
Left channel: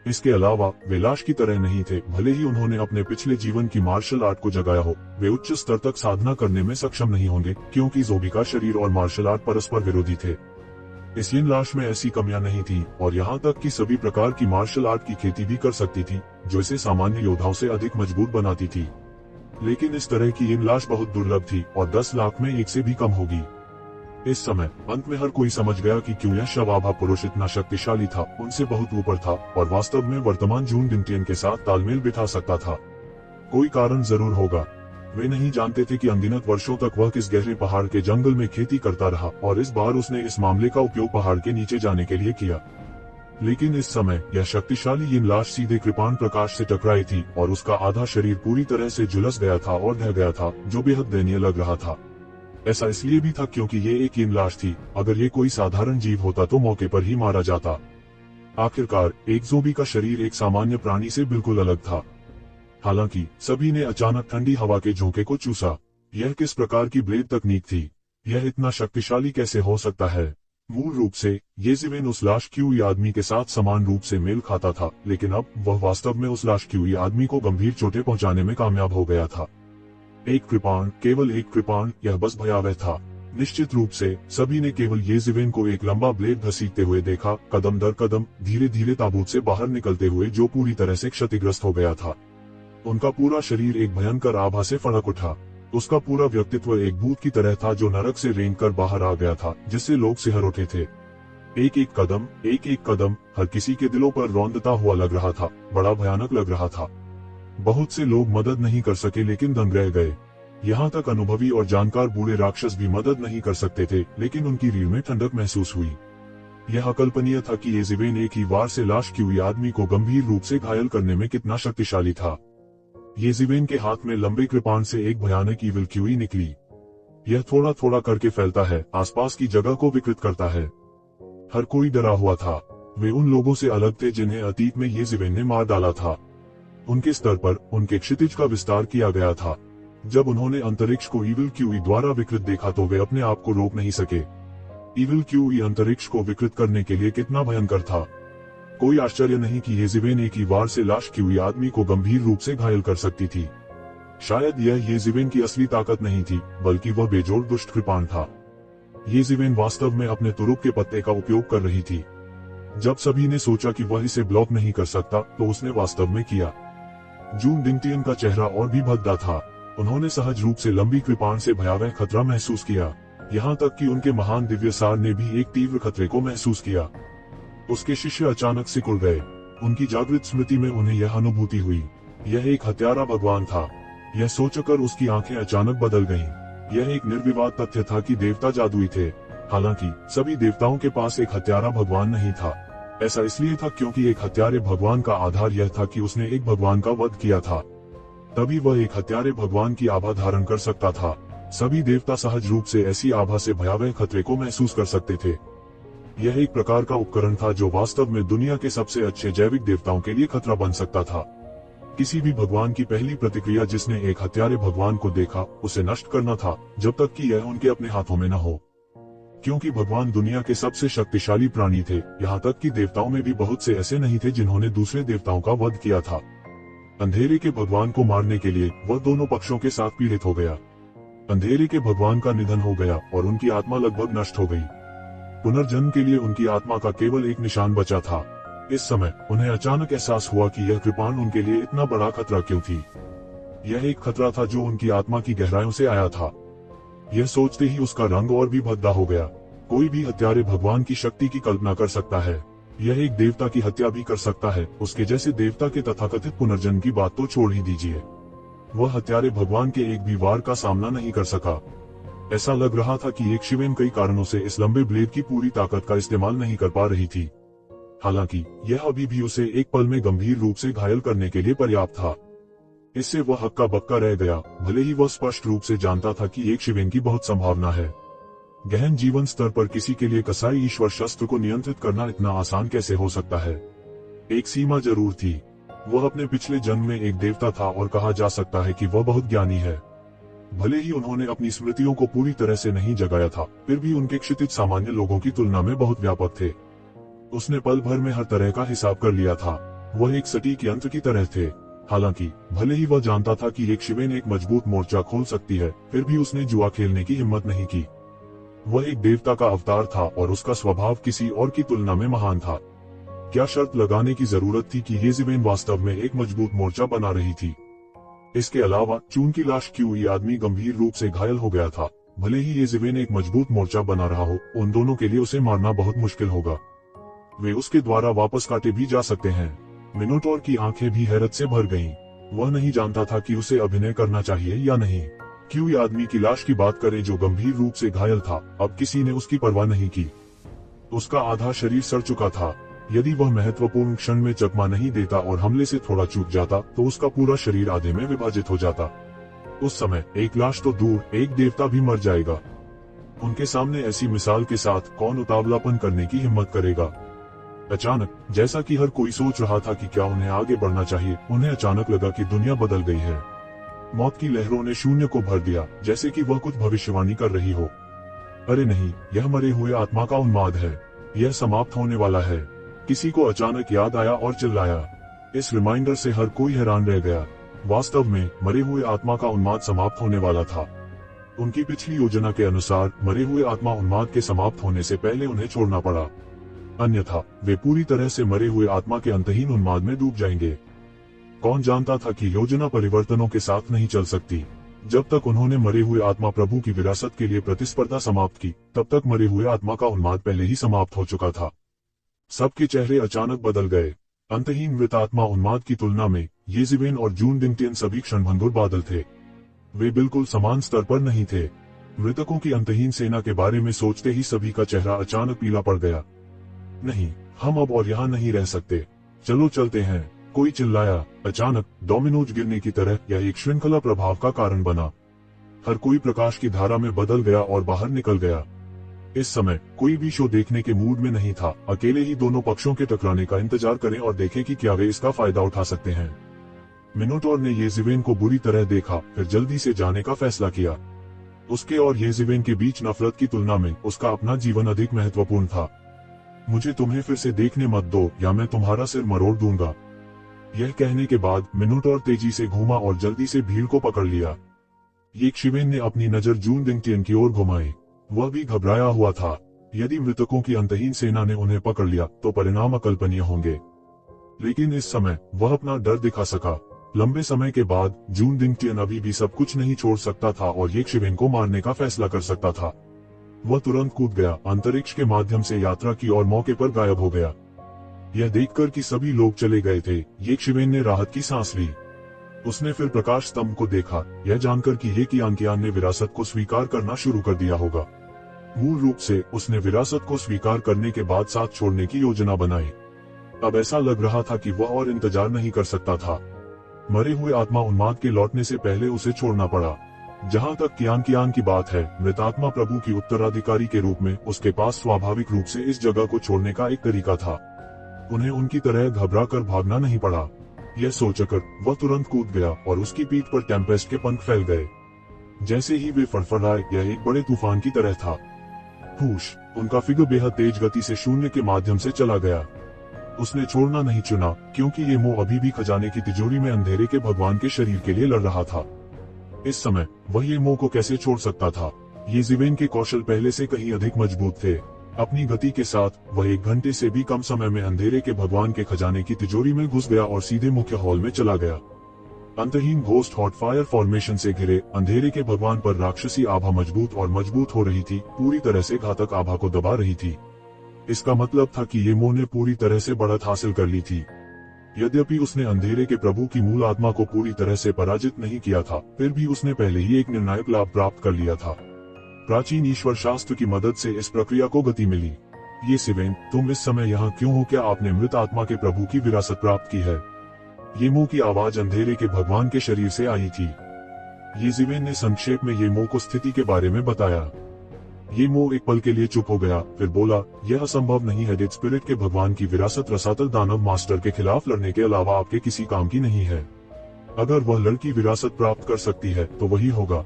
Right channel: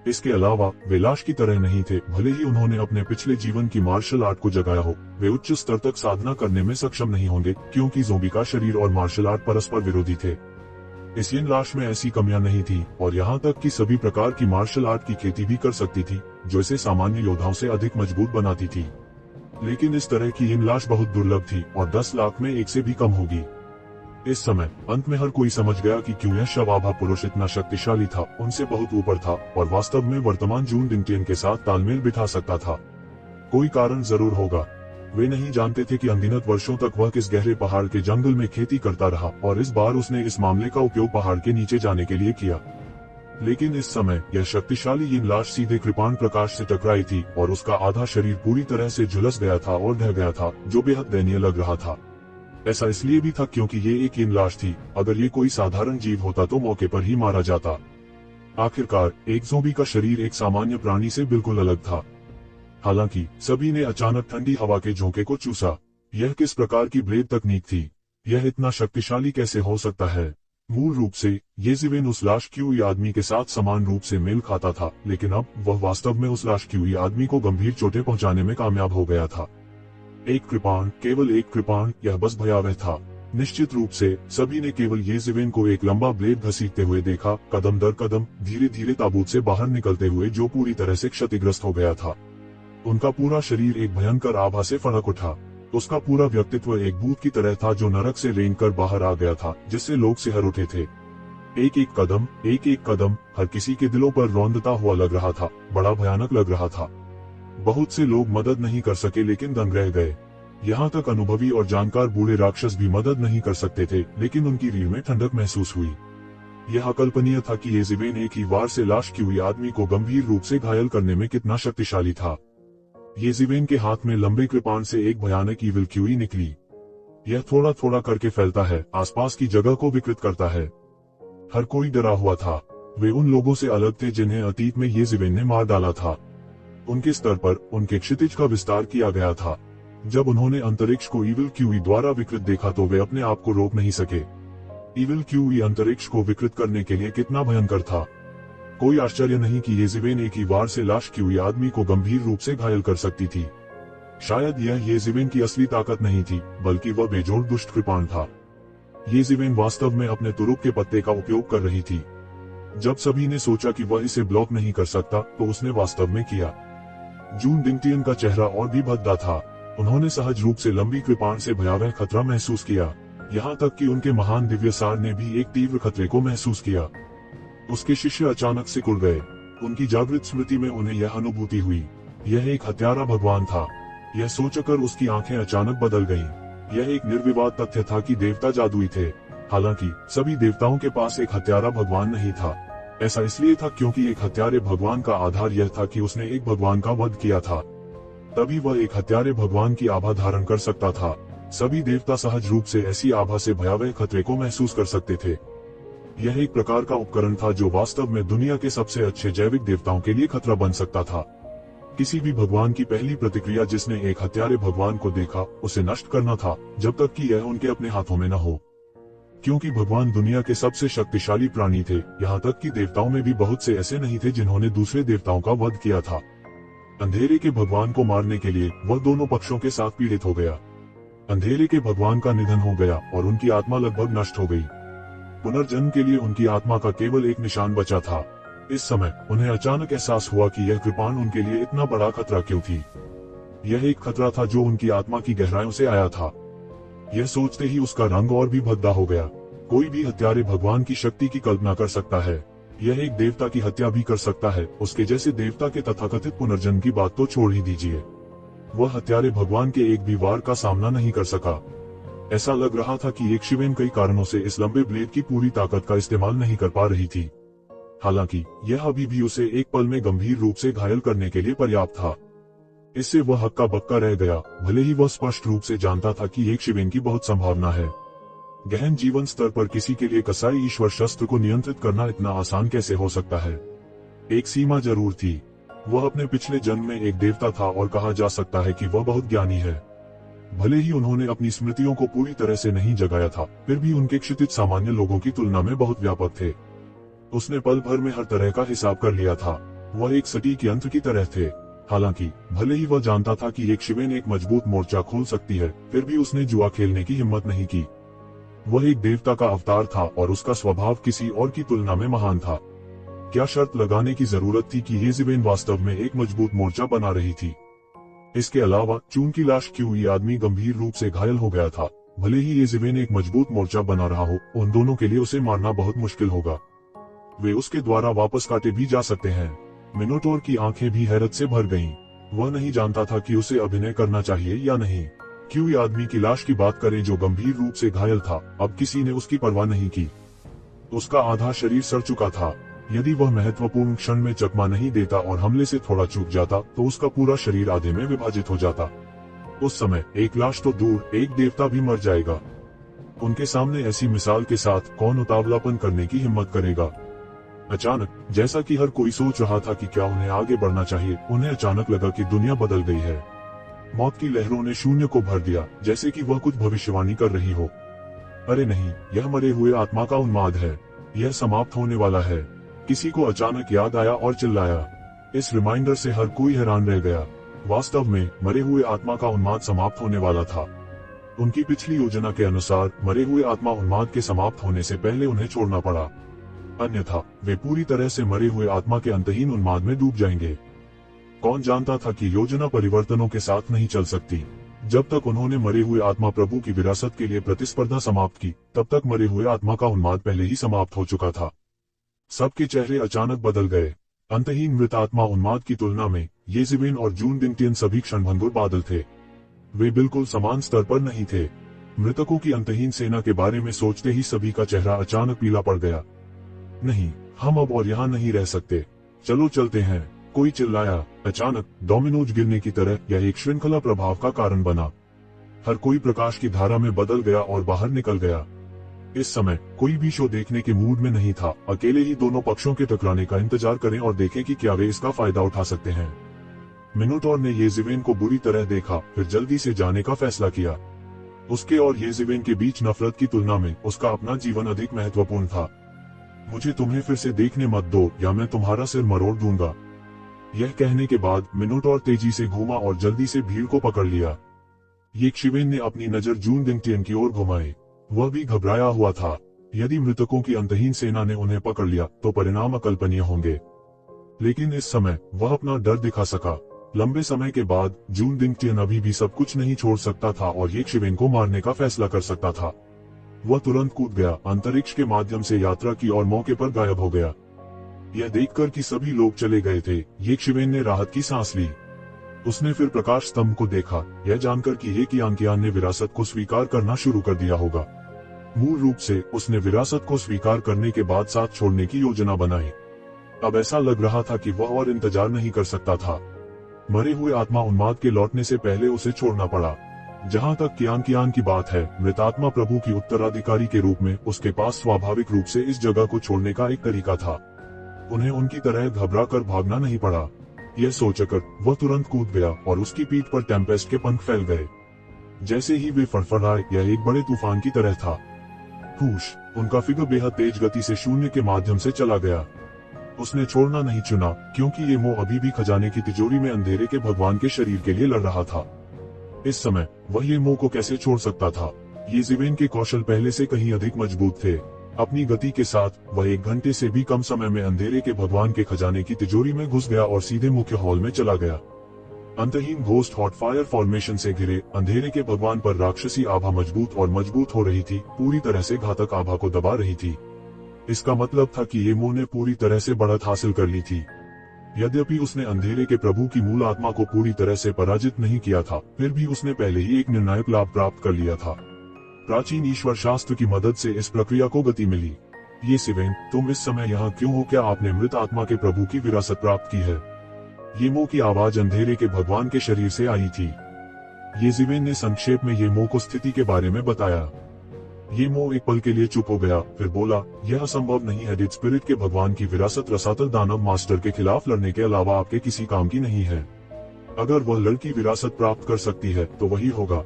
इसके अलावा वे लाश की तरह नहीं थे। भले ही उन्होंने अपने पिछले जीवन की मार्शल आर्ट को जगाया हो, वे उच्च स्तर तक साधना करने में सक्षम नहीं होंगे, क्योंकि ज़ोंबी का शरीर और मार्शल आर्ट परस्पर विरोधी थे। इस यिन लाश में ऐसी कमियां नहीं थी और यहाँ तक कि सभी प्रकार की मार्शल आर्ट की खेती भी कर सकती थी, जो इसे सामान्य योद्धाओं से अधिक मजबूत बनाती थी। लेकिन इस तरह की यिन लाश बहुत दुर्लभ थी और 10 लाख में एक से भी कम होगी। इस समय अंत में हर कोई समझ गया कि क्यों यह शवाभा पुरुष इतना शक्तिशाली था, उनसे बहुत ऊपर था और वास्तव में वर्तमान जून डिंगटियन के साथ तालमेल बिठा सकता था। कोई कारण जरूर होगा। वे नहीं जानते थे कि अनगिनत वर्षों तक वह किस गहरे पहाड़ के जंगल में खेती करता रहा और इस बार उसने इस मामले का उपयोग पहाड़ के नीचे जाने के लिए किया। लेकिन इस समय यह शक्तिशाली यिन लाश सीधे कृपाण प्रकाश से टकराई थी और उसका आधा शरीर पूरी तरह से झुलस गया था और ढह गया था, जो बेहद दयनीय लग रहा था। ऐसा इसलिए भी था क्योंकि ये एक यिन लाश थी। अगर ये कोई साधारण जीव होता तो मौके पर ही मारा जाता। आखिरकार एक ज़ोंबी का शरीर एक सामान्य प्राणी से बिल्कुल अलग था। हालांकि सभी ने अचानक ठंडी हवा के झोंके को चूसा। यह किस प्रकार की ब्लेड तकनीक थी? यह इतना शक्तिशाली कैसे हो सकता है? मूल रूप से ये ज़िवेन उस लाश की हुई आदमी के साथ समान रूप से मेल खाता था, लेकिन अब वह वास्तव में उस लाश की हुई आदमी को गंभीर चोटें पहुंचाने में कामयाब हो गया था। एक कृपाण, केवल एक कृपाण, यह बस भयावह था। निश्चित रूप से सभी ने केवल ये ज़िवेन को एक लंबा ब्लेड घसीटते हुए देखा, कदम दर कदम, धीरे धीरे ताबूत से बाहर निकलते हुए, जो पूरी तरह से क्षतिग्रस्त हो गया था। उनका पूरा शरीर एक भयंकर आभा से फड़क उठा। उसका पूरा व्यक्तित्व एक भूत की तरह था जो नरक से रेंग कर बाहर आ गया था, जिससे लोग सिहर उठे थे। एक एक कदम हर किसी के दिलों पर रौंदता हुआ लग रहा था, बड़ा भयानक लग रहा था। बहुत से लोग मदद नहीं कर सके लेकिन दंग रह गए। यहाँ तक अनुभवी और जानकार बूढ़े राक्षस भी मदद नहीं कर सकते थे, लेकिन उनकी रीढ़ में ठंडक महसूस हुई। यह अकल्पनीय था कि ये ज़िवेन एक ही वार से लाश की हुई आदमी को गंभीर रूप से घायल करने में कितना शक्तिशाली था। ये ज़िवेन के हाथ में लंबे कृपाण से एक भयानक ईविल क्यूई निकली। यह थोड़ा थोड़ा करके फैलता है, आसपास की जगह को विकृत करता है। हर कोई डरा हुआ था। वे उन लोगों से अलग थे जिन्हें अतीत में ये ज़िवेन ने मार डाला था। उनके स्तर पर उनके क्षितिज का विस्तार किया गया था। जब उन्होंने अंतरिक्ष को ईविल क्यूई द्वारा विकृत देखा तो वे अपने आप को रोक नहीं सके। ईविल क्यूई अंतरिक्ष को विकृत करने के लिए कितना भयंकर था। कोई आश्चर्य नहीं कि ये ज़िवेन एक ही वार से लाश की हुई आदमी को गंभीर रूप से घायल कर सकती थी। शायद यह ये ज़िवेन की असली ताकत नहीं थी, बल्कि वह बेजोड़ दुष्ट कृपाण था। ये ज़िवेन वास्तव में अपने तुरुप के पत्ते का उपयोग कर रही थी। जब सभी ने सोचा कि वह इसे ब्लॉक नहीं कर सकता, तो उसने वास्तव में किया। जून डिंगटियन का चेहरा और भी भद्दा था। उन्होंने सहज रूप से लंबी कृपाण से भयावह खतरा महसूस किया। यहाँ तक कि उनके महान दिव्यसार ने भी एक तीव्र खतरे को महसूस किया। उसके शिष्य अचानक सिकुड़ गए। उनकी जागृत स्मृति में उन्हें यह अनुभूति हुई, यह एक हत्यारा भगवान था। यह सोचकर उसकी आंखें अचानक बदल गईं। यह एक निर्विवाद तथ्य था कि देवता जादुई थे। हालांकि सभी देवताओं के पास एक हत्यारा भगवान नहीं था। ऐसा इसलिए था क्योंकि एक हत्यारे भगवान का आधार यह था कि उसने एक भगवान का वध किया था। तभी वह एक हत्यारे भगवान की आभा धारण कर सकता था। सभी देवता सहज रूप से ऐसी आभा से भयावह खतरे को महसूस कर सकते थे। यह एक प्रकार का उपकरण था जो वास्तव में दुनिया के सबसे अच्छे जैविक देवताओं के लिए खतरा बन सकता था। किसी भी भगवान की पहली प्रतिक्रिया जिसने एक हत्यारे भगवान को देखा, उसे नष्ट करना था, जब तक कि यह उनके अपने हाथों में न हो। क्योंकि भगवान दुनिया के सबसे शक्तिशाली प्राणी थे, यहाँ तक कि देवताओं में भी बहुत से ऐसे नहीं थे जिन्होंने दूसरे देवताओं का वध किया था। अंधेरे के भगवान को मारने के लिए वह दोनों पक्षों के साथ पीड़ित हो गया। अंधेरे के भगवान का निधन हो गया और उनकी आत्मा लगभग नष्ट हो गई। पुनर्जन्म के लिए उनकी आत्मा का केवल एक निशान बचा था। इस समय उन्हें अचानक एहसास हुआ कि यह कृपाण उनके लिए इतना बड़ा खतरा क्यों थी। यह एक खतरा था जो उनकी आत्मा की गहराइयों से आया था। यह सोचते ही उसका रंग और भी भद्दा हो गया। कोई भी हत्यारे भगवान की शक्ति की कल्पना कर सकता है। यह एक देवता की हत्या भी कर सकता है। उसके जैसे देवता के तथाकथित पुनर्जन्म की बात तो छोड़ ही दीजिए। वह हत्यारे भगवान के एक भी वार का सामना नहीं कर सका। ऐसा लग रहा था कि एक शिवेन कई कारणों से इस लंबे ब्लेड की पूरी ताकत का इस्तेमाल नहीं कर पा रही थी। हालांकि यह अभी भी उसे एक पल में गंभीर रूप से घायल करने के लिए पर्याप्त था। इससे वह हक्का बक्का रह गया, भले ही वह स्पष्ट रूप से जानता था कि एक शिवेन की बहुत संभावना है। गहन जीवन स्तर पर किसी के लिए कसाई ईश्वर शस्त्र को नियंत्रित करना इतना आसान कैसे हो सकता है। एक सीमा जरूर थी। वह अपने पिछले जन्म में एक देवता था और कहा जा सकता है कि वह बहुत ज्ञानी है। भले ही उन्होंने अपनी स्मृतियों को पूरी तरह से नहीं जगाया था, फिर भी उनके क्षितिज सामान्य लोगों की तुलना में बहुत व्यापक थे। उसने पल भर में हर तरह का हिसाब कर लिया था। वह एक सटीक यंत्र की तरह थे। हालांकि भले ही वह जानता था कि एक शिवेन एक मजबूत मोर्चा खोल सकती है, फिर भी उसने जुआ खेलने की हिम्मत नहीं की। वह एक देवता का अवतार था और उसका स्वभाव किसी और की तुलना में महान था। क्या शर्त लगाने की जरूरत थी कि येज़ेबेल वास्तव में एक मजबूत मोर्चा बना रही थी। इसके अलावा चून की लाश क्यों ये आदमी गंभीर रूप से घायल हो गया था। भले ही येज़ेबेल एक मजबूत मोर्चा बना रहा हो, उन दोनों के लिए उसे मारना बहुत मुश्किल होगा। वे उसके द्वारा वापस काटे भी जा सकते हैं। मिनोटोर की आंखें भी हैरत से भर गईं। वह नहीं जानता था कि उसे अभिनय करना चाहिए या नहीं। क्यों आदमी की लाश की बात करें जो गंभीर रूप से घायल था, अब किसी ने उसकी परवाह नहीं की। उसका आधा शरीर सड़ चुका था। यदि वह महत्वपूर्ण क्षण में चकमा नहीं देता और हमले से थोड़ा चूक जाता तो उसका पूरा शरीर आधे में विभाजित हो जाता। उस समय एक लाश तो दूर, एक देवता भी मर जाएगा। उनके सामने ऐसी मिसाल के साथ कौन उतावलापन करने की हिम्मत करेगा। अचानक, जैसा कि हर कोई सोच रहा था कि क्या उन्हें आगे बढ़ना चाहिए, उन्हें अचानक लगा कि दुनिया बदल गई है। मौत की लहरों ने शून्य को भर दिया, जैसे कि वह कुछ भविष्यवाणी कर रही हो। अरे नहीं, यह मरे हुए आत्मा का उन्माद है। यह समाप्त होने वाला है। किसी को अचानक याद आया और चिल्लाया। इस रिमाइंडर से हर कोई हैरान रह गया। वास्तव में मरे हुए आत्मा का उन्माद समाप्त होने वाला था। उनकी पिछली योजना के अनुसार मरे हुए आत्मा उन्माद के समाप्त होने से पहले उन्हें छोड़ना पड़ा। अन्यथा वे पूरी तरह से मरे हुए आत्मा के अंतहीन उन्माद में डूब जाएंगे। कौन जानता था कि योजना परिवर्तनों के साथ नहीं चल सकती। जब तक उन्होंने मरे हुए आत्मा प्रभु की विरासत के लिए प्रतिस्पर्धा समाप्त की, तब तक मरे हुए आत्मा का उन्माद पहले ही समाप्त हो चुका था। सबके चेहरे अचानक बदल गए। अंतहीन मृत आत्मा उन्माद की तुलना में येज़ेबेल और जून डिंगटियन सभी क्षणभंगुर बादल थे। वे बिल्कुल समान स्तर पर नहीं थे। मृतकों की अंतहीन सेना के बारे में सोचते ही सभी का चेहरा अचानक पीला पड़ गया। नहीं, हम अब और यहाँ नहीं रह सकते। चलो चलते हैं, कोई चिल्लाया। अचानक डोमिनोज गिरने की तरह यह एक श्रृंखला प्रभाव का कारण बना। हर कोई प्रकाश की धारा में बदल गया और बाहर निकल गया। इस समय कोई भी शो देखने के मूड में नहीं था। अकेले ही दोनों पक्षों के टकराने का इंतजार करें और देखें कि क्या वे इसका फायदा उठा सकते हैं। मिनोटोर ने येज़ेबेल को बुरी तरह देखा, फिर जल्दी से जाने का फैसला किया। उसके और येज़ेबेल के बीच नफरत की तुलना में उसका अपना जीवन अधिक महत्वपूर्ण था। मुझे तुम्हें फिर से देखने मत दो या मैं तुम्हारा सिर मरोड़ दूंगा। यह कहने के बाद मिनोटोर तेजी से घूमा और जल्दी से भीड़ को पकड़ लिया। येज़ेबेल ने अपनी नजर जून डिंगटियन की ओर घुमाई। वह भी घबराया हुआ था। यदि मृतकों की अंतहीन सेना ने उन्हें पकड़ लिया तो परिणाम अकल्पनीय होंगे। लेकिन इस समय वह अपना डर दिखा सका। लंबे समय के बाद जून डिंगटियन अभी भी सब कुछ नहीं छोड़ सकता था और येज़ेबेल को मारने का फैसला कर सकता था। वह तुरंत कूद गया, अंतरिक्ष के माध्यम से यात्रा की और मौके पर गायब हो गया। यह देखकर कि सभी लोग चले गए थे, येज़ेबेल ने राहत की सांस ली। उसने फिर प्रकाश स्तंभ को देखा, यह जानकर कि येज़ेबेल ने विरासत को स्वीकार करना शुरू कर दिया होगा। मूल रूप से उसने विरासत को स्वीकार करने के बाद साथ छोड़ने की योजना बनाई। अब ऐसा लग रहा था कि वह और इंतजार नहीं कर सकता था। मरे हुए आत्मा उन्माद के लौटने से पहले उसे छोड़ना पड़ा। जहां तक कियान की बात है, मृतात्मा प्रभु की उत्तराधिकारी के रूप में उसके पास स्वाभाविक रूप से इस जगह को छोड़ने का एक तरीका था। उन्हें उनकी तरह घबरा कर भागना नहीं पड़ा। यह सोचकर वह तुरंत कूद गया और उसकी पीठ पर टेम्पेस्ट के पंख फैल गए। जैसे ही वे फड़फड़ाए, यह एक बड़े तूफान की तरह था। हुश, उनका फिगर बेहद तेज गति से शून्य के माध्यम से चला गया। उसने छोड़ना नहीं चुना, क्योंकि ये मोह अभी भी खजाने की तिजोरी में अंधेरे के भगवान के शरीर के लिए लड़ रहा था। इस समय वह ये मोह को कैसे छोड़ सकता था। येज़ेबेल के कौशल पहले से कहीं अधिक मजबूत थे। अपनी गति के साथ वह 1 घंटे से भी कम समय में अंधेरे के भगवान के खजाने की तिजोरी में घुस गया और सीधे मुख्य हॉल में चला गया। अंतहीन घोस्ट हॉट फायर फॉर्मेशन से घिरे अंधेरे के भगवान पर राक्षसी आभा मजबूत और मजबूत हो रही थी, पूरी तरह से घातक आभा को दबा रही थी। इसका मतलब था कि ये मोह ने पूरी तरह से बढ़त हासिल कर ली थी। यद्यपि उसने अंधेरे के प्रभु की मूल आत्मा को पूरी तरह से पराजित नहीं किया था, फिर भी उसने पहले ही एक निर्णायक लाभ प्राप्त कर लिया था। प्राचीन ईश्वर शास्त्र की मदद से इस प्रक्रिया को गति मिली। येज़ेबेल, तुम इस समय यहाँ क्यों हो? क्या आपने मृत आत्मा के प्रभु की विरासत प्राप्त की है? ये मोह की आवाज अंधेरे के भगवान के शरीर से आई थी। येज़ेबेल ने संक्षेप में ये मोह को स्थिति के बारे में बताया। ये मो एक पल के लिए चुप हो गया, फिर बोला, यह असंभव नहीं है। डेड स्पिरिट के भगवान की विरासत रसातल दानव मास्टर के खिलाफ लड़ने के अलावा आपके किसी काम की नहीं है। अगर वह लड़की विरासत प्राप्त कर सकती है तो वही होगा,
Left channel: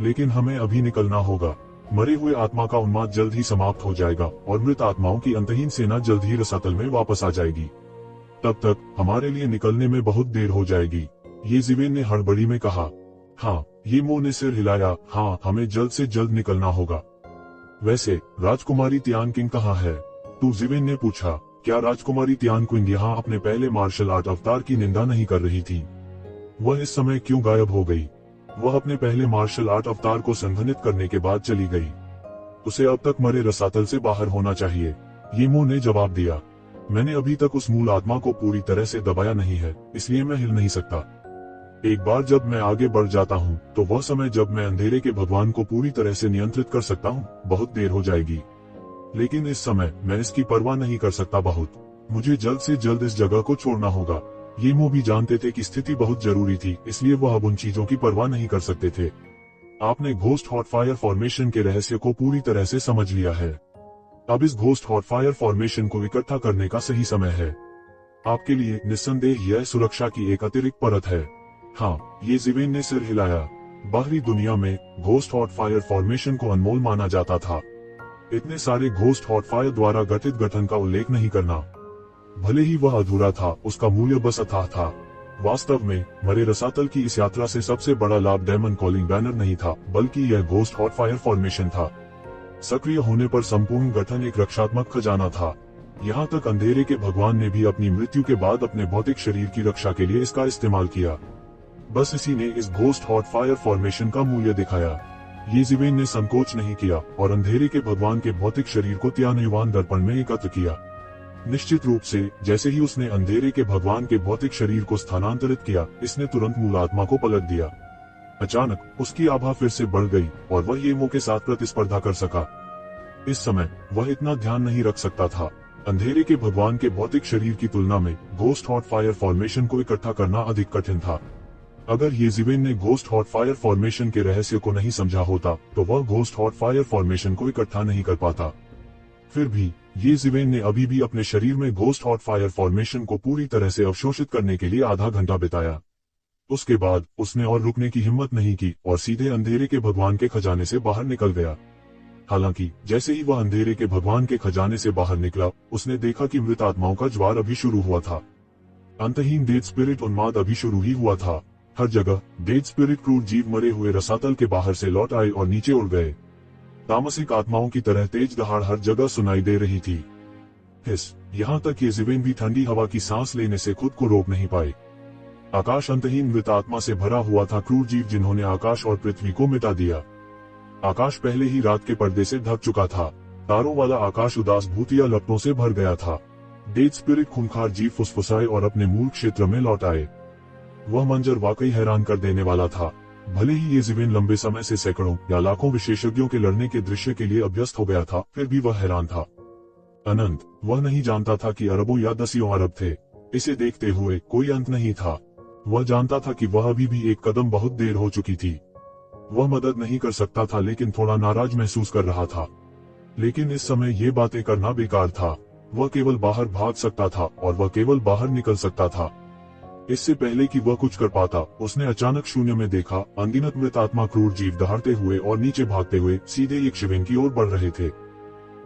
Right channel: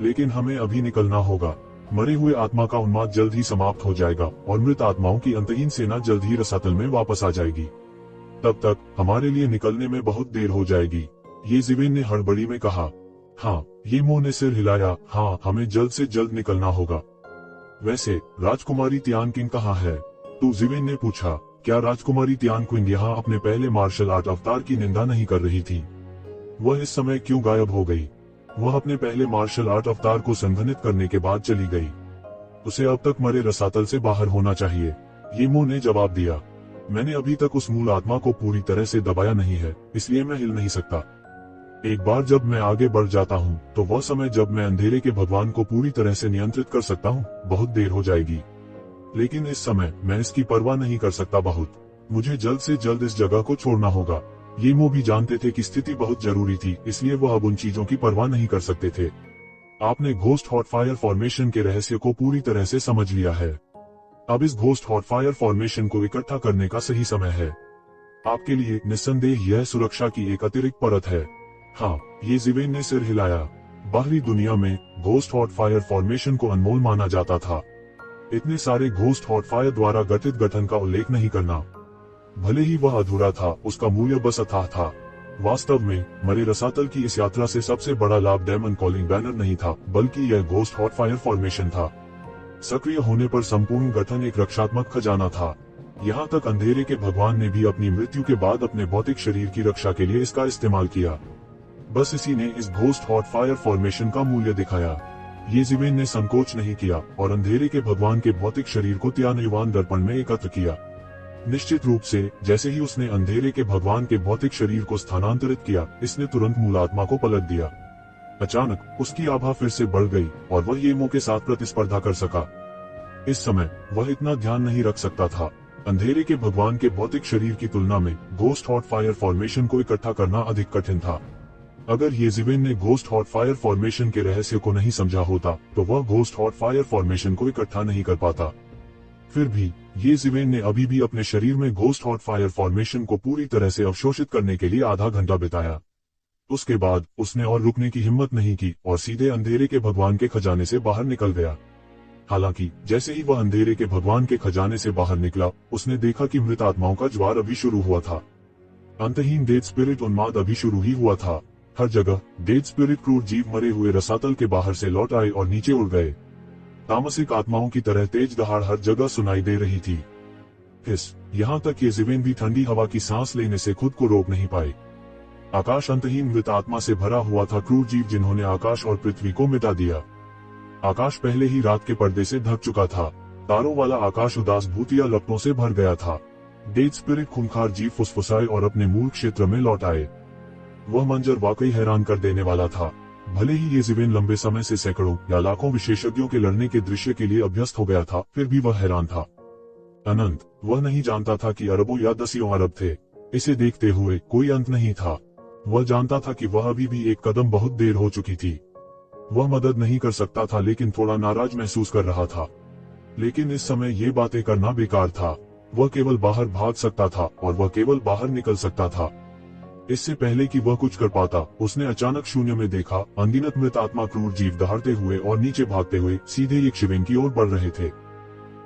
लेकिन हमें अभी निकलना होगा। मरे हुए आत्मा का उन्माद जल्द ही समाप्त हो जाएगा और मृत आत्माओं की अंतहीन सेना जल्द ही रसातल में वापस आ जाएगी। तब तक हमारे लिए निकलने में बहुत देर हो जाएगी, ये जिवेन ने हड़बड़ी में कहा। हाँ, ये मो ने सिर हिलाया। हाँ, हमें जल्द से जल्द निकलना होगा। वैसे राजकुमारी तियान किंग कहाँ है? तो जिवेन ने पूछा। क्या राजकुमारी तियान क्विंग यहाँ अपने पहले मार्शल आर्ट अवतार की निंदा नहीं कर रही थी? वह इस समय क्यों गायब हो गई? वह अपने पहले मार्शल आर्ट अवतार को संघनित करने के बाद चली गई। उसे अब तक मरे रसातल से बाहर होना चाहिए, ये मो ने जवाब दिया। मैंने अभी तक उस मूल आत्मा को पूरी तरह से दबाया नहीं है, इसलिए मैं हिल नहीं सकता। एक बार जब मैं आगे बढ़ जाता हूँ तो वह समय जब मैं अंधेरे के भगवान को पूरी तरह से नियंत्रित कर सकता हूँ, बहुत देर हो जाएगी। लेकिन इस समय मैं इसकी परवाह नहीं कर सकता। मुझे जल्द से जल्द इस जगह को छोड़ना होगा। ये मो भी जानते थे कि स्थिति बहुत जरूरी थी, इसलिए वह अब उन चीजों की परवाह नहीं कर सकते थे। आपने घोस्ट हॉट फायर फॉर्मेशन के रहस्य को पूरी तरह से समझ लिया है। अब इस घोस्ट हॉट फायर फॉर्मेशन को इकट्ठा करने का सही समय है। आपके लिए निस्संदेह यह सुरक्षा की एक अतिरिक्त परत है। हाँ, ये जिवेन ने सिर हिलाया। बाहरी दुनिया में घोस्ट हॉट फायर फॉर्मेशन को अनमोल माना जाता था। इतने सारे घोस्ट हॉट फायर द्वारा गठित गठन का उल्लेख नहीं करना, भले ही वह अधूरा था, उसका मूल्य बस अथाह था। वास्तव में मरे रसातल की इस यात्रा से सबसे बड़ा लाभ डायमंड कॉलिंग बैनर नहीं था, बल्कि यह घोस्ट हॉट फायर फॉर्मेशन था। सक्रिय होने पर संपूर्ण गठन एक रक्षात्मक खजाना था। यहाँ तक अंधेरे के भगवान ने भी अपनी मृत्यु के बाद अपने भौतिक शरीर की रक्षा के लिए इसका इस्तेमाल किया। बस इसी ने इस घोस्ट हॉट फायर फॉर्मेशन का मूल्य दिखाया। ये जिवेन ने संकोच नहीं किया और अंधेरे के भगवान के भौतिक शरीर को त्यानुयुवान दर्पण में एकत्र किया। निश्चित रूप से जैसे ही उसने अंधेरे के भगवान के भौतिक शरीर को स्थानांतरित किया, इसने तुरंत मूल आत्मा को पलट दिया। अचानक उसकी आभा फिर से बढ़ गई और वह येमो के साथ प्रतिस्पर्धा कर सका। इस समय वह इतना ध्यान नहीं रख सकता था। अंधेरे के भगवान के भौतिक शरीर की तुलना में घोस्ट हॉट फायर फॉर्मेशन को इकट्ठा करना अधिक कठिन था। अगर ये जिवेन ने घोस्ट हॉट फायर फॉर्मेशन के रहस्य को नहीं समझा होता तो वह घोस्ट हॉट फायर फॉर्मेशन को इकट्ठा नहीं कर पाता। फिर भी ये जिवेन ने अभी भी अपने शरीर में घोस्ट हॉट फायर फॉर्मेशन को पूरी तरह से अवशोषित करने के लिए आधा घंटा बिताया। उसके बाद उसने और रुकने की हिम्मत नहीं की और सीधे अंधेरे के भगवान के खजाने से बाहर निकल गया। हालांकि जैसे ही वह अंधेरे के भगवान के खजाने से बाहर निकला, उसने देखा कि मृत आत्माओं का ज्वार अभी शुरू हुआ था। अंतहीन डेड स्पिरिट उन्माद अभी शुरू ही हुआ था। हर जगह डेड स्पिरिट क्रूर जीव मरे हुए रसातल के बाहर से लौट आए और नीचे उड़ गए। तामसिक आत्माओं की तरह तेज दहाड़ हर जगह सुनाई दे रही थी। यहाँ तक ये जिवेन भी ठंडी हवा की सांस लेने से खुद को रोक नहीं पाए। आकाश अंतहीन मृत आत्मा से भरा हुआ था, क्रूर जीव जिन्होंने आकाश और पृथ्वी को मिटा दिया। आकाश पहले ही रात के पर्दे से ढक चुका था। तारों वाला आकाश उदास भूतिया लपटों से भर गया था। डेड स्पिरिट खूंखार जीव फुसफुसाए और अपने मूल क्षेत्र में लौट आए। वह मंजर वाकई हैरान कर देने वाला था। भले ही ये जिवेन लंबे समय से सैकड़ों या लाखों विशेषज्ञों के लड़ने के दृश्य के लिए अभ्यस्त हो गया था, फिर भी वह हैरान था। अनंत, वह नहीं जानता था कि अरबों या दसियों अरब थे। इसे देखते हुए कोई अंत नहीं था। वह जानता था कि वह अभी भी एक कदम बहुत देर हो चुकी थी। वह मदद नहीं कर सकता था, लेकिन थोड़ा नाराज महसूस कर रहा था। लेकिन इस समय ये बातें करना बेकार था। वह केवल बाहर भाग सकता था और वह केवल बाहर निकल सकता था। इससे पहले कि वह कुछ कर पाता, उसने अचानक शून्य में देखा अनगिनत मृत आत्मा क्रूर जीव दहाड़ते हुए और नीचे भागते हुए सीधे एक शिवेन की ओर बढ़ रहे थे।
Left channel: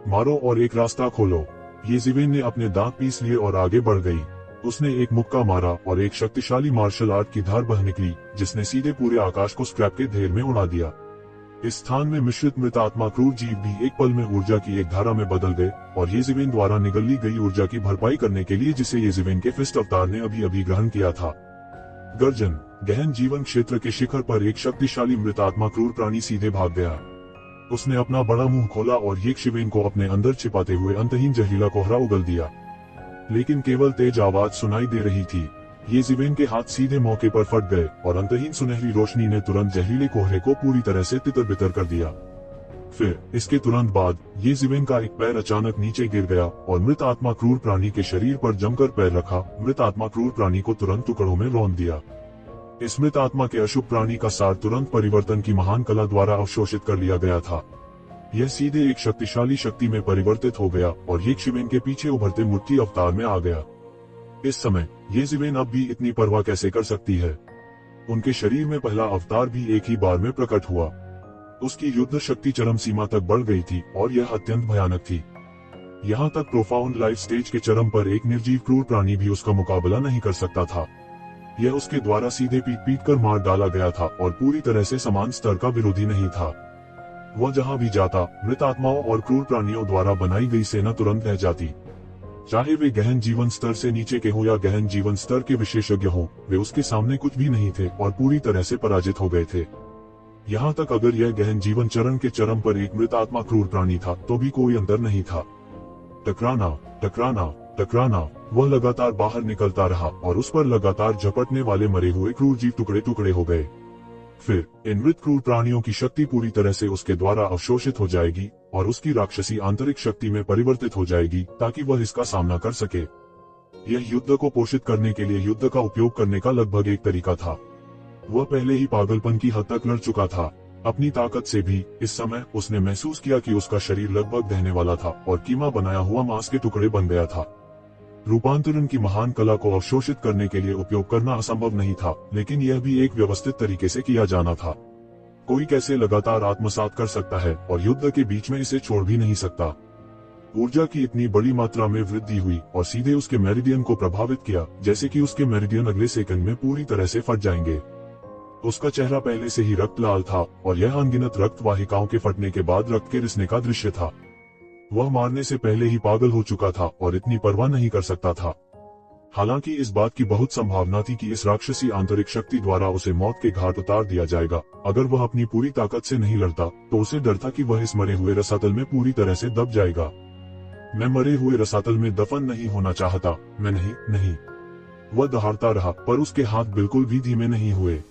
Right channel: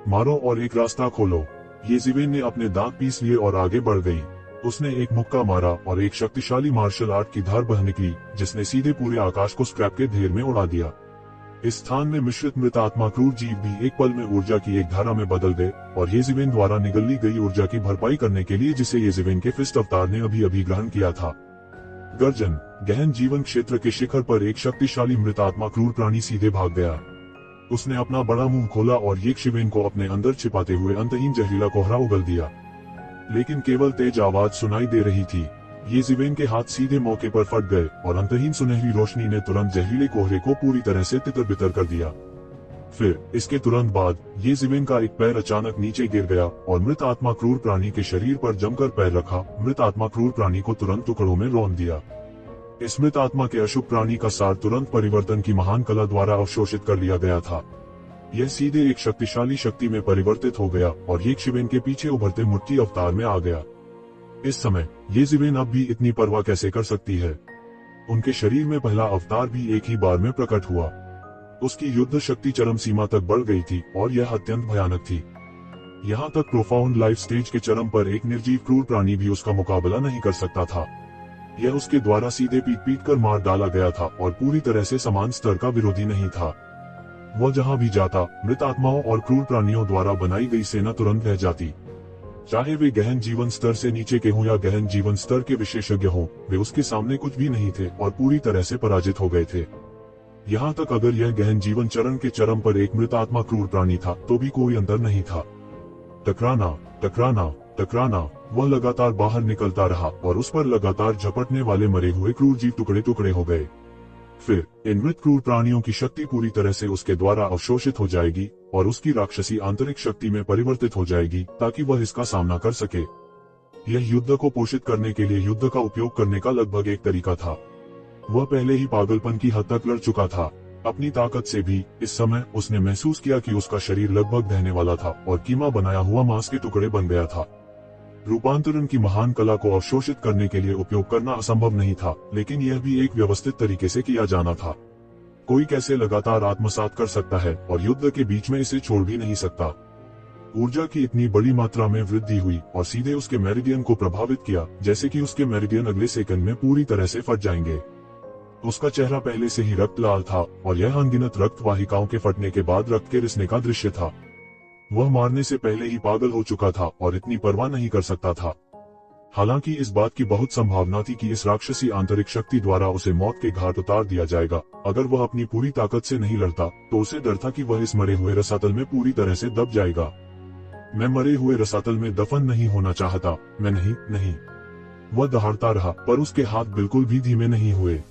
मारो और एक रास्ता खोलो। ये जिवेन ने अपने दांत पीस लिए और आगे बढ़ गई। उसने एक मुक्का मारा और एक शक्तिशाली मार्शल आर्ट की धार बह निकली, जिसने सीधे पूरे आकाश को स्क्रैप के ढेर में उड़ा दिया। इस स्थान में मिश्रित मृत आत्मा क्रूर जीव भी एक पल में ऊर्जा की एक धारा में बदल गए और ये जिवेन द्वारा निगली गई ऊर्जा की भरपाई करने के लिए, जिसे ये जिवेन के फिस्ट अवतार ने अभी ग्रहण किया था। गर्जन। गहन जीवन क्षेत्र के शिखर पर एक शक्तिशाली मृत आत्मा क्रूर प्राणी सीधे भाग गया। उसने अपना बड़ा मुंह खोला और एक शिवेन को अपने अंदर छिपाते हुए अंतहीन जहरीला कोहरा उगल दिया। लेकिन केवल तेज आवाज सुनाई दे रही थी। ये जिवेन के हाथ सीधे मौके पर फट गए और अंतहीन सुनहरी रोशनी ने तुरंत जहरीले कोहरे को पूरी तरह से तितर-बितर कर दिया। फिर इसके तुरंत बाद ये जिवेन का एक पैर अचानक नीचे गिर गया और मृत आत्मा क्रूर प्राणी के शरीर पर जमकर पैर रखा। मृत आत्मा क्रूर प्राणी को तुरंत टुकड़ों में रौंद दिया। इस मृत आत्मा के अशुभ प्राणी का सार तुरंत परिवर्तन की महान कला द्वारा अवशोषित कर लिया गया था। यह सीधे एक शक्तिशाली शक्ति में परिवर्तित हो गया और ये शिवेन के पीछे उभरते मुट्ठी अवतार में आ गया। इस समय ये शिवेन अब भी इतनी परवाह कैसे कर सकती है? उनके शरीर में पहला अवतार भी एक ही बार में प्रकट हुआ। उसकी युद्ध शक्ति चरम सीमा तक बढ़ गई थी और यह अत्यंत भयानक थी। यहाँ तक प्रोफाउंड लाइफ स्टेज के चरम पर एक निर्जीव क्रूर प्राणी भी उसका मुकाबला नहीं कर सकता था। यह उसके द्वारा सीधे पीट कर मार डाला गया था और पूरी तरह से समान स्तर का विरोधी नहीं था। वह जहाँ भी जाता, मृत आत्माओं और क्रूर प्राणियों द्वारा बनाई गई सेना तुरंत रह जाती। चाहे वे गहन जीवन स्तर से नीचे के हों या गहन जीवन स्तर के विशेषज्ञ हों, वे उसके सामने कुछ भी नहीं थे और पूरी तरह से पराजित हो गए थे। यहाँ तक अगर यह गहन जीवन चरण के चरम पर एक मृत आत्मा क्रूर प्राणी था तो भी कोई अंतर नहीं था। टकराना, टकराना, टकराना, वह लगातार बाहर निकलता रहा और उस पर लगातार झपटने वाले मरे हुए क्रूर जीव टुकड़े टुकड़े हो गए। फिर इन मृत क्रूर प्राणियों की शक्ति पूरी तरह से उसके द्वारा अवशोषित हो जाएगी और उसकी राक्षसी आंतरिक शक्ति में परिवर्तित हो जाएगी ताकि वह इसका सामना कर सके। यह युद्ध को पोषित करने के लिए युद्ध का उपयोग करने का लगभग एक तरीका था। वह पहले ही पागलपन की हद तक लड़ चुका था। अपनी ताकत से भी इस समय उसने महसूस किया कि उसका शरीर लगभग ढहने वाला था और कीमा बनाया हुआ मांस के टुकड़े बन गया था। रूपांतरण की महान कला को अवशोषित करने के लिए उपयोग करना असंभव नहीं था, लेकिन यह भी एक व्यवस्थित तरीके से किया जाना था। कोई कैसे लगातार आत्मसात कर सकता है और युद्ध के बीच में इसे छोड़ भी नहीं सकता। ऊर्जा की इतनी बड़ी मात्रा में वृद्धि हुई और सीधे उसके मेरिडियन को प्रभावित किया, जैसे कि उसके मेरिडियन अगले सेकंड में पूरी तरह से फट जाएंगे। उसका चेहरा पहले से ही रक्त लाल था और यह अनगिनत रक्त वाहिकाओं के फटने के बाद रक्त के रिसने का दृश्य था। वह मारने से पहले ही पागल हो चुका था और इतनी परवाह नहीं कर सकता था। हालांकि इस बात की बहुत संभावना थी कि इस राक्षसी आंतरिक शक्ति द्वारा उसे मौत के घाट उतार दिया जाएगा। अगर वह अपनी पूरी ताकत से नहीं लड़ता तो उसे डर था कि वह इस मरे हुए रसातल में पूरी तरह से दब जाएगा। मैं मरे हुए रसातल में दफन नहीं होना चाहता, मैं नहीं। वह दहाड़ता रहा पर उसके हाथ बिल्कुल भी धीमे नहीं हुए।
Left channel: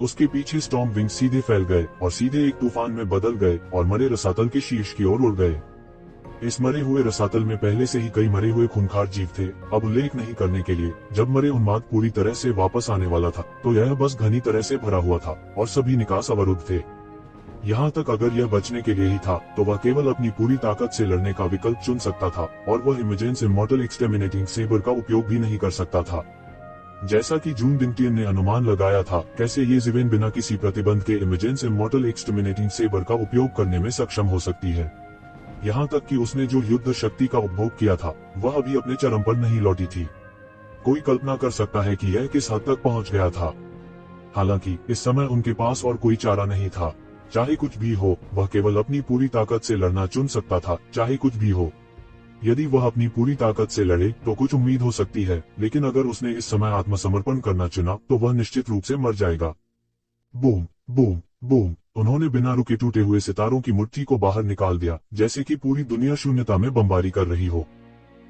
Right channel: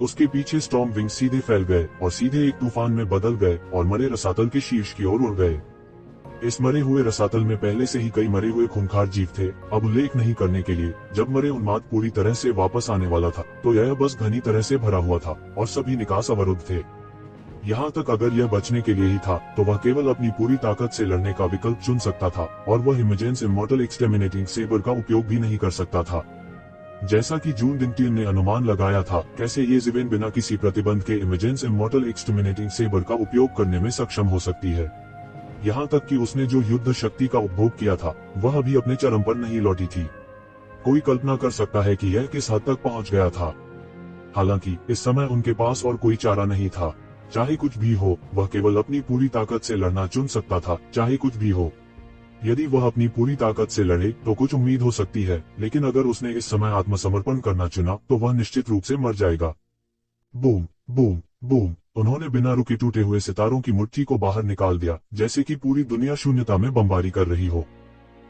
उसके पीछे स्टॉर्म विंग सीधे फैल गए और सीधे एक तूफान में बदल गए और मरे रसातल के शीर्ष की ओर उड़ गए। इस मरे हुए रसातल में पहले से ही कई मरे हुए खूंखार जीव थे। अब उल्लेख नहीं करने के लिए, जब मरे उन्माद पूरी तरह से वापस आने वाला था तो यह बस घनी तरह से भरा हुआ था और सभी निकास अवरुद्ध थे। यहाँ तक अगर यह बचने के लिए ही था तो वह केवल अपनी पूरी ताकत से लड़ने का विकल्प चुन सकता था और वह इमेजेंस इमॉर्टल एक्सटर्मिनेटिंग सेबर का उपयोग भी नहीं कर सकता था। जैसा कि जून दिंटियर ने अनुमान लगाया था, कैसे ये शिवेन बिना किसी प्रतिबंध के इमेजेंस इमॉर्टल एक्सटर्मिनेटिंग सेबर का उपयोग करने में सक्षम हो सकती है। यहाँ तक कि उसने जो युद्ध शक्ति का उपभोग किया था वह अभी अपने चरम पर नहीं लौटी थी। कोई कल्पना कर सकता है कि यह किस हद तक पहुँच गया था। हालांकि इस समय उनके पास और कोई चारा नहीं था। चाहे कुछ भी हो, वह केवल अपनी पूरी ताकत से लड़ना चुन सकता था। चाहे कुछ भी हो, यदि वह अपनी पूरी ताकत से लड़े तो कुछ उम्मीद हो सकती है, लेकिन अगर उसने इस समय आत्मसमर्पण करना चुना तो वह निश्चित रूप से मर जाएगा। बूम बूम बूम, उन्होंने बिना रुके टूटे हुए सितारों की मुट्ठी को बाहर निकाल दिया, जैसे कि पूरी दुनिया शून्यता में बमबारी कर रही हो।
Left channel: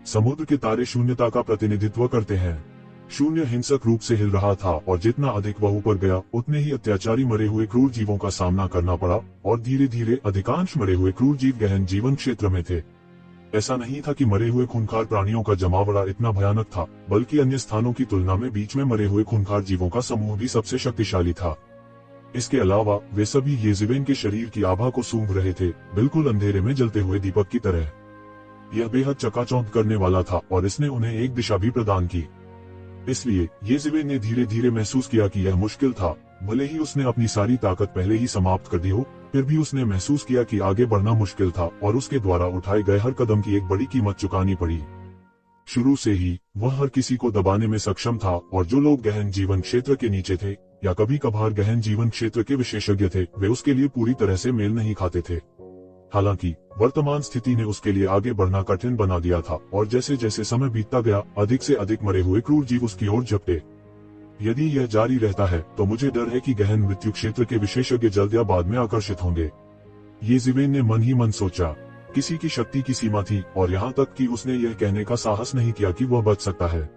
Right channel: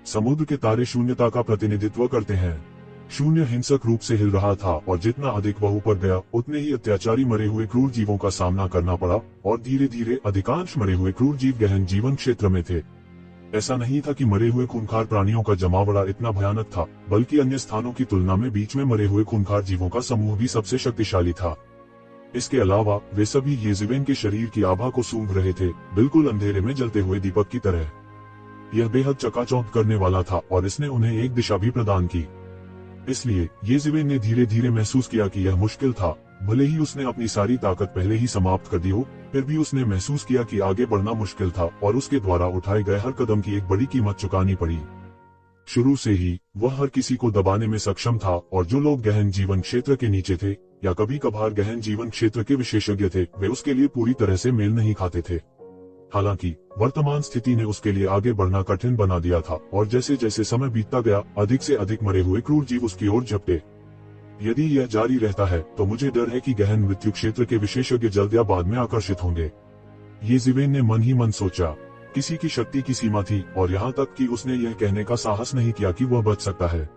समुद्र के तारे शून्यता का प्रतिनिधित्व करते हैं। शून्य हिंसक रूप से हिल रहा था और जितना अधिक वह ऊपर गया उतने ही अत्याचारी मरे हुए क्रूर जीवों का सामना करना पड़ा और धीरे धीरे अधिकांश मरे हुए क्रूर जीव गहन जीवन क्षेत्र में थे। ऐसा नहीं था कि मरे हुए खूंखार प्राणियों का जमावड़ा इतना भयानक था, बल्कि अन्य स्थानों की तुलना में बीच में मरे हुए खूंखार जीवों का समूह भी सबसे शक्तिशाली था। इसके अलावा वे सभी ये शिवेन के शरीर की आभा को सूंघ रहे थे, बिल्कुल अंधेरे में जलते हुए दीपक की तरह। यह बेहद चकाचौंध करने वाला था और इसने उन्हें एक दिशा भी प्रदान की। इसलिए ये शिवेन ने धीरे धीरे महसूस किया कि यह मुश्किल था। भले ही उसने अपनी सारी ताकत पहले ही समाप्त कर दी हो, फिर भी उसने महसूस किया कि आगे बढ़ना मुश्किल था और उसके द्वारा उठाए गए हर कदम की एक बड़ी कीमत चुकानी पड़ी। शुरू से ही वह हर किसी को दबाने में सक्षम था और जो लोग गहन जीवन क्षेत्र के नीचे थे या कभी कभार गहन जीवन क्षेत्र के विशेषज्ञ थे, वे उसके लिए पूरी तरह से मेल नहीं खाते थे। हालांकि वर्तमान स्थिति ने उसके लिए आगे बढ़ना कठिन बना दिया था और जैसे जैसे समय बीतता गया, अधिक से अधिक मरे हुए क्रूर जीव उसकी ओर झपटे। यदि यह जारी रहता है तो मुझे डर है कि गहन मृत्यु क्षेत्र के विशेषज्ञ जल्द या बाद में आकर्षित होंगे। ये शिवेन ने मन ही मन सोचा। किसी की शक्ति की सीमा थी और यहाँ तक कि उसने यह कहने का साहस नहीं किया कि वह बच सकता है।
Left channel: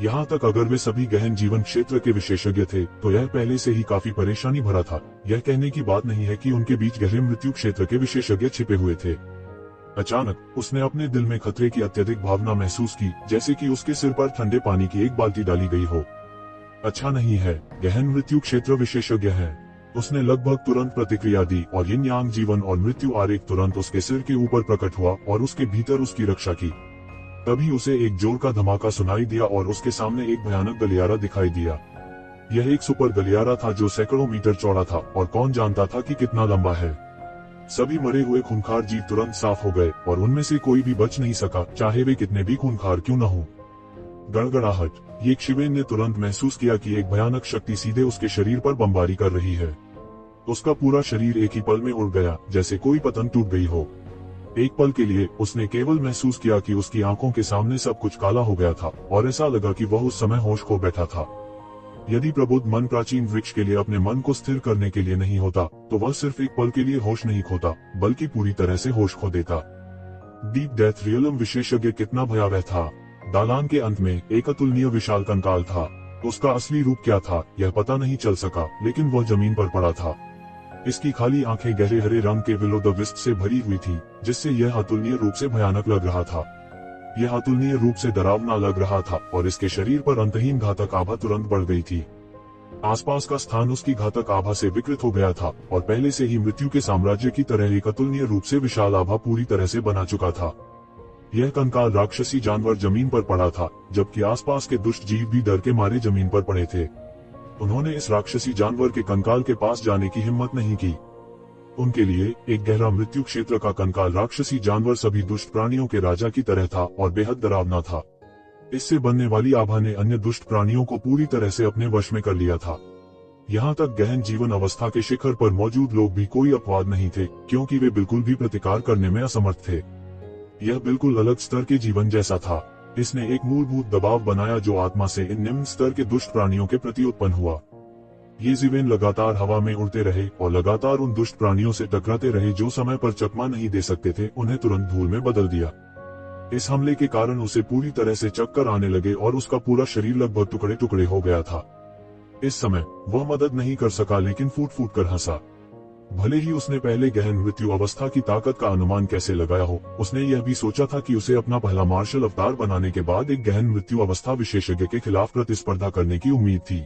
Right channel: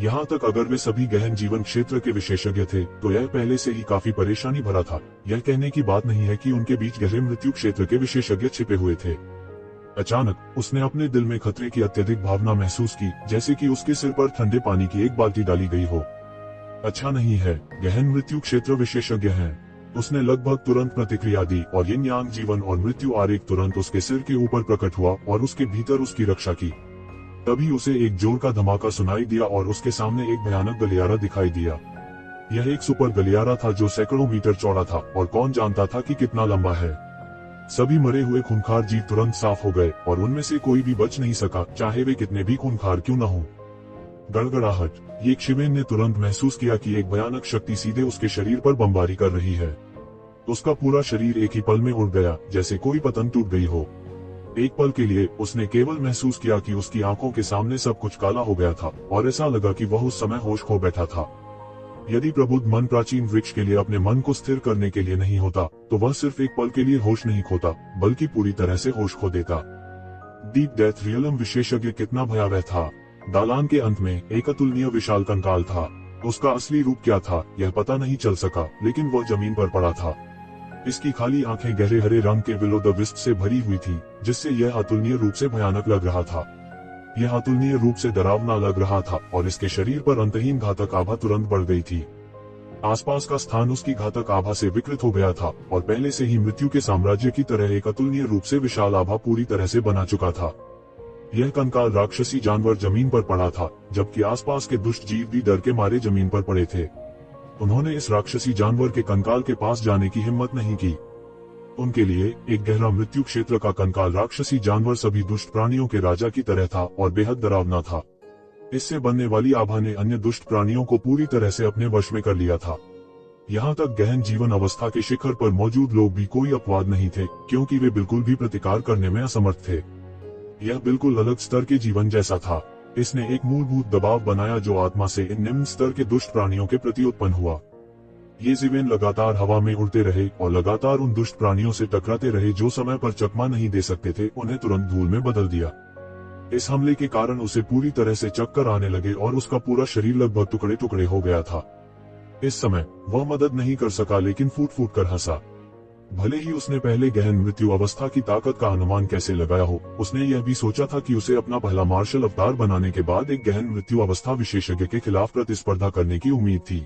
यहाँ तक अगर वे सभी गहन जीवन क्षेत्र के विशेषज्ञ थे तो यह पहले से ही काफी परेशानी भरा था। यह कहने की बात नहीं है कि उनके बीच गहन मृत्यु क्षेत्र के विशेषज्ञ छिपे हुए थे। अचानक उसने अपने दिल में खतरे की अत्यधिक भावना महसूस की, जैसे कि उसके सिर पर ठंडे पानी की एक बाल्टी डाली गई हो। अच्छा नहीं है, गहन मृत्यु क्षेत्र विशेषज्ञ हैं। उसने लगभग तुरंत प्रतिक्रिया दी और यिन यांग जीवन और मृत्यु आरेख तुरंत उसके सिर के ऊपर प्रकट हुआ और उसके भीतर उसकी रक्षा की। तभी उसे एक जोर का धमाका सुनाई दिया और उसके सामने एक भयानक गलियारा दिखाई दिया। यह एक सुपर गलियारा था जो सैकड़ों मीटर चौड़ा था और कौन जानता था कि कितना लंबा है। सभी मरे हुए खूंखार जीव तुरंत साफ हो गए और उनमें से कोई भी बच नहीं सका, चाहे वे कितने भी खूंखार क्यों न हो। गड़गड़ाहट। ये शिवेन ने तुरंत महसूस किया कि एक भयानक शक्ति सीधे उसके शरीर पर बमबारी कर रही है। उसका पूरा शरीर एक ही पल में उड़ गया, जैसे कोई पतंग टूट गई हो। एक पल के लिए उसने केवल महसूस किया कि उसकी आंखों के सामने सब कुछ काला हो गया था और ऐसा लगा कि वह उस समय होश खो बैठा था। यदि प्रबुद्ध मन प्राचीन वृक्ष के लिए अपने मन को स्थिर करने के लिए नहीं होता, तो वह सिर्फ एक पल के लिए होश नहीं खोता, बल्कि पूरी तरह से होश खो देता। डीप डेथ रियलम विशेषज्ञ कितना भयावह था। दालान के अंत में एक अतुलनीय विशाल कंकाल था। उसका असली रूप क्या था यह पता नहीं चल सका, लेकिन वह जमीन पर पड़ा था। इसकी खाली आंखें गहरे हरे रंग के विल ओ द विस्प से भरी हुई थी, जिससे यह अतुलनीय रूप से भयानक लग रहा था। यह अतुलनीय रूप से डरावना लग रहा था और इसके शरीर पर अंतहीन घातक आभा तुरंत बढ़ गई थी। आसपास का स्थान उसकी घातक आभा से विकृत हो गया था और पहले से ही मृत्यु के साम्राज्य की तरह एक अतुलनीय रूप से विशाल आभा पूरी तरह से बना चुका था। यह कंकाल राक्षसी जानवर जमीन पर पड़ा था, जबकि आसपास के दुष्ट जीव भी डर के मारे जमीन पर पड़े थे। उन्होंने इस राक्षसी जानवर के कंकाल के पास जाने की हिम्मत नहीं की। उनके लिए एक गहरा मृत्यु क्षेत्र का कंकाल राक्षसी जानवर सभी दुष्ट प्राणियों के राजा की तरह था और बेहद डरावना था। इससे बनने वाली आभा ने अन्य दुष्ट प्राणियों को पूरी तरह से अपने वश में कर लिया था। यहाँ तक गहन जीवन अवस्था के शिखर पर मौजूद लोग भी कोई अपवाद नहीं थे, क्योंकि वे बिल्कुल भी प्रतिकार करने में असमर्थ थे। यह बिल्कुल अलग स्तर के जीवन जैसा था। इसने एक मूलभूत दबाव बनाया जो आत्मा से इन निम्न स्तर के दुष्ट प्राणियों के प्रति उत्पन्न हुआ। ये जीवन लगातार हवा में उड़ते रहे और लगातार उन दुष्ट प्राणियों से टकराते रहे जो समय पर चकमा नहीं दे सकते थे, उन्हें तुरंत धूल में बदल दिया। इस हमले के कारण उसे पूरी तरह से चक्कर आने लगे और उसका पूरा शरीर लगभग टुकड़े टुकड़े हो गया था। इस समय वह मदद नहीं कर सका, लेकिन फूट फूट कर हंसा। भले ही उसने पहले गहन मृत्यु अवस्था की ताकत का अनुमान कैसे लगाया हो, उसने यह भी सोचा था कि उसे अपना पहला मार्शल अवतार बनाने के बाद एक गहन मृत्यु अवस्था विशेषज्ञ के खिलाफ प्रतिस्पर्धा करने की उम्मीद थी।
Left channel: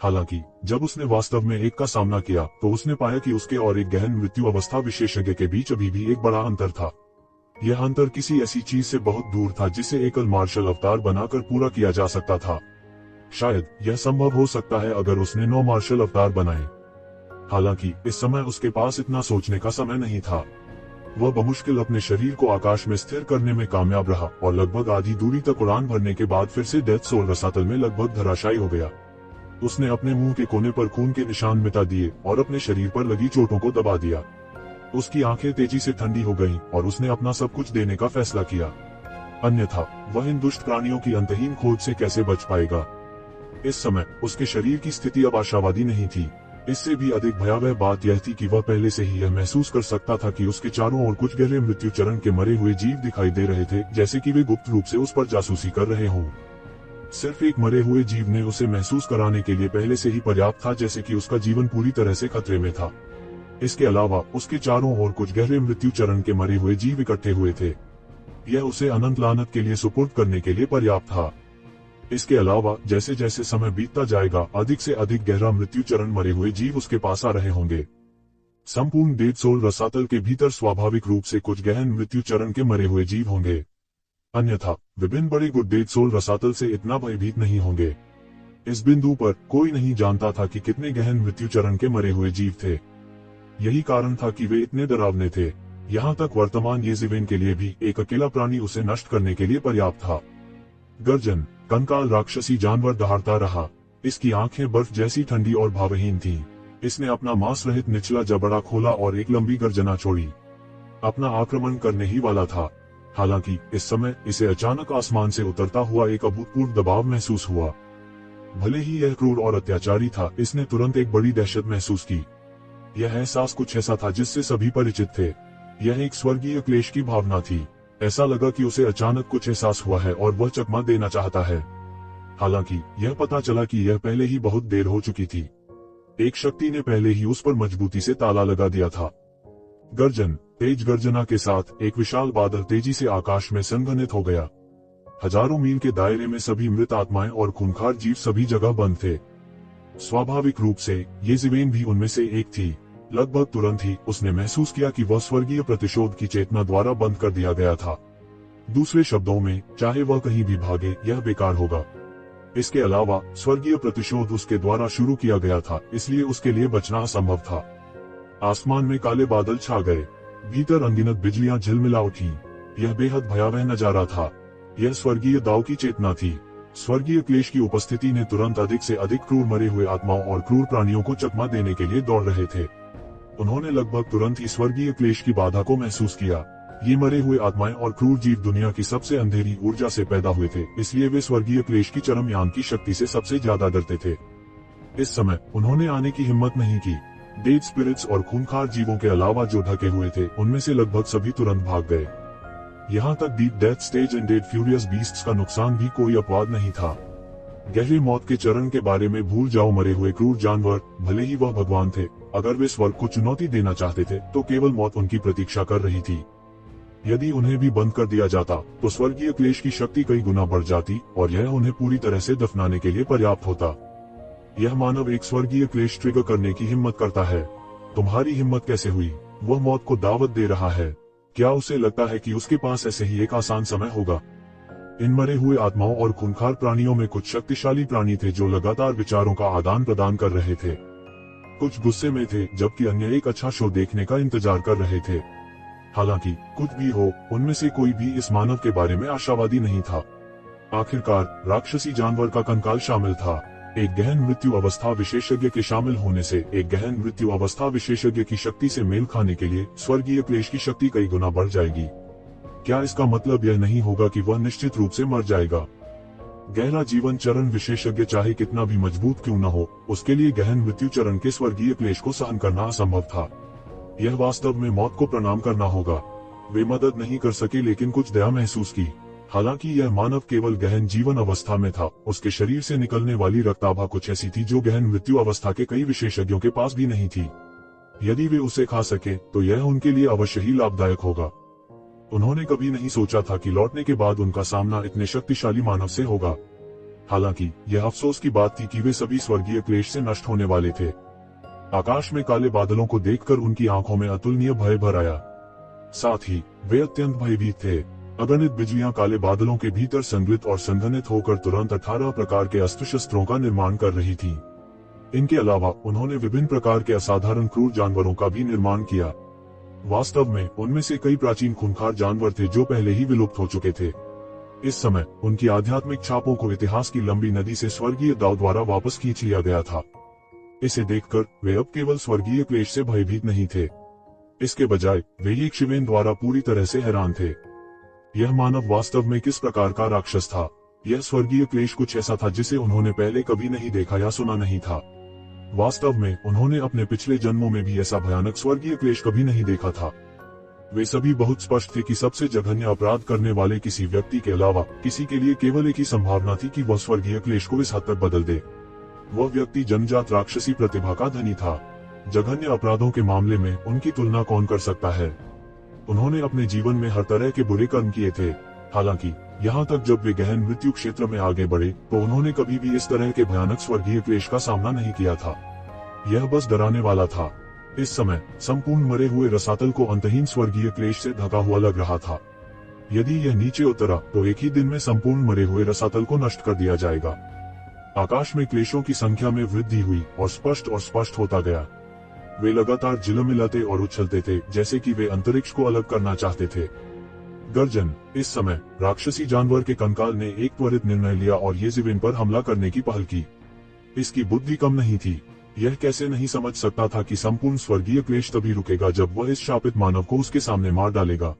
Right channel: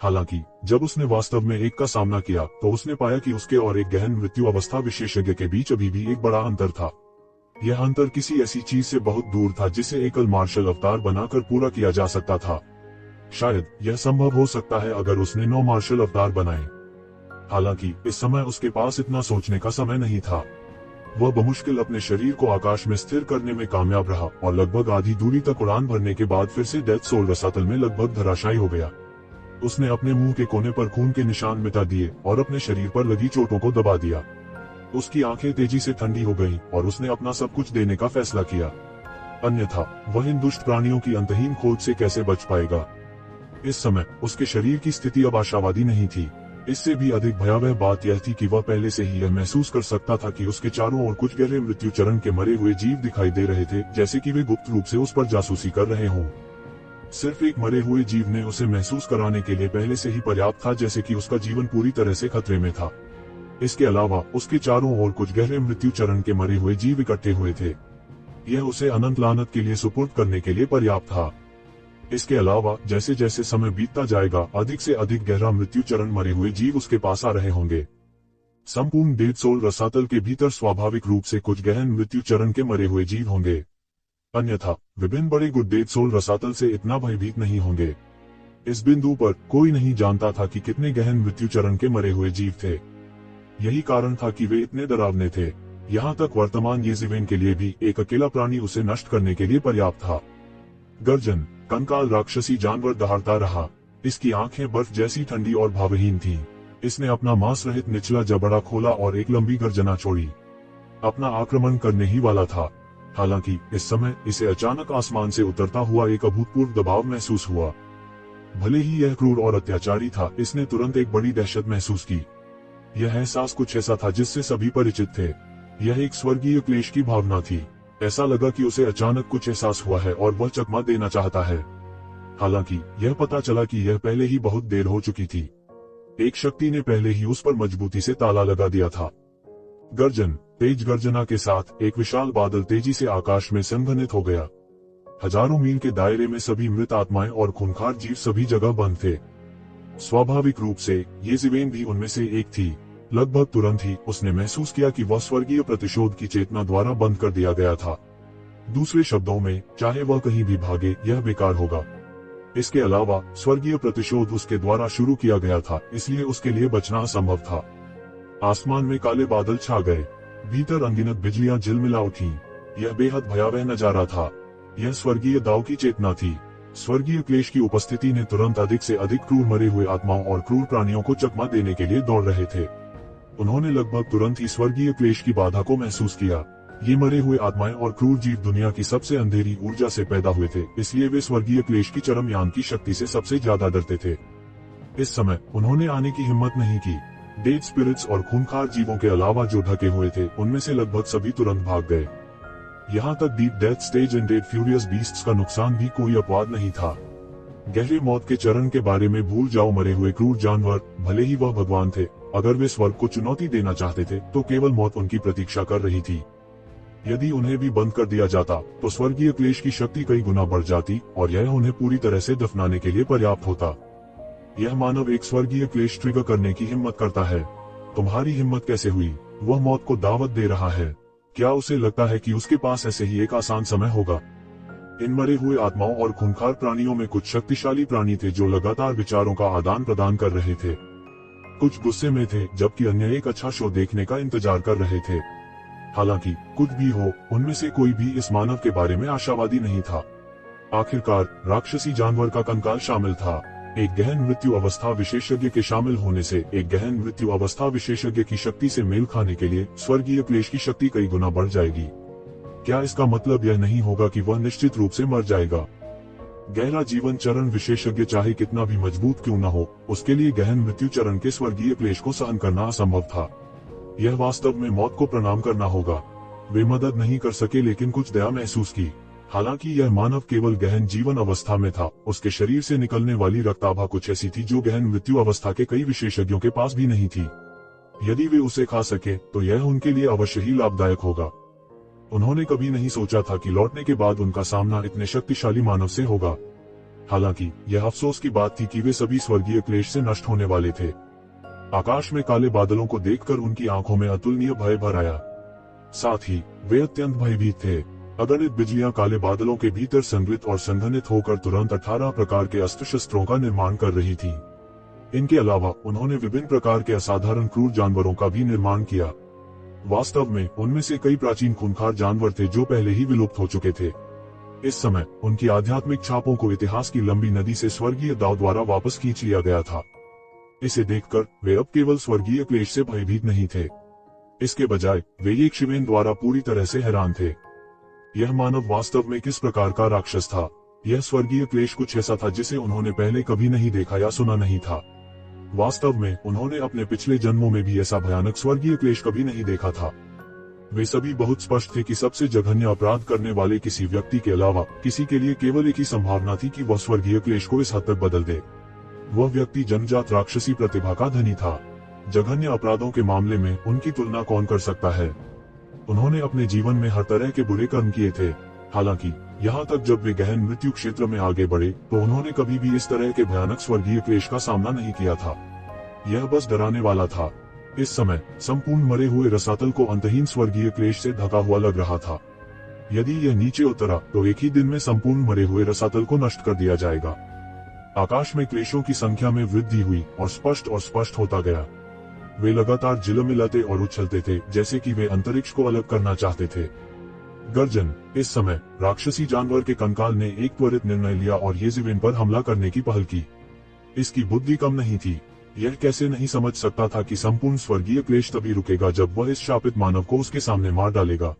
हालांकि जब उसने वास्तव में एक का सामना किया तो उसने पाया कि उसके और एक गहन मृत्यु अवस्था विशेषज्ञ के बीच अभी भी एक बड़ा अंतर था। यह अंतर किसी ऐसी चीज से बहुत दूर था जिसे एकल मार्शल अवतार बनाकर पूरा किया जा सकता था। शायद यह संभव हो सकता है अगर उसने 9 मार्शल अवतार बनाए। हालांकि इस समय उसके पास इतना सोचने का समय नहीं था। वह बमुश्किल अपने शरीर को आकाश में स्थिर करने में कामयाब रहा और लगभग आधी दूरी तक उड़ान भरने के बाद फिर से डेथ सोल रसातल में लगभग धराशायी हो गया। उसने अपने मुंह के कोने पर खून के निशान मिटा दिए और अपने शरीर पर लगी चोटों को दबा दिया। उसकी आंखें तेजी से ठंडी हो गईं और उसने अपना सब कुछ देने का फैसला किया। अन्यथा वह इन दुष्ट प्राणियों की अंतहीन खोज से कैसे बच पाएगा। इस समय उसके शरीर की स्थिति अब आशावादी नहीं थी। इससे भी अधिक भयावह बात यह थी कि वह पहले से ही यह महसूस कर सकता था कि उसके चारों ओर कुछ गहरे मृत्यु चरण के मरे हुए जीव दिखाई दे रहे थे, जैसे कि वे गुप्त रूप से उस पर जासूसी कर रहे हों। सिर्फ एक मरे हुए जीव ने उसे महसूस कराने के लिए पहले से ही पर्याप्त था, जैसे कि उसका जीवन पूरी तरह से खतरे में था। इसके अलावा उसके चारों ओर कुछ गहरे मृत्यु चरण के मरे हुए जीव इकट्ठे हुए थे। यह उसे अनंत लानत के लिए सुपुर्द करने के लिए पर्याप्त था। इसके अलावा जैसे जैसे समय बीतता जाएगा, अधिक से अधिक गहरा मृत्यु चरण मरे हुए जीव उसके पास आ रहे होंगे। संपूर्ण डेड सोल रसातल के भीतर स्वाभाविक रूप से कुछ गहन मृत्यु चरण के मरे हुए जीव होंगे। अन्यथा विभिन्न बड़ी गुड डेड सोल रसातल से इतना भयभीत नहीं होंगे। इस बिंदु पर कोई नहीं जानता था कि कितने गहन मृत्यु चरण के मरे हुए जीव थे। यही कारण था कि वे इतने डरावने थे। यहाँ तक वर्तमान येज़िवेन के लिए भी एक अकेला प्राणी उसे नष्ट करने के लिए पर्याप्त था। गर्जन। कंकाल राक्षसी जानवर दहाड़ता रहा। इसकी आंखें बर्फ जैसी ठंडी और भावहीन थी। इसने अपना मांस रहित निचला जबड़ा खोला और एक लंबी गर्जना छोड़ी। अपना आक्रमण करने ही वाला था। हालांकि इस समय इसे अचानक आसमान से उतरता हुआ एक अभूतपूर्व दबाव महसूस हुआ। भले ही यह क्रूर और अत्याचारी था, इसने तुरंत एक बड़ी दहशत महसूस की। यह एहसास कुछ ऐसा था जिससे सभी परिचित थे। यह एक स्वर्गीय क्लेश की भावना थी। ऐसा लगा कि उसे अचानक कुछ एहसास हुआ है और वह चकमा देना चाहता है। हालांकि यह पता चला कि यह पहले ही बहुत देर हो चुकी थी। एक शक्ति ने पहले ही उस पर मजबूती से ताला लगा दिया था। गर्जन। तेज गर्जना के साथ एक विशाल बादल तेजी से आकाश में संघनित हो गया। हजारों मील के दायरे में सभी मृत आत्माएं और खूंखार जीव सभी जगह बंद थे। स्वाभाविक रूप से ये ज़िवेन भी उनमें से एक थी। लगभग तुरंत ही उसने महसूस किया कि वह स्वर्गीय प्रतिशोध की चेतना द्वारा बंद कर दिया गया था। दूसरे शब्दों में, चाहे वह कहीं भी भागे, यह बेकार होगा। इसके अलावा स्वर्गीय प्रतिशोध उसके द्वारा शुरू किया गया था, इसलिए उसके लिए बचना असंभव था। आसमान में काले बादल छा गए, भीतर अनगिनत बिजलियां झिलमिला उठी। यह बेहद भयावह नजारा था। यह स्वर्गीय दाव की चेतना थी। स्वर्गीय क्लेश की उपस्थिति ने तुरंत अधिक से अधिक क्रूर मरे हुए आत्माओं और क्रूर प्राणियों को चकमा देने के लिए दौड़ रहे थे। उन्होंने लगभग तुरंत ही स्वर्गीय क्लेश की बाधा को महसूस किया। ये मरे हुए आत्माएं और क्रूर जीव दुनिया की सबसे अंधेरी ऊर्जा से पैदा हुए थे, इसलिए वे स्वर्गीय क्लेश की चरम यान की शक्ति से सबसे ज्यादा डरते थे। इस समय उन्होंने आने की हिम्मत नहीं की। डेड स्पिरिट्स और खूंखार जीवों के अलावा जो ढके हुए थे, उनमें से लगभग सभी तुरंत भाग गए। यहाँ तक डीप डेथ स्टेज इन डेड फ्यूरियस बीस्ट्स का नुकसान भी कोई अपवाद नहीं था। गहरी मौत के चरण के बारे में भूल जाओ। मरे हुए क्रूर जानवर, भले ही वह भगवान थे, अगर वे स्वर्ग को चुनौती देना चाहते थे तो केवल मौत उनकी प्रतीक्षा कर रही थी। यदि उन्हें भी बंद कर दिया जाता तो स्वर्गीय क्लेश की शक्ति कई गुना बढ़ जाती और यह उन्हें पूरी तरह से दफनाने के लिए पर्याप्त होता। यह मानव एक स्वर्गीय क्लेश ट्रिगर करने की हिम्मत करता है। तुम्हारी हिम्मत कैसे हुई? वह मौत को दावत दे रहा है। क्या उसे लगता है कि उसके पास ऐसे ही एक आसान समय होगा? इन मरे हुए आत्माओं और खूंखार प्राणियों में कुछ शक्तिशाली प्राणी थे जो लगातार विचारों का आदान प्रदान कर रहे थे। कुछ गुस्से में थे, जबकि अन्य एक अच्छा शो देखने का इंतजार कर रहे थे। हालांकि कुछ भी हो, उनमें से कोई भी इस मानव के बारे में आशावादी नहीं था। आखिरकार राक्षसी जानवर का कंकाल शामिल था। एक गहन मृत्यु अवस्था विशेषज्ञ के शामिल होने से एक गहन मृत्यु अवस्था विशेषज्ञ की शक्ति से मेल खाने के लिए स्वर्गीय क्लेश की शक्ति कई गुना बढ़ जाएगी। क्या इसका मतलब यह नहीं होगा कि वह निश्चित रूप से मर जाएगा? गहरा जीवन चरण विशेषज्ञ चाहे कितना भी मजबूत क्यों न हो, उसके लिए गहन मृत्यु चरण के स्वर्गीय क्लेश को सहन करना असंभव था। यह वास्तव में मौत को प्रणाम करना होगा। वे मदद नहीं कर सके, लेकिन कुछ दया महसूस की। हालांकि यह मानव केवल गहन जीवन अवस्था में था, उसके शरीर से निकलने वाली रक्ताभा कुछ ऐसी थी जो गहन मृत्यु अवस्था के कई विशेषज्ञों के पास भी नहीं थी। यदि वे उसे खा सके तो यह उनके लिए अवश्य ही लाभदायक होगा। उन्होंने कभी नहीं सोचा था कि लौटने के बाद उनका सामना इतने शक्तिशाली मानव से होगा। हालांकि यह अफसोस की बात थी कि वे सभी स्वर्गीय क्लेश से नष्ट होने वाले थे। आकाश में काले बादलों को देखकर उनकी आंखों में अतुलनीय भय भर आया। साथ ही वे अत्यंत भयभीत थे। अगणित बिजलियां काले बादलों के भीतर संग्रहित और संघनित होकर तुरंत 18 प्रकार के अस्त्र शस्त्रों का निर्माण कर रही थी। इनके अलावा उन्होंने विभिन्न प्रकार के असाधारण क्रूर जानवरों का भी निर्माण किया। वास्तव में उनमें से कई प्राचीन खूंखार जानवर थे जो पहले ही विलुप्त हो चुके थे। इस समय उनकी आध्यात्मिक छापों को इतिहास की लंबी नदी से स्वर्गीय दाव द्वारा वापस खींच लिया गया था। इसे देखकर वे अब केवल स्वर्गीय क्लेश से भयभीत नहीं थे। इसके बजाय वे एक शिवेन द्वारा पूरी तरह से हैरान थे। यह मानव वास्तव में किस प्रकार का राक्षस था? यह स्वर्गीय क्लेश कुछ ऐसा था जिसे उन्होंने पहले कभी नहीं देखा या सुना नहीं था। वास्तव में उन्होंने अपने पिछले जन्मों में भी ऐसा भयानक स्वर्गीय क्लेश कभी नहीं देखा था। वे सभी बहुत स्पष्ट थे कि सबसे जघन्य अपराध करने वाले किसी व्यक्ति के अलावा किसी के लिए केवल एक ही संभावना थी कि वह स्वर्गीय क्लेश को इस हद तक बदल दे। वह व्यक्ति जन्मजात राक्षसी प्रतिभा का धनी था। जघन्य अपराधों के मामले में उनकी तुलना कौन कर सकता है? उन्होंने अपने जीवन में हर तरह के बुरे कर्म किए थे। हालांकि यहाँ तक जब वे गहन मृत्यु क्षेत्र में आगे बढ़े तो उन्होंने कभी भी इस तरह के भयानक स्वर्गीय क्लेश का सामना नहीं किया था। यह बस डराने वाला था। इस समय संपूर्ण मरे हुए रसातल को अंतहीन स्वर्गीय क्लेश से ढका हुआ लग रहा था। यदि यह नीचे उतरा तो एक ही दिन में संपूर्ण मरे हुए रसातल को नष्ट कर दिया जाएगा। आकाश में क्लेशों की संख्या में वृद्धि हुई और स्पष्ट होता गया। वे लगातार झिलमिलाते और उछलते थे जैसे कि वे अंतरिक्ष को अलग करना चाहते थे। गर्जन। इस समय राक्षसी जानवर के कंकाल ने एक त्वरित निर्णय लिया और येज़ेबेल पर हमला करने की पहल की। इसकी बुद्धि कम नहीं थी। यह कैसे नहीं समझ सकता था कि संपूर्ण स्वर्गीय क्लेश तभी रुकेगा जब वह इस शापित मानव को उसके सामने मार डालेगा।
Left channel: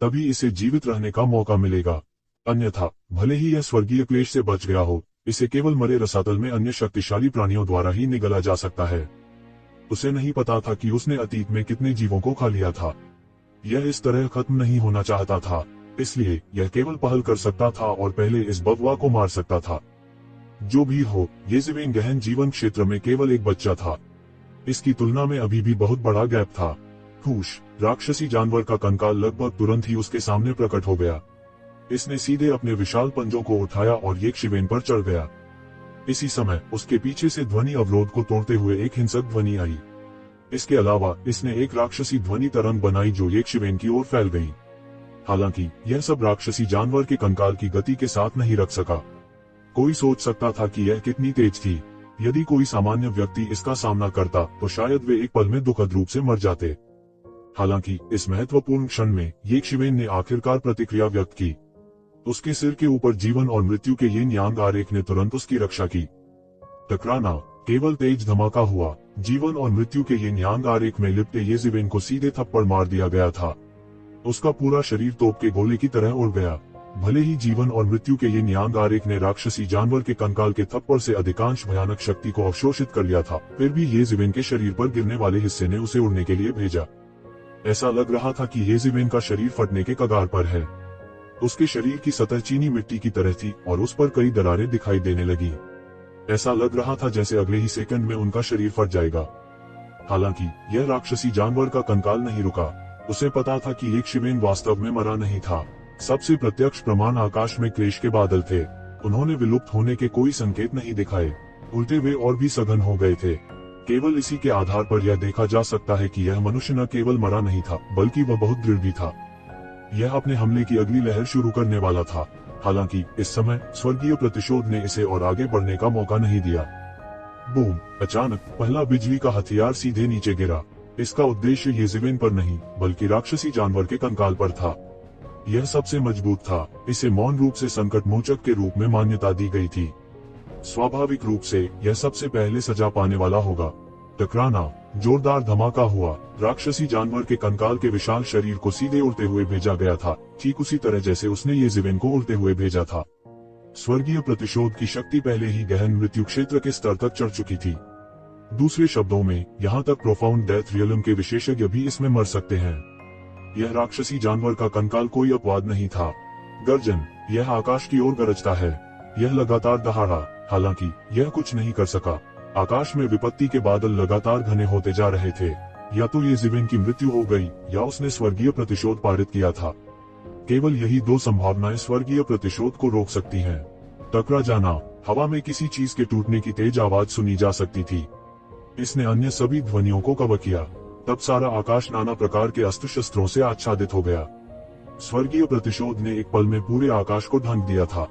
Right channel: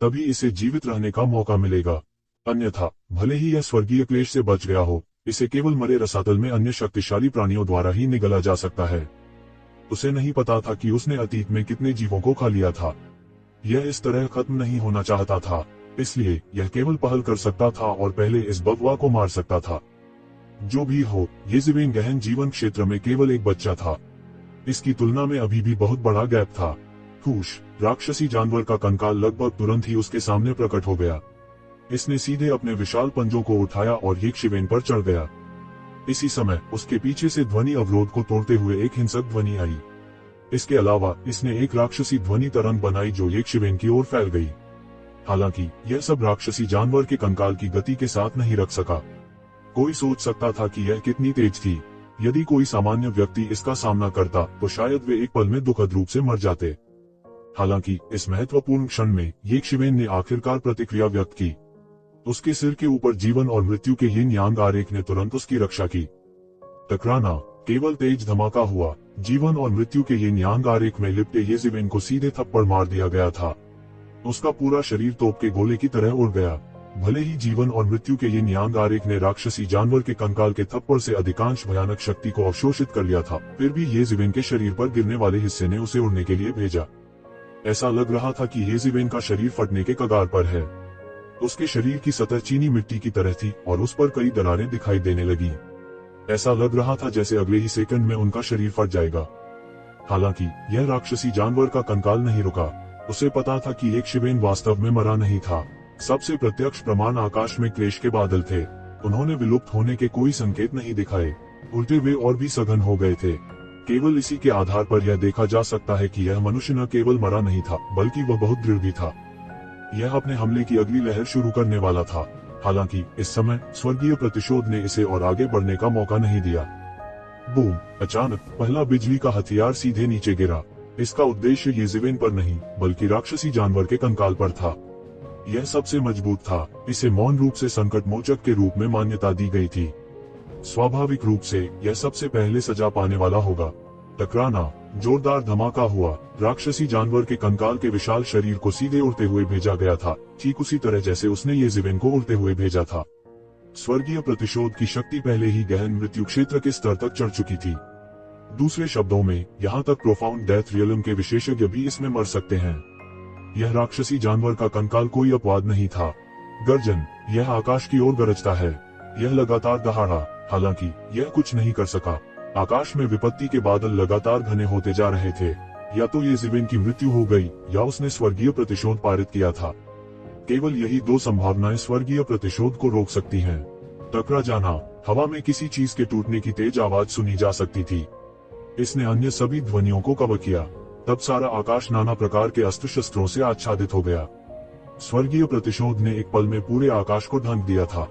तभी इसे जीवित रहने का मौका मिलेगा। अन्यथा भले ही यह स्वर्गीय क्लेश से बच गया हो, इसे केवल मरे रसातल में अन्य शक्तिशाली प्राणियों द्वारा ही निगला जा सकता है। उसे नहीं पता था कि उसने अतीत में कितने जीवों को खा लिया था। यह इस तरह खत्म नहीं होना चाहता था, इसलिए यह केवल पहल कर सकता था और पहले इस बगवा को मार सकता था। जो भी हो, येज़ेबेल गहन जीवन क्षेत्र में केवल एक बच्चा था। इसकी तुलना में अभी भी बहुत बड़ा गैप था। खुश राक्षसी जानवर का कंकाल लगभग तुरंत ही उसके सामने प्रकट हो गया। इसने सीधे अपने विशाल पंजों को उठाया और येज़ेबेल पर चढ़ गया। इसी समय उसके पीछे से ध्वनि अवरोध को तोड़ते हुए एक हिंसक ध्वनि आई। इसके अलावा इसने एक राक्षसी ध्वनि तरंग बनाई जो एक शिवेन की ओर फैल गई। हालांकि यह सब राक्षसी जानवर के कंकाल की गति के साथ नहीं रख सका। कोई सोच सकता था कि यह कितनी तेज थी। यदि कोई सामान्य व्यक्ति इसका सामना करता तो शायद वे एक पल में दुखद रूप से मर जाते। हालांकि इस महत्वपूर्ण क्षण में येक शिवेन ने आखिरकार प्रतिक्रिया व्यक्त की। उसके सिर के ऊपर जीवन और मृत्यु के यिन यांग आरेख ने तुरंत उसकी रक्षा की। टकराना केवल तेज धमाका हुआ। जीवन और मृत्यु के यिन यांग आरेख में लिपटे ये शिवेन को सीधे थप्पड़ मार दिया गया था। उसका पूरा शरीर तोप के गोले की तरह उड़ गया। भले ही जीवन और मृत्यु के यिन यांग आरेख ने राक्षसी जानवर के कंकाल के थप्पड़ से अधिकांश भयानक शक्ति को अवशोषित कर लिया था, फिर भी ये शिवेन के शरीर पर गिरने वाले हिस्से ने उसे उड़ने के लिए भेजा। ऐसा लग रहा था कि ये शिवेन का शरीर फटने के कगार पर है। उसके शरीर की सतह चीनी मिट्टी की तरह थी और उस पर कई दरारें दिखाई देने लगी। ऐसा लग रहा था जैसे अगले ही सेकंड में उनका शरीर फट जाएगा। हालांकि यह राक्षसी जानवर का कंकाल नहीं रुका। उसे पता था कि एक शिवेन वास्तव में मरा नहीं था। सबसे प्रत्यक्ष प्रमाण आकाश में क्लेश के बादल थे। उन्होंने विलुप्त होने के कोई संकेत नहीं दिखाए। उल्टे वे और भी सघन हो गए थे। केवल इसी के आधार पर यह देखा जा सकता है कि यह मनुष्य न केवल मरा नहीं था बल्कि वह बहुत दृढ़ भी था। यह अपने हमले की अगली लहर शुरू करने वाला था। हालांकि इस समय स्वर्गीय प्रतिशोध ने इसे और आगे बढ़ने का मौका नहीं दिया। बूम! अचानक पहला बिजली का हथियार सीधे नीचे गिरा। इसका उद्देश्य ये शिवेन पर नहीं बल्कि राक्षसी जानवर के कंकाल पर था। यह सबसे मजबूत था। इसे मौन रूप से संकट मोचक के रूप में मान्यता दी गई थी। स्वाभाविक रूप से यह सबसे पहले सजा पाने वाला होगा। टकराना जोरदार धमाका हुआ। राक्षसी जानवर के कंकाल के विशाल शरीर को सीधे उड़ते हुए भेजा गया था, ठीक उसी तरह जैसे उसने ये शिवेन को उड़ते हुए भेजा था। स्वर्गीय प्रतिशोध की शक्ति पहले ही गहन मृत्यु क्षेत्र के स्तर तक चढ़ चुकी थी। दूसरे शब्दों में, यहाँ तक प्रोफाउंड डेथ रियलम के विशेषज्ञ भी इसमें मर सकते हैं। यह राक्षसी जानवर का कंकाल कोई अपवाद नहीं था। गर्जन, यह आकाश की ओर गरजता है। यह लगातार दहाड़ा। हालांकि यह कुछ नहीं कर सका। आकाश में विपत्ति के बादल लगातार घने होते जा रहे थे। या तो ये शिवेन की मृत्यु हो गई या उसने स्वर्गीय प्रतिशोध पारित किया था। केवल यही दो संभावनाएं स्वर्गीय प्रतिशोध को रोक सकती हैं। टकरा जाना। हवा में किसी चीज के टूटने की तेज आवाज सुनी जा सकती थी। इसने अन्य सभी ध्वनियों को कवर किया। तब सारा आकाश नाना प्रकार के अस्त्र शस्त्रों से आच्छादित हो गया। स्वर्गीय प्रतिशोध ने एक पल में पूरे आकाश को ढांक दिया था।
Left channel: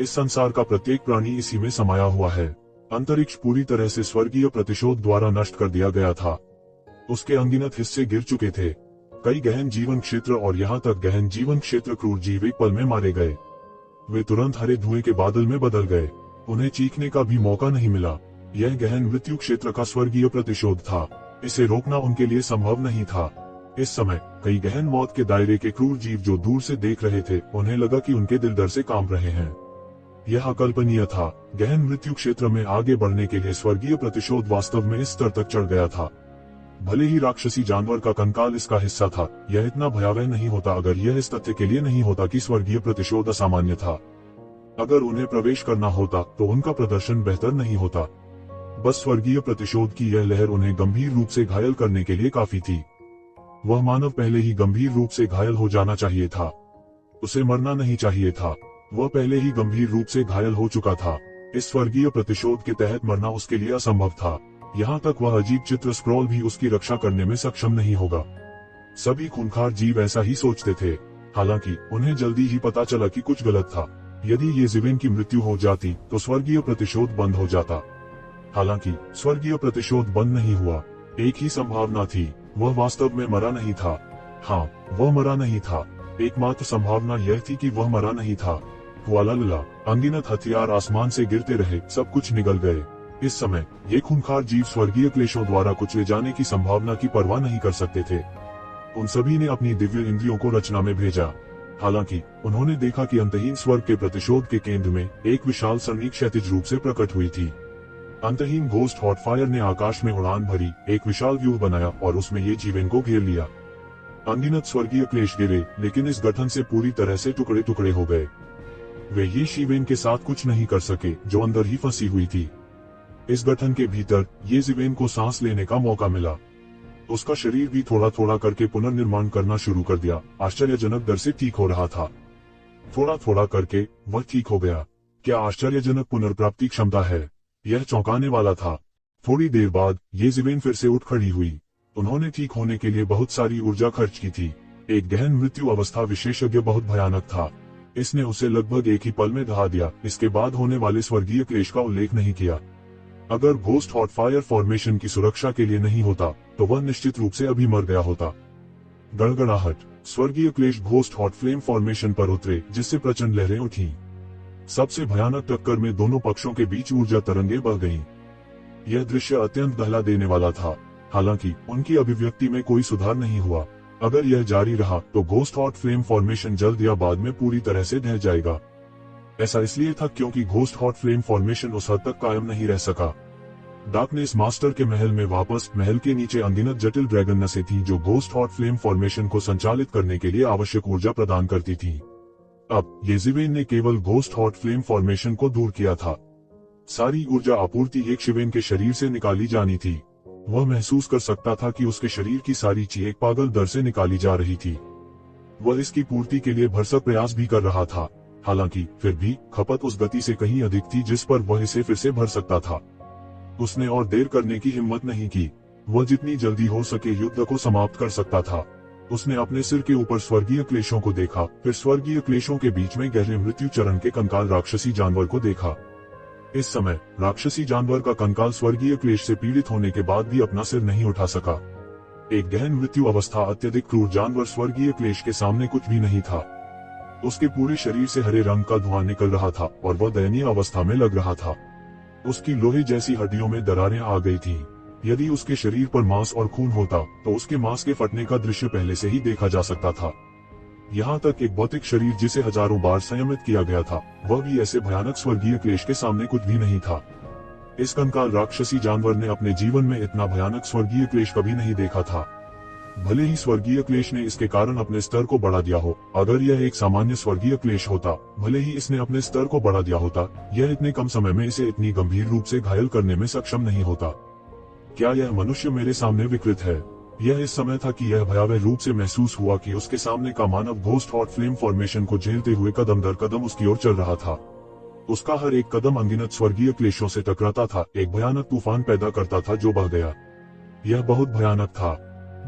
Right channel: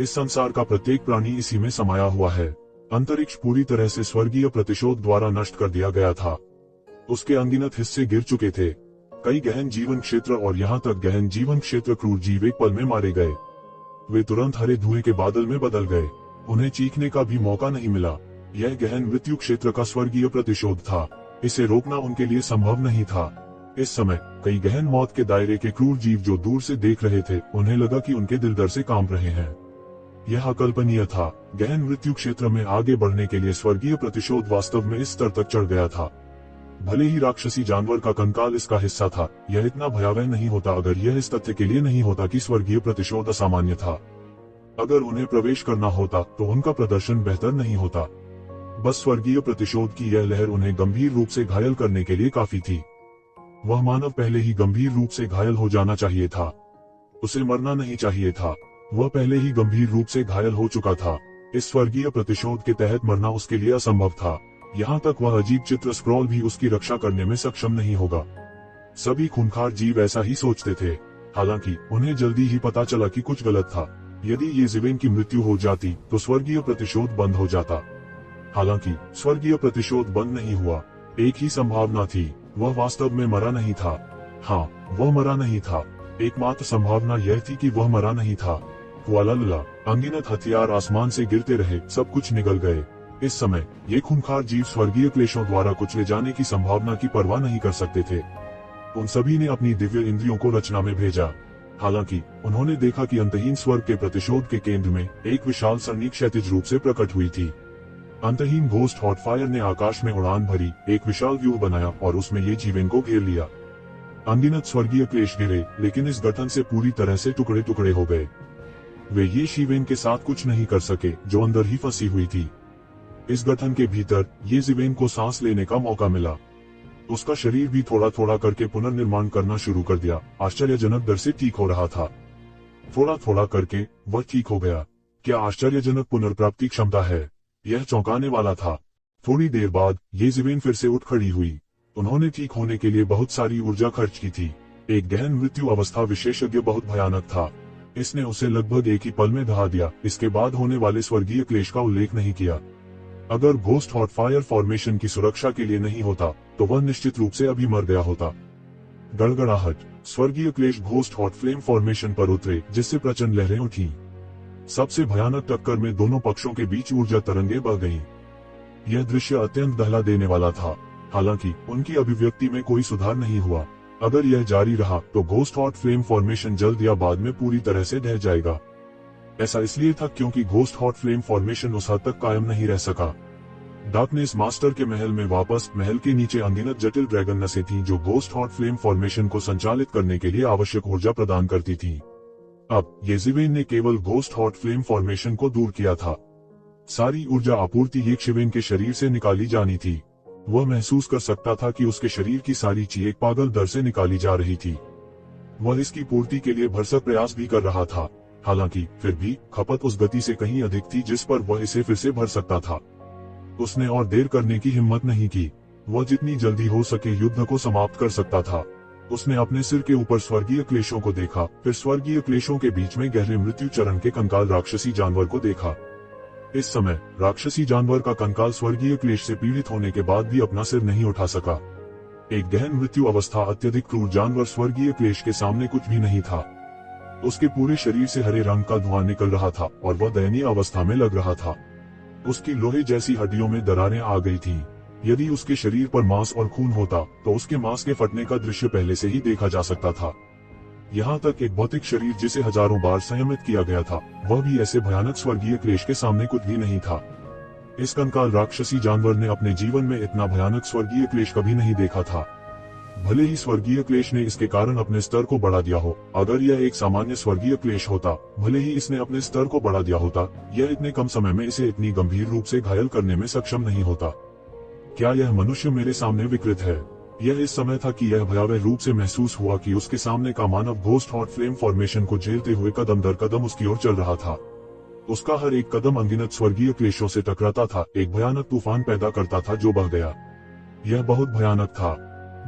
इस संसार का प्रत्येक प्राणी इसी में समाया हुआ है। अंतरिक्ष पूरी तरह से स्वर्गीय प्रतिशोध द्वारा नष्ट कर दिया गया था। उसके अनगिनत हिस्से गिर चुके थे। कई गहन जीवन क्षेत्र और यहाँ तक गहन जीवन क्षेत्र क्रूर जीव एक पल में मारे गए। वे तुरंत हरे धुएं के बादल में बदल गए। उन्हें चीखने का भी मौका नहीं मिला। यह गहन मृत्यु क्षेत्र का स्वर्गीय प्रतिशोध था। इसे रोकना उनके लिए संभव नहीं था। इस समय कई गहन मौत के दायरे के क्रूर जीव जो दूर से देख रहे थे, उन्हें लगा कि उनके दिल दर से कांप रहे हैं। यह अकल्पनीय था। गहन मृत्यु क्षेत्र में आगे बढ़ने के लिए स्वर्गीय प्रतिशोध वास्तव में इस स्तर तक चढ़ गया था। भले ही राक्षसी जानवर का कंकाल इसका हिस्सा था, यह इतना भयावह नहीं होता अगर यह इस तथ्य के लिए नहीं होता कि स्वर्गीय प्रतिशोध असामान्य था। अगर उन्हें प्रवेश करना होता तो उनका प्रदर्शन बेहतर नहीं होता। बस स्वर्गीय प्रतिशोध की यह लहर उन्हें गंभीर रूप से घायल करने के लिए काफी थी। वह मानव पहले ही गंभीर रूप से घायल हो जाना चाहिए था। उसे मरना नहीं चाहिए था। वह पहले ही गंभीर रूप से घायल हो चुका था। इस स्वर्गीय प्रतिशोध के तहत मरना उसके लिए असंभव था। यहाँ तक वह अजीब चित्र स्क्रॉल भी उसकी रक्षा करने में सक्षम नहीं होगा। सभी खूंखार जीव ऐसा ही सोचते थे। हालांकि उन्हें जल्दी ही पता चला कि कुछ गलत था। यदि ये शिवेन की मृत्यु हो जाती तो स्वर्गीय प्रतिशोध बंद हो जाता। हालांकि स्वर्गीय प्रतिशोध बंद नहीं हुआ। एक ही संभावना थी, वह वास्तव में मरा नहीं था। हाँ, वह मरा नहीं था। एकमात्र संभावना यह थी कि वह मरा नहीं था। हुआलाला, अनगिनत हथियार आसमान से गिरते रहे, सब कुछ निगल गए। इस समय ये खूंखार जीव स्वर्गीय क्लेशों द्वारा कुचले जाने की संभावना की परवाह नहीं कर सकते थे। उन सभी ने अपनी दिव्य इंद्रियों को रचना में भेजा। हालांकि उन्होंने देखा कि अंतहीन स्वर्ग के प्रतिशोध के केंद्र में एक विशाल सरनी क्षैतिज रूप से प्रकट हुई थी। अंतहीन घोस्ट हॉट फायर ने आकाश में उड़ान भरी, एक विशाल व्यूह बनाया और उसमें ये शिवेन को घेर लिया। अनगिनत स्वर्गीय क्लेश गिरे, लेकिन इस गठन से पूरी तरह से टुकड़े टुकड़े हो गए। वे ये शिवेन के साथ कुछ नहीं कर सके जो अंदर ही फंसी हुई थी। इस गठन के भीतर ये शिवेन को सांस लेने का मौका मिला। उसका शरीर भी थोड़ा थोड़ा करके पुनर्निर्माण करना शुरू कर दिया। आश्चर्यजनक दर से ठीक हो रहा था। थोड़ा थोड़ा करके वह ठीक हो गया। क्या आश्चर्यजनक पुनर्प्राप्ति क्षमता है। यह चौंकाने वाला था। थोड़ी देर बाद येज़ेबेल फिर से उठ खड़ी हुई। उन्होंने ठीक होने के लिए बहुत सारी ऊर्जा खर्च की थी। एक गहन मृत्यु अवस्था विशेषज्ञ बहुत भयानक था। इसने उसे लगभग एक ही पल में दहा दिया। इसके बाद होने वाले स्वर्गीय क्लेश का उल्लेख नहीं किया। अगर घोस्ट हॉट फायर फॉर्मेशन की सुरक्षा के लिए नहीं होता तो वह निश्चित रूप से अभी मर गया होता। गड़गड़ाहट। स्वर्गीय क्लेश घोस्ट हॉट फ्लेम फॉर्मेशन पर उतरे, जिससे प्रचंड लहरें उठी। सबसे भयानक टक्कर में दोनों पक्षों के बीच ऊर्जा तरंगे बह गईं। यह दृश्य अत्यंत दहला देने वाला था। हालांकि उनकी अभिव्यक्ति में कोई सुधार नहीं हुआ। अगर यह जारी रहा तो घोस्ट हॉट फ्लेम फॉर्मेशन जल्द या बाद में पूरी तरह से ढह जाएगा। ऐसा इसलिए था क्योंकि घोस्ट हॉट फ्लेम फॉर्मेशन उस हद तक कायम नहीं रह सका। डार्कनेस मास्टर के महल में वापस महल के नीचे अनगिनत जटिल ड्रैगन नसें थीं जो घोस्ट हॉट फ्लेम फॉर्मेशन को संचालित करने के लिए आवश्यक ऊर्जा प्रदान करती थी। अब येज़ेबेल ने केवल घोस्ट हॉट फ्लेम फॉर्मेशन को दूर किया था। सारी ऊर्जा आपूर्ति येज़ेबेल के शरीर से निकाली जानी थी। वह महसूस कर सकता था कि उसके शरीर की सारी ची एक पागल दर से निकाली जा रही थी। वह इसकी पूर्ति के लिए भरसक प्रयास भी कर रहा था। हालांकि फिर भी खपत उस गति से कहीं अधिक थी जिस पर वह इसे फिर से भर सकता था। उसने और देर करने की हिम्मत नहीं की। वह जितनी जल्दी हो सके युद्ध को समाप्त कर सकता था। उसने अपने सिर के ऊपर स्वर्गीय क्लेशों को देखा, फिर स्वर्गीय क्लेशों के बीच में गहरे मृत्यु चरण के कंकाल राक्षसी जानवर को देखा। इस समय राक्षसी जानवर का कंकाल स्वर्गीय क्लेश से पीड़ित होने के बाद भी अपना सिर नहीं उठा सका। एक गहन मृत्यु अवस्था अत्यधिक क्रूर जानवर स्वर्गीय क्लेश के सामने कुछ भी नहीं था। उसके पूरे शरीर से हरे रंग का धुआं निकल रहा था और वह दयनीय अवस्था में लग रहा था। उसकी लोहे जैसी हड्डियों में दरारें आ गई थीं। यदि उसके शरीर पर मांस और खून होता तो उसके मांस के फटने का दृश्य पहले से ही देखा जा सकता था। यहाँ तक एक भौतिक शरीर जिसे हजारों बार संयमित किया गया था, वह भी ऐसे भयानक स्वर्गीय क्लेश के सामने कुछ भी नहीं था। इस कंकाल राक्षसी जानवर ने अपने जीवन में इतना भयानक स्वर्गीय क्लेश कभी नहीं देखा था। भले ही स्वर्गीय क्लेश ने इसके कारण अपने स्तर को बढ़ा दिया हो, अगर यह एक सामान्य स्वर्गीय क्लेश होता, भले ही इसने अपने स्तर को बढ़ा दिया होता, यह इतने कम समय में इसे इतनी गंभीर रूप से घायल करने में सक्षम नहीं होता। क्या यह मनुष्य मेरे सामने विकृत है? यह इस समय था कि यह भयावह रूप से महसूस हुआ कि उसके सामने का मानव घोस्ट हॉट फ्लेम फॉर्मेशन को झेलते हुए कदम दर कदम उसकी ओर चल रहा था। उसका हर एक कदम अनगिनत स्वर्गीय क्लेशों से टकराता था, एक भयानक तूफान पैदा करता था जो बह गया। यह बहुत भयानक था।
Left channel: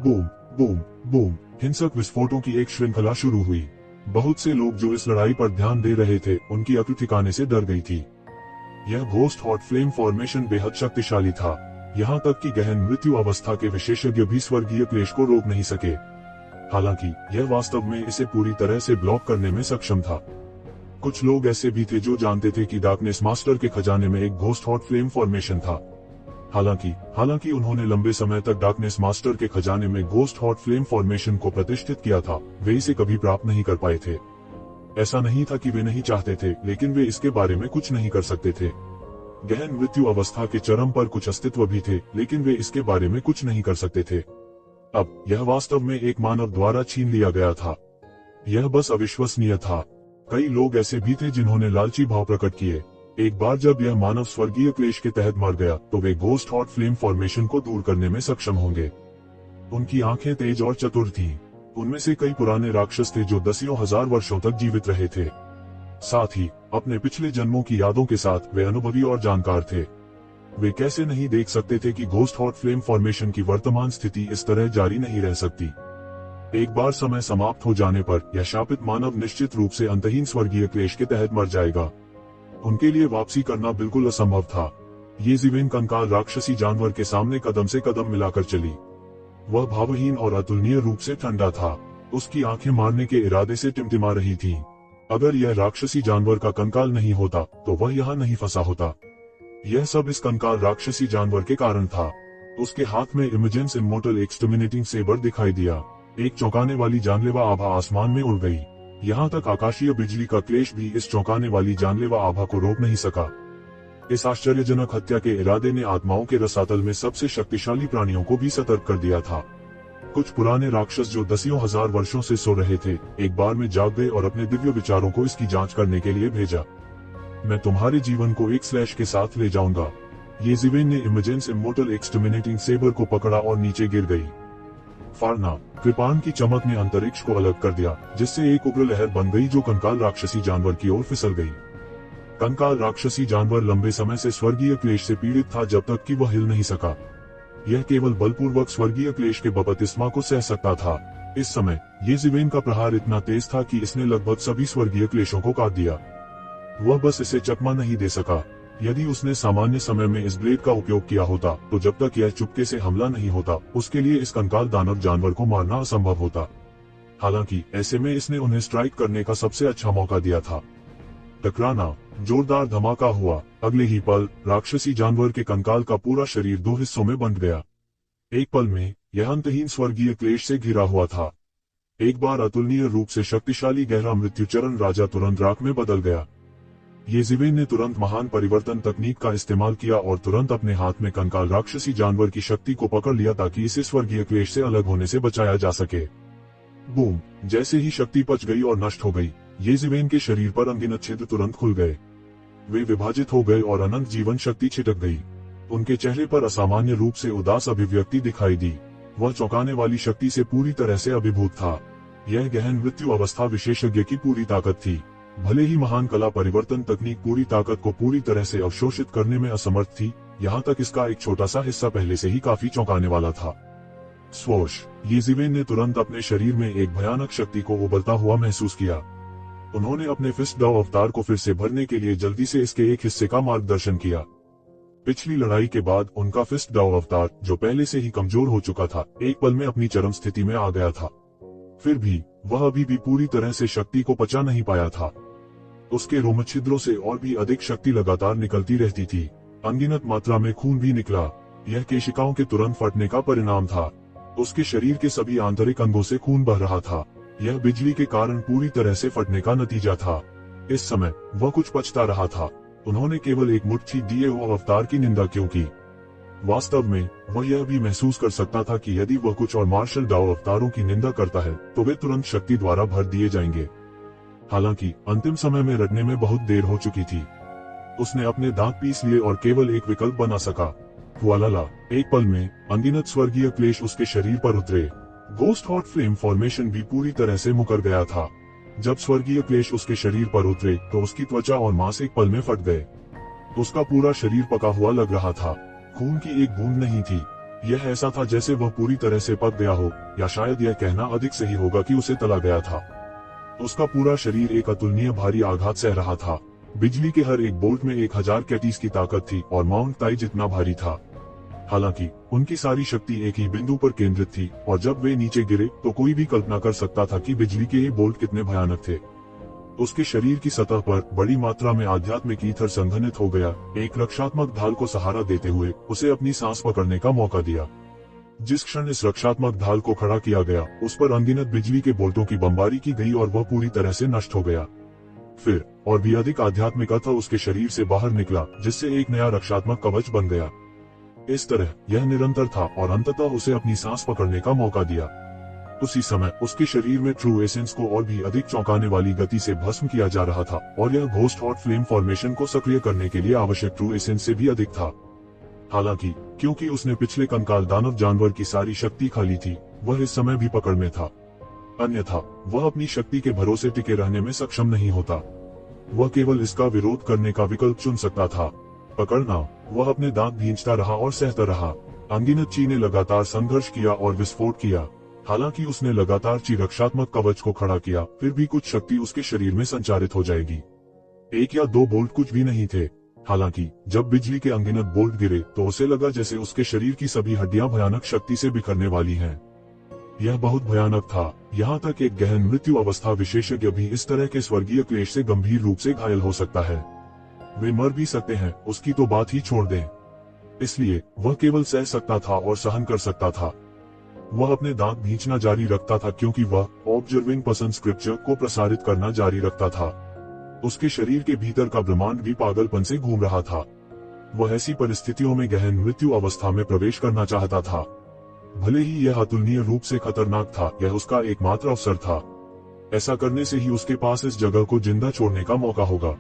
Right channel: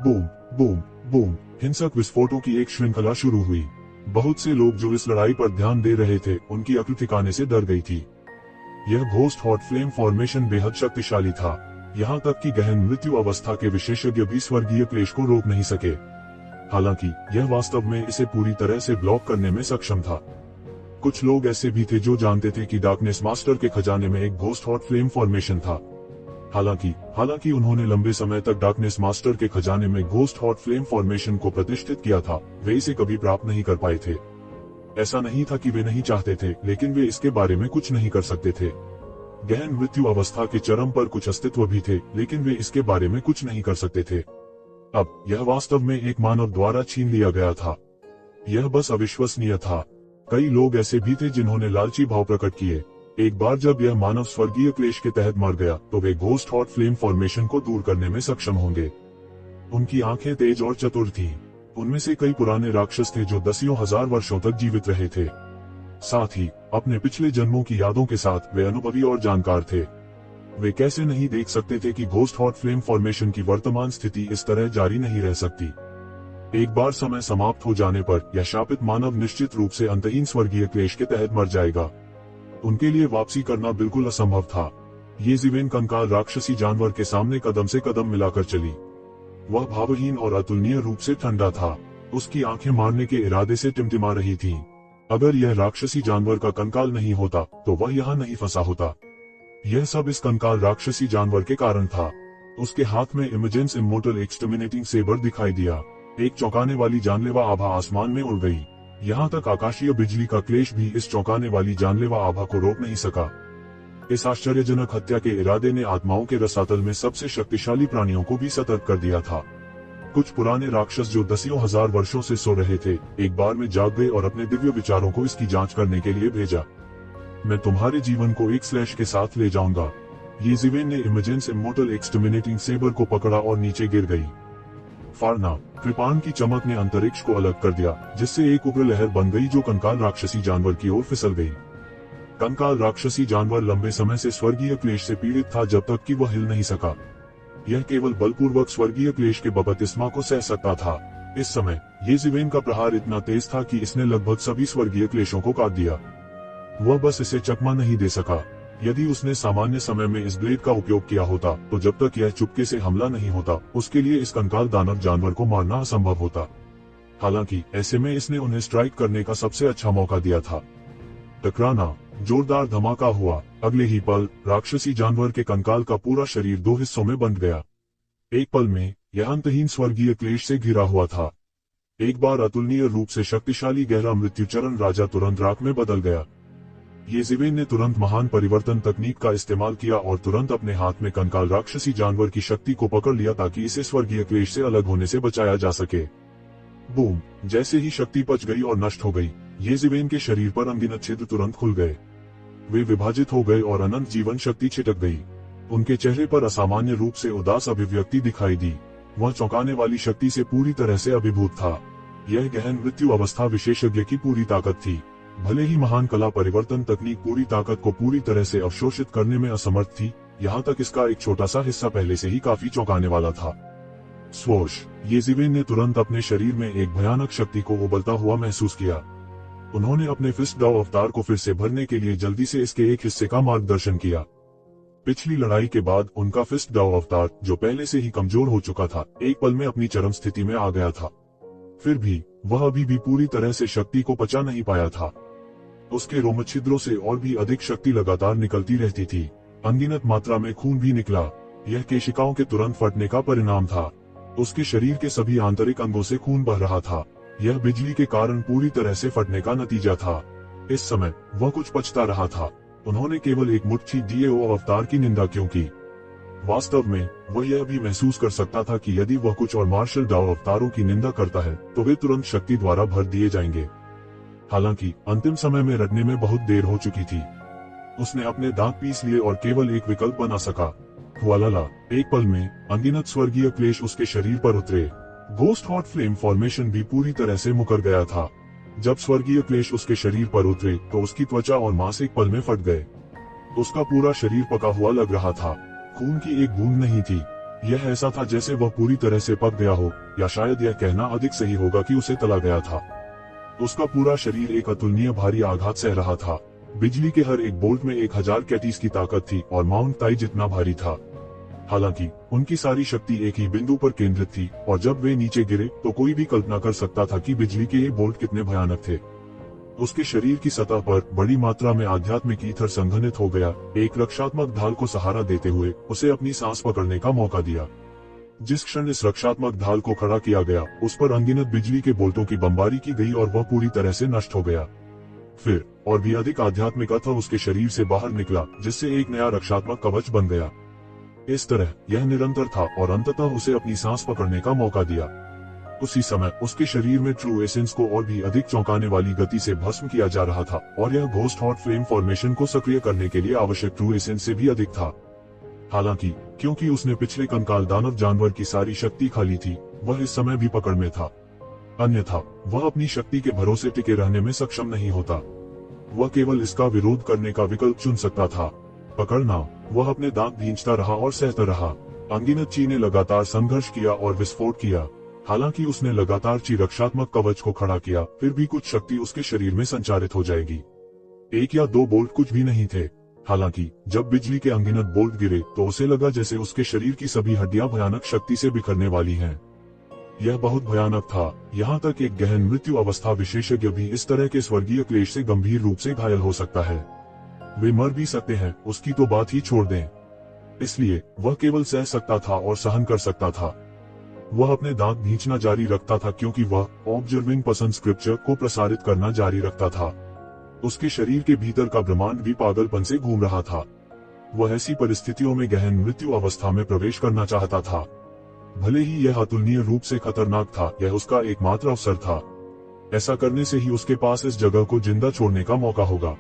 बूम बूम बूम, हिंसक विस्फोटों की एक श्रृंखला शुरू हुई। बहुत से लोग जो इस लड़ाई पर ध्यान दे रहे थे, उनकी अक्ल ठिकाने से डर गई थी। यह घोस्ट हॉट फ्लेम फॉर्मेशन बेहद शक्तिशाली था। यहाँ तक कि गहन मृत्यु अवस्था के विशेषज्ञ भी स्वर्गीय क्लेश को रोक नहीं सके। हालांकि यह वास्तव में इसे पूरी तरह से ब्लॉक करने में सक्षम था। कुछ लोग ऐसे भी थे जो जानते थे कि डार्कनेस मास्टर के खजाने में एक घोस्ट हॉट फ्लेम फॉर्मेशन था। हालांकि उन्होंने लंबे समय तक डार्कनेस मास्टर के खजाने में घोस्ट हॉट फ्लेम फॉर्मेशन को प्रतिष्ठित किया था, वे इसे कभी प्राप्त नहीं कर पाए थे। ऐसा नहीं था कि वे नहीं चाहते थे, लेकिन वे इसके बारे में कुछ नहीं कर सकते थे। गहन मृत्यु अवस्था के चरम पर कुछ अस्तित्व भी थे, लेकिन वे इसके बारे में कुछ नहीं कर सकते थे। अब यह वास्तव में एक मानव द्वारा छीन लिया गया था। यह बस अविश्वसनीय था। कई लोग ऐसे भी थे जिन्होंने लालची भाव प्रकट किए। एक बार जब यह मानव स्वर्गीय क्लेश के तहत मर गया तो वे घोस्ट हॉट फ्लेम फॉर्मेशन को दूर करने में सक्षम होंगे। उनकी आंखें तेज और चतुर थीं। उनमें से कई पुराने राक्षस थे जो दसियों हजार वर्षों तक जीवित रहे थे। साथ ही अपने पिछले जन्मों की यादों के साथ वे अनुभवी और जानकार थे। वे कैसे नहीं देख सकते थे कि घोस्ट हॉट फ्लेम फॉर्मेशन की वर्तमान स्थिति इस तरह जारी नहीं रह सकती। एक बार समय समाप्त हो जाने पर यह शापित मानव निश्चित रूप से अंतहीन स्वर्गीय क्लेश के तहत मर जाएगा। उनके लिए वापसी करना बिल्कुल असंभव था। येज़ेबेल कंकाल राक्षसी जानवर के सामने कदम से कदम मिलाकर चली। वह भावहीन और अतुलनीय रूप से ठंडा था। उसकी आंखें मारने के इरादे से टिमटिमा रही थीं। अगर यह राक्षसी जानवर का कंकाल नहीं होता तो वह यहाँ नहीं फंसा होता। यह सब इस कंकाल राक्षसी जानवर के कारण था। उसके हाथ में इमेजेंस इमोर्टल एक्सटर्मिनेटिंग सेबर दिखाई दिया। एक चौंकाने वाली जानलेवा आभा आसमान में उड़ गई। यहाँ तक आकाशीय बिजली का क्लेश भी इस चौंकाने वाली जानलेवा आभा को रोक नहीं सका। इस आश्चर्यजनक हत्या के इरादे ने आत्माओं के रसातल में सबसे शक्तिशाली प्राणियों को भी सतर्क कर दिया था। कुछ पुराने राक्षस जो दसियों हजार वर्षों से सो रहे थे, एक बार में जाग गए और अपने दिव्य विचारों को इसकी जांच करने के लिए भेजा। मैं तुम्हारे जीवन को एक स्लैश के साथ ले जाऊंगा। येज़ेबेल ने इमेजेंस इमोर्टल एक्सटर्मिनेटिंग सेबर को पकड़ा और नीचे गिर गई। फाड़ना। कृपाण की चमक ने अंतरिक्ष को अलग कर दिया, जिससे एक उग्र लहर बन गई जो कंकाल राक्षसी जानवर की ओर फिसल गई। कंकाल राक्षसी जानवर लंबे समय से स्वर्गीय क्लेश से पीड़ित था जब तक कि वह हिल नहीं सका। यह केवल बलपूर्वक स्वर्गीय क्लेश के बपतिस्मा को सह सकता था। इस समय येज़िवेन का प्रहार इतना तेज था कि इसने लगभग सभी स्वर्गीय क्लेशों को काट दिया। वह बस इसे चकमा नहीं दे सका। यदि उसने सामान्य समय में इस ब्लेड का उपयोग किया होता तो जब तक यह चुपके से हमला नहीं होता उसके लिए इस कंकाल दानव जानवर को मारना असंभव होता। हालांकि ऐसे में इसने उन्हें स्ट्राइक करने का सबसे अच्छा मौका दिया था। टकराना, जोरदार धमाका हुआ। अगले ही पल राक्षसी जानवर के कंकाल का पूरा शरीर दो हिस्सों में बंट गया। एक पल में यह अंतहीन स्वर्गीय क्लेश से घिरा हुआ था। एक बार अतुलनीय रूप से शक्तिशाली गहरा मृत्युचरण राजा तुरंत राख में बदल गया। येज़िवेन ने तुरंत महान परिवर्तन तकनीक का इस्तेमाल किया और तुरंत अपने हाथ में कंकाल राक्षसी जानवर की शक्ति को पकड़ लिया ताकि इसे स्वर्गीय क्लेश से अलग होने से बचाया जा सके। बूम! जैसे ही शक्ति पच गई और नष्ट हो गई, येज़िवेन के शरीर पर अनगिनत छिद्र तुरंत खुल गए। वे विभाजित हो गए और अनंत जीवन शक्ति छिटक गई। उनके चेहरे पर असामान्य रूप से उदास अभिव्यक्ति दिखाई दी। वह चौंकाने वाली शक्ति से पूरी तरह से अभिभूत था। यह गहन मृत्यु अवस्था विशेषज्ञ की पूरी ताकत थी। भले ही महान कला परिवर्तन तकनीक पूरी ताकत को पूरी तरह से अवशोषित करने में असमर्थ थी, यहाँ तक इसका एक छोटा सा हिस्सा पहले से ही काफी चौंकाने वाला था। स्वोश! येज़िवेन ने तुरंत अपने शरीर में एक भयानक शक्ति को उबलता हुआ महसूस किया। उन्होंने अपने फिस्ट डाउ अवतार को फिर से भरने के लिए जल्दी से इसके एक हिस्से का मार्गदर्शन किया। पिछली लड़ाई के बाद उनका फिस्ट डाउ अवतार, जो पहले से ही कमजोर हो चुका था, एक पल में अपनी चरम स्थिति में आ गया था। फिर भी वह अभी भी पूरी तरह से शक्ति को पचा नहीं पाया था। उसके रोम छिद्रों से और भी अधिक शक्ति लगातार निकलती रहती थी। अनगिनत मात्रा में खून भी निकला। यह केशिकाओं के तुरंत फटने का परिणाम था। उसके शरीर के सभी आंतरिक अंगों से खून बह रहा था। यह बिजली के कारण पूरी तरह से फटने का नतीजा था। इस समय वह कुछ पछता रहा था। उन्होंने केवल एक मुट्ठी डीएओ अवतार की निंदा क्यों की? वास्तव में वह यह भी महसूस कर सकता था कि यदि वह कुछ और मार्शल डाउ अवतारों की निंदा करता है तो वे तुरंत शक्ति द्वारा भर दिए जाएंगे। हालांकि अंतिम समय में रटने में बहुत देर हो चुकी थी। उसने अपने दांत पीस लिए और केवल एक विकल्प बना सका। हुआलाला! एक पल में अनगिनत स्वर्गीय क्लेश उसके शरीर पर उतरे। घोस्ट हॉट फ्लेम फॉर्मेशन भी पूरी तरह से मुकर गया था। जब स्वर्गीय क्लेश उसके शरीर पर उतरे तो उसकी त्वचा और मांस एक पल में फट गए। उसका पूरा शरीर पका हुआ लग रहा था। खून की एक बूंद नहीं थी। यह ऐसा था जैसे वह पूरी तरह से पक गया हो, या शायद यह कहना अधिक सही होगा कि उसे तला गया था। उसका पूरा शरीर एक अतुलनीय भारी आघात सह रहा था। बिजली के हर एक बोल्ट में 1000 कैटीज की ताकत थी और माउंट ताई जितना भारी था। हालांकि उनकी सारी शक्ति एक ही बिंदु पर केंद्रित थी और जब वे नीचे गिरे तो कोई भी कल्पना कर सकता था कि बिजली के ये बोल्ट कितने भयानक थे। उसके शरीर की सतह पर बड़ी मात्रा में आध्यात्मिक ईथर संघनित हो गया। एक रक्षात्मक ढाल को सहारा देते हुए उसे अपनी सांस पकड़ने का मौका दिया। जिस क्षण इस रक्षात्मक ढाल को खड़ा किया गया, उस पर अनगिनत बिजली के बोल्टों की बमबारी की गई और वह पूरी तरह से नष्ट हो गया। फिर और भी अधिक आध्यात्मिक अर्थ उसके शरीर से बाहर निकला, जिससे एक नया रक्षात्मक कवच बन गया। इस तरह यह निरंतर था और अंततः उसे अपनी सांस पकड़ने का मौका दिया। उसी समय उसके शरीर में ट्रू एसेंस को और भी अधिक चौंकाने वाली गति से भस्म किया जा रहा था और यह घोस्ट हॉट फ्लेम फॉर्मेशन को सक्रिय करने के लिए आवश्यक ट्रू एसेंस से भी अधिक था। हालांकि क्योंकि उसने पिछले कंकाल दानव जानवर की सारी शक्ति खा ली थी, वह इस समय भी पकड़ में था। अन्यथा वह अपनी शक्ति के भरोसे टिके रहने में सक्षम नहीं होता। वह केवल इसका विरोध करने का विकल्प चुन सकता था। पकड़ना। वह अपने दांत भींचता रहा और सहता रहा। अनगिनत ची ने लगातार संघर्ष किया और विस्फोट किया। हालांकि उसने लगातार ची रक्षात्मक कवच को खड़ा किया, फिर भी कुछ शक्ति उसके शरीर में संचारित हो जाएगी। 1 या 2 बोल्ट कुछ भी नहीं थे। हालांकि जब बिजली के अनगिनत बोल्ट गिरे तो उसे लगा जैसे उसके शरीर की सभी हड्डियां भयानक शक्ति से बिखरने वाली हैं। यह बहुत भयानक था। यहाँ तक एक गहन मृत्यु अवस्था विशेषज्ञ भी इस तरह के स्वर्गीय क्लेश से गंभीर रूप से घायल हो सकता है। वे मर भी सकते हैं, उसकी तो बात ही छोड़ दें। इसलिए वह केवल सह सकता था और सहन कर सकता था। वह अपने दांत भींचना जारी रखता था क्योंकि वह ऑब्जर्विंग पसंद स्क्रिप्चर को प्रसारित करना जारी रखता था। उसके शरीर के भीतर का ब्रह्मांड भी पागलपन से घूम रहा था। वह ऐसी परिस्थितियों में गहन मृत्यु अवस्था में प्रवेश करना चाहता था। भले ही यह अतुलनीय रूप से खतरनाक था, यह उसका एकमात्र अवसर था। ऐसा करने से ही उसके पास इस जगह को जिंदा छोड़ने का मौका होगा।